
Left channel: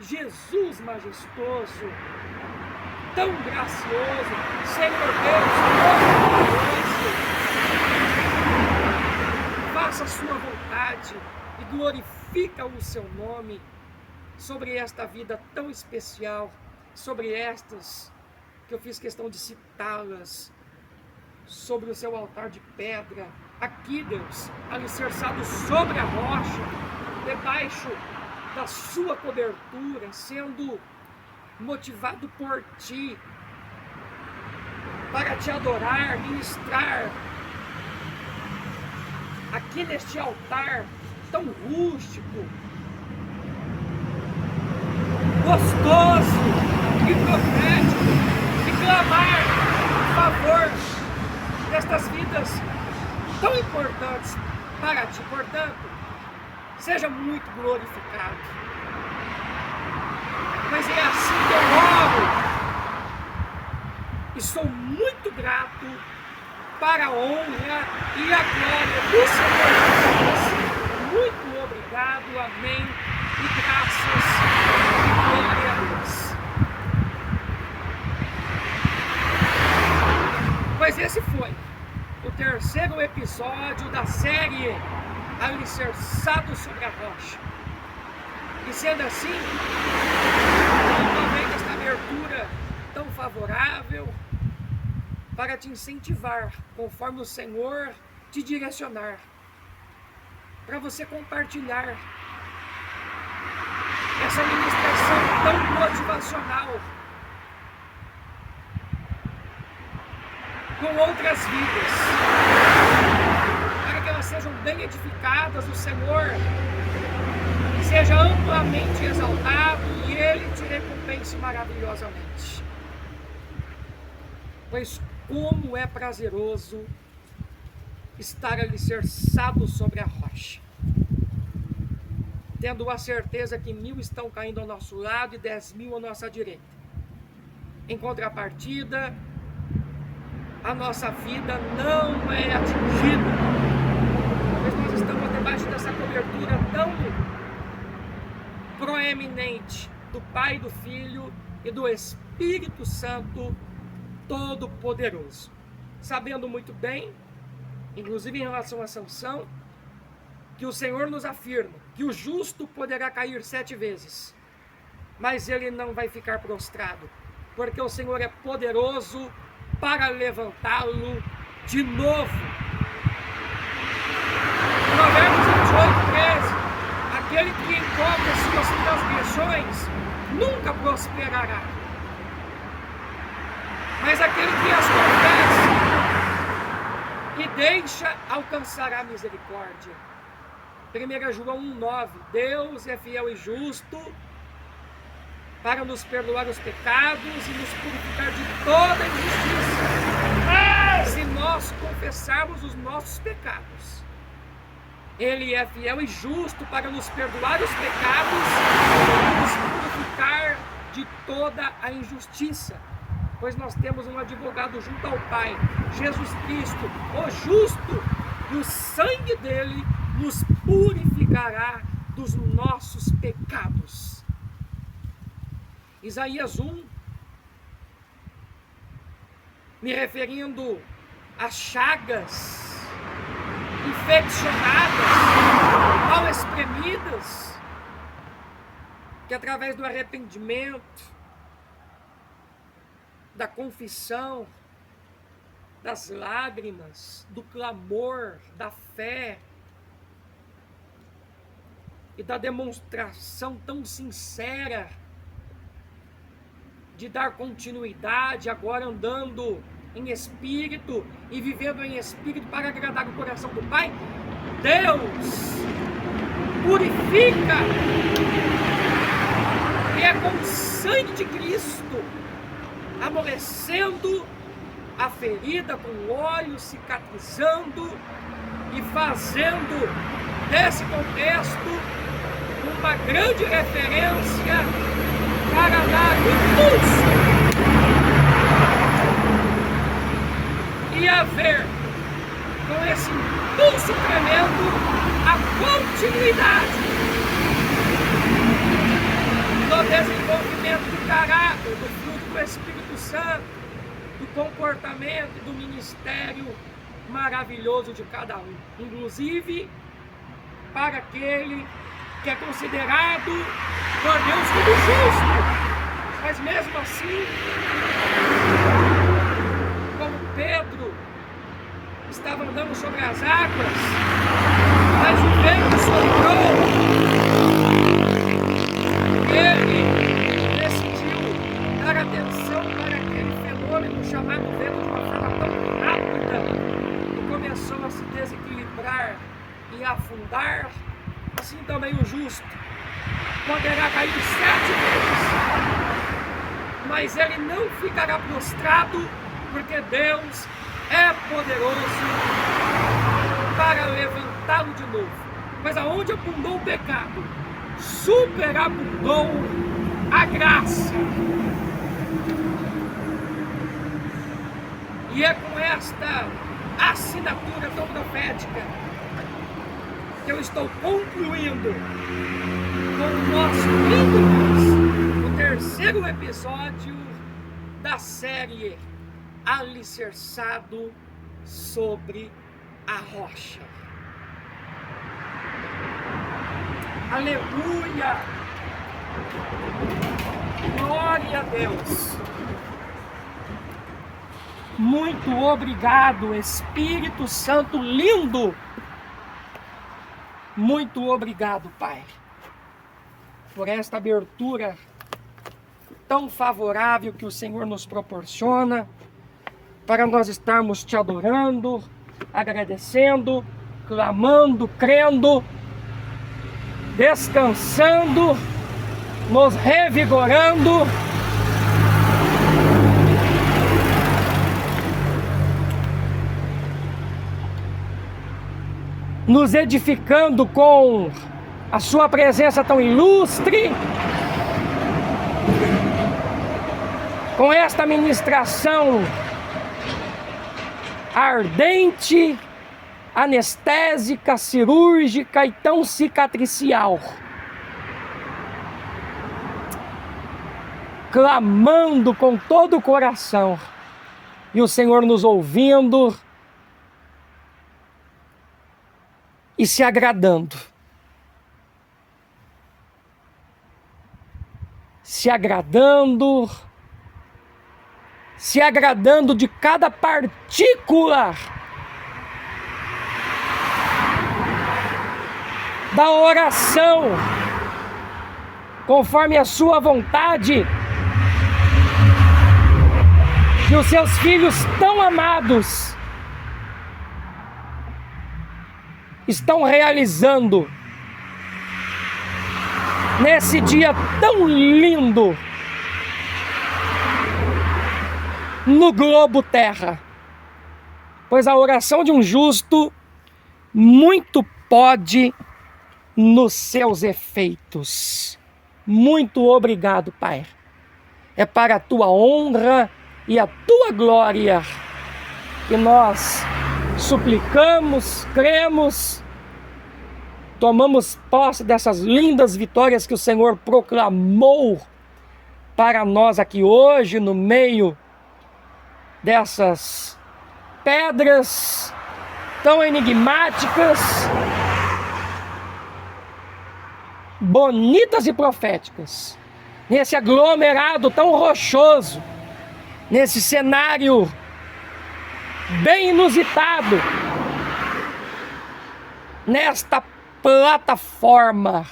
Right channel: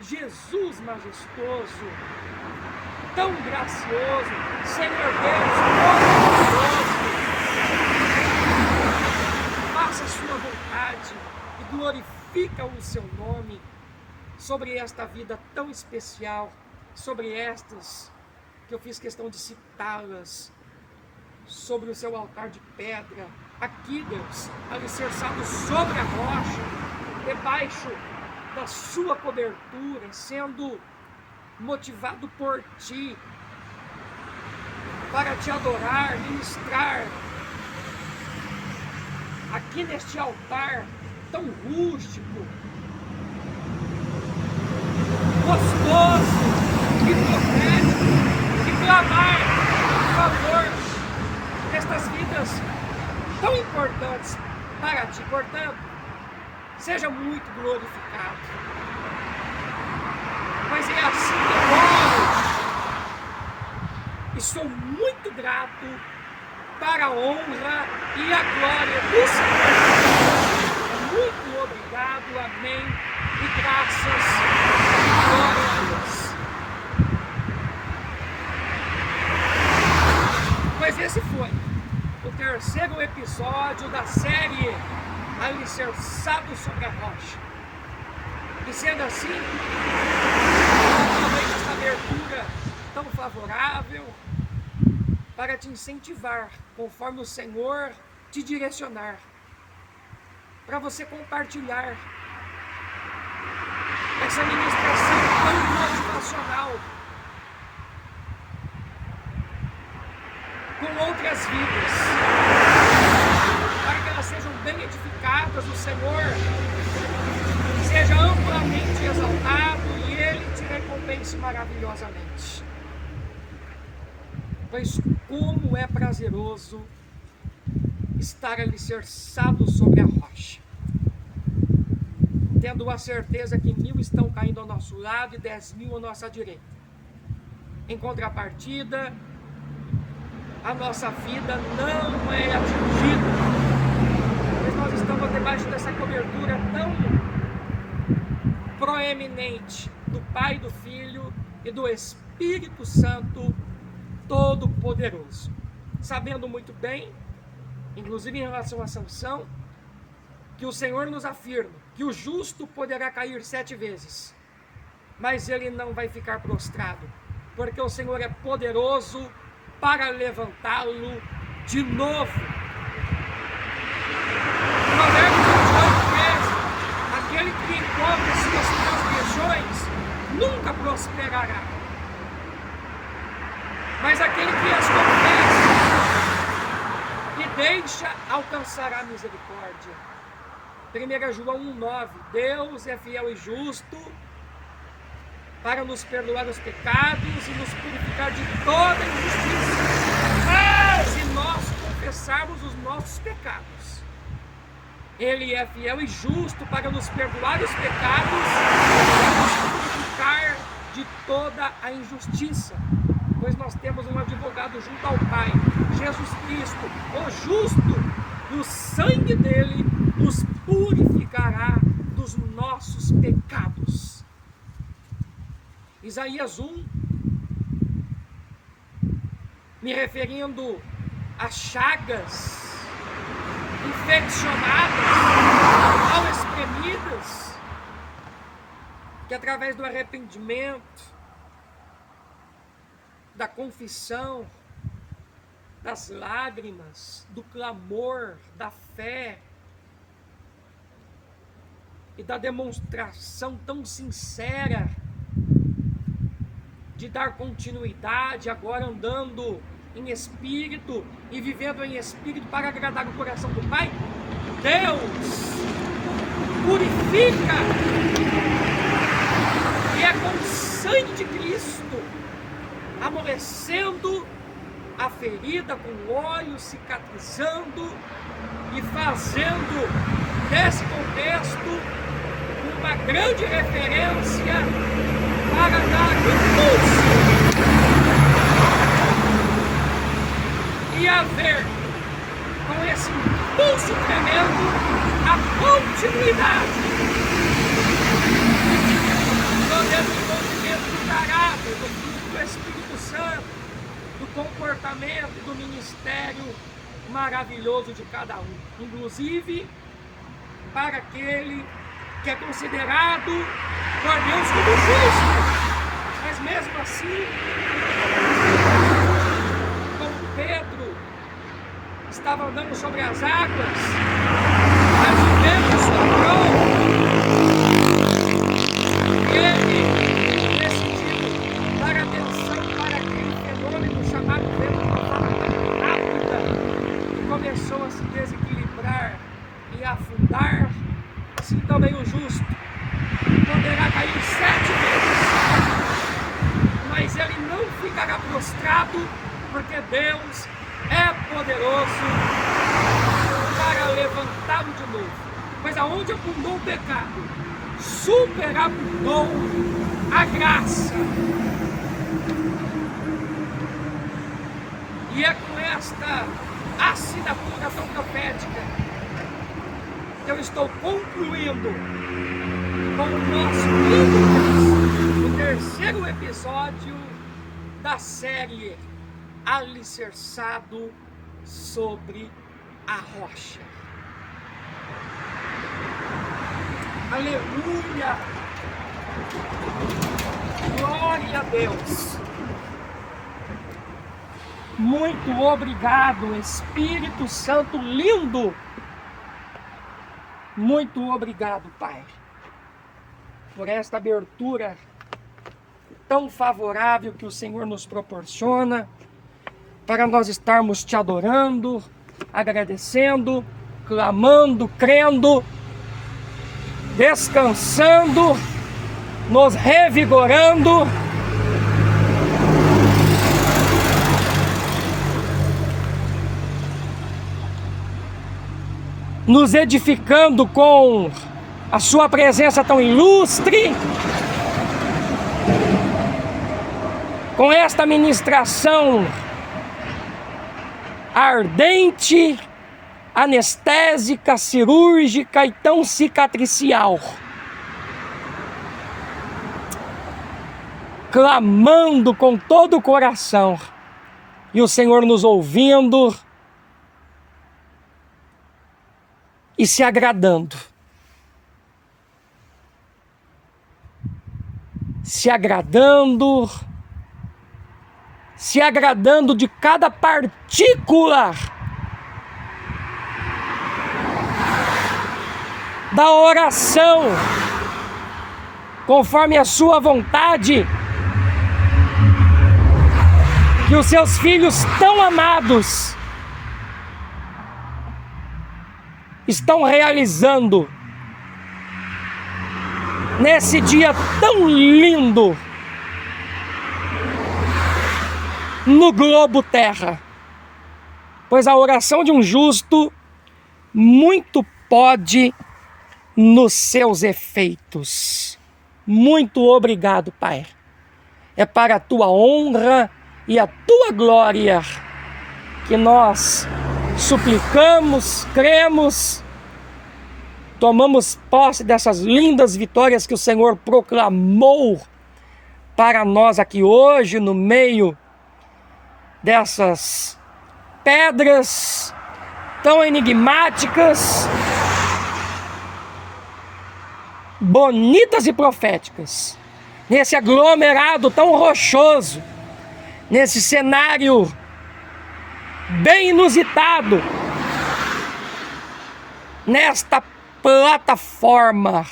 Jesus majestoso, tão gracioso, Senhor Deus poderoso, faça a sua vontade e glorifica o seu nome sobre esta vida tão especial, sobre estas que eu fiz questão de citá-las, sobre o seu altar de pedra, aqui, Deus, alicerçado sobre a rocha, debaixo da sua cobertura, sendo motivado por Ti, para Te adorar, ministrar, aqui neste altar tão rústico, gostoso e profético, e clamar em favor destas vidas tão importantes para Ti. Portanto, seja muito glorificado, pois é assim que eu oro e sou muito grato para a honra e a glória do Senhor Jesus. Muito obrigado, amém, e graças e glória a Deus. Pois esse foi o terceiro episódio da série Alicerçado sobre a Rocha. E sendo assim, novamente esta abertura tão favorável para te incentivar, conforme o Senhor te direcionar, para você compartilhar essa ministração tão motivacional com outras vidas, para que elas sejam bem edificadas, o Senhor seja amplamente exaltado e Ele te recompense maravilhosamente. Pois como é prazeroso estar alicerçado sobre a rocha, tendo a certeza que 1000 estão caindo ao nosso lado e 10.000 à nossa direita. Em contrapartida, a nossa vida não é atingida, pois nós estamos debaixo dessa cobertura tão proeminente do Pai, do Filho e do Espírito Santo Todo-Poderoso, sabendo muito bem, inclusive em relação a Sansão, que o Senhor nos afirma que o justo poderá cair 7 vezes, mas ele não vai ficar prostrado, porque o Senhor é poderoso para levantá-lo de novo. Provérbios 28:13: aquele que encobre as suas transgressões nunca prosperará, mas aquele que as confessa e deixa alcançará misericórdia. 1 João 1:9: Deus é fiel e justo para nos perdoar os pecados e nos purificar de toda injustiça, se nós confessarmos os nossos pecados. Ele é fiel e justo para nos perdoar os pecados e nos purificar de toda a injustiça, pois nós temos um advogado junto ao Pai, Jesus Cristo, o justo, e o sangue dele nos purificará dos nossos pecados. Isaías 1, me referindo às chagas infeccionadas, mal espremidas, que através do arrependimento, da confissão, das lágrimas, do clamor, da fé e da demonstração tão sincera de dar continuidade, agora andando em espírito e vivendo em espírito para agradar o coração do Pai, Deus purifica, e é com o sangue de Cristo amolecendo a ferida com óleo, cicatrizando e fazendo desse contexto uma grande referência para dar impulso e haver, com esse impulso tremendo, a continuidade do desenvolvimento do caráter, do fruto do Espírito Santo, do comportamento e do ministério maravilhoso de cada um, inclusive para aquele que é considerado por Deus como justo. Mas mesmo assim, como Pedro estava andando sobre as águas, mas o vento soprou, ele decidiu dar atenção para aquele fenômeno chamado vento de uma forma tão rápida que começou a se desequilibrar e afundar. Assim também o justo poderá cair 7 vezes, mas ele não ficará prostrado, porque Deus é poderoso para levantá-lo de novo. Pois aonde abundou o pecado, superabundou a graça. E é com esta assinatura tão profética que eu estou concluindo com o nosso lindo, o 3º episódio da série Alicerçado sobre a Rocha. Aleluia! Glória a Deus! Muito obrigado, Espírito Santo lindo! Muito obrigado, Pai, por esta abertura tão favorável que o Senhor nos proporciona, para nós estarmos te adorando, agradecendo, clamando, crendo, descansando, nos revigorando. Nos edificando com a sua presença tão ilustre, com esta ministração ardente, anestésica, cirúrgica e tão cicatricial, clamando com todo o coração, e o Senhor nos ouvindo e se agradando. Se agradando de cada partícula da oração, conforme a sua vontade, que os seus filhos tão amados estão realizando nesse dia tão lindo no globo terra. Pois a oração de um justo muito pode nos seus efeitos. Muito obrigado, Pai. É para a tua honra e a tua glória que nós suplicamos, cremos, tomamos posse dessas lindas vitórias que o Senhor proclamou para nós aqui hoje, no meio dessas pedras tão enigmáticas, bonitas e proféticas, nesse aglomerado tão rochoso, nesse cenário bem inusitado, nesta plataforma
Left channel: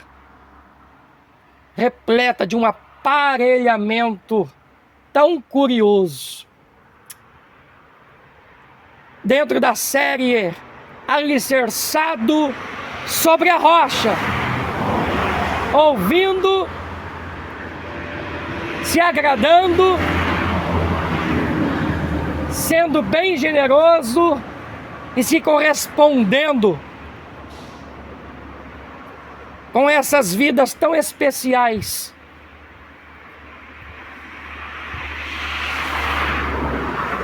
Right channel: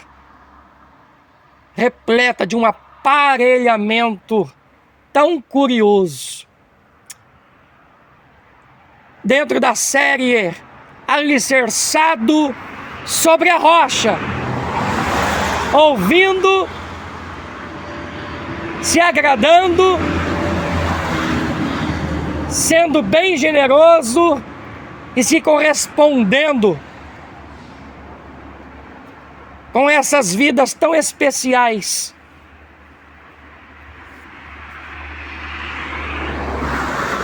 repleta de um aparelhamento tão curioso. Dentro da série Alicerçado sobre a Rocha, ouvindo, se agradando, sendo bem generoso e se correspondendo com essas vidas tão especiais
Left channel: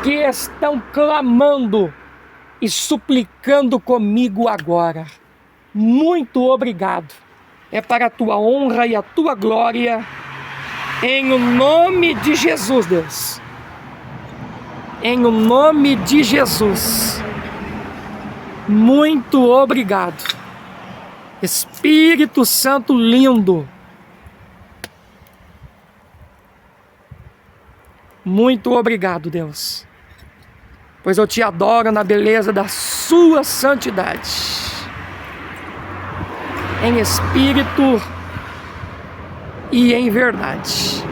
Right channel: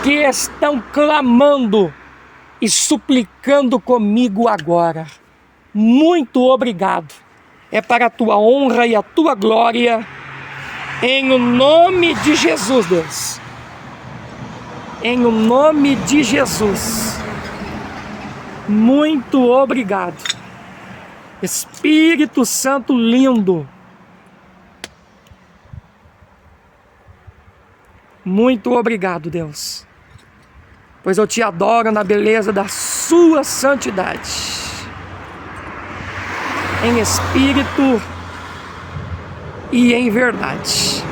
que estão clamando e suplicando comigo agora. Muito obrigado. É para a tua honra e a tua glória, em o nome de Jesus, Deus. Em o nome de Jesus. Muito obrigado. Espírito Santo lindo, Muito obrigado, Deus, pois eu te adoro na beleza da sua santidade, em espírito e em verdade.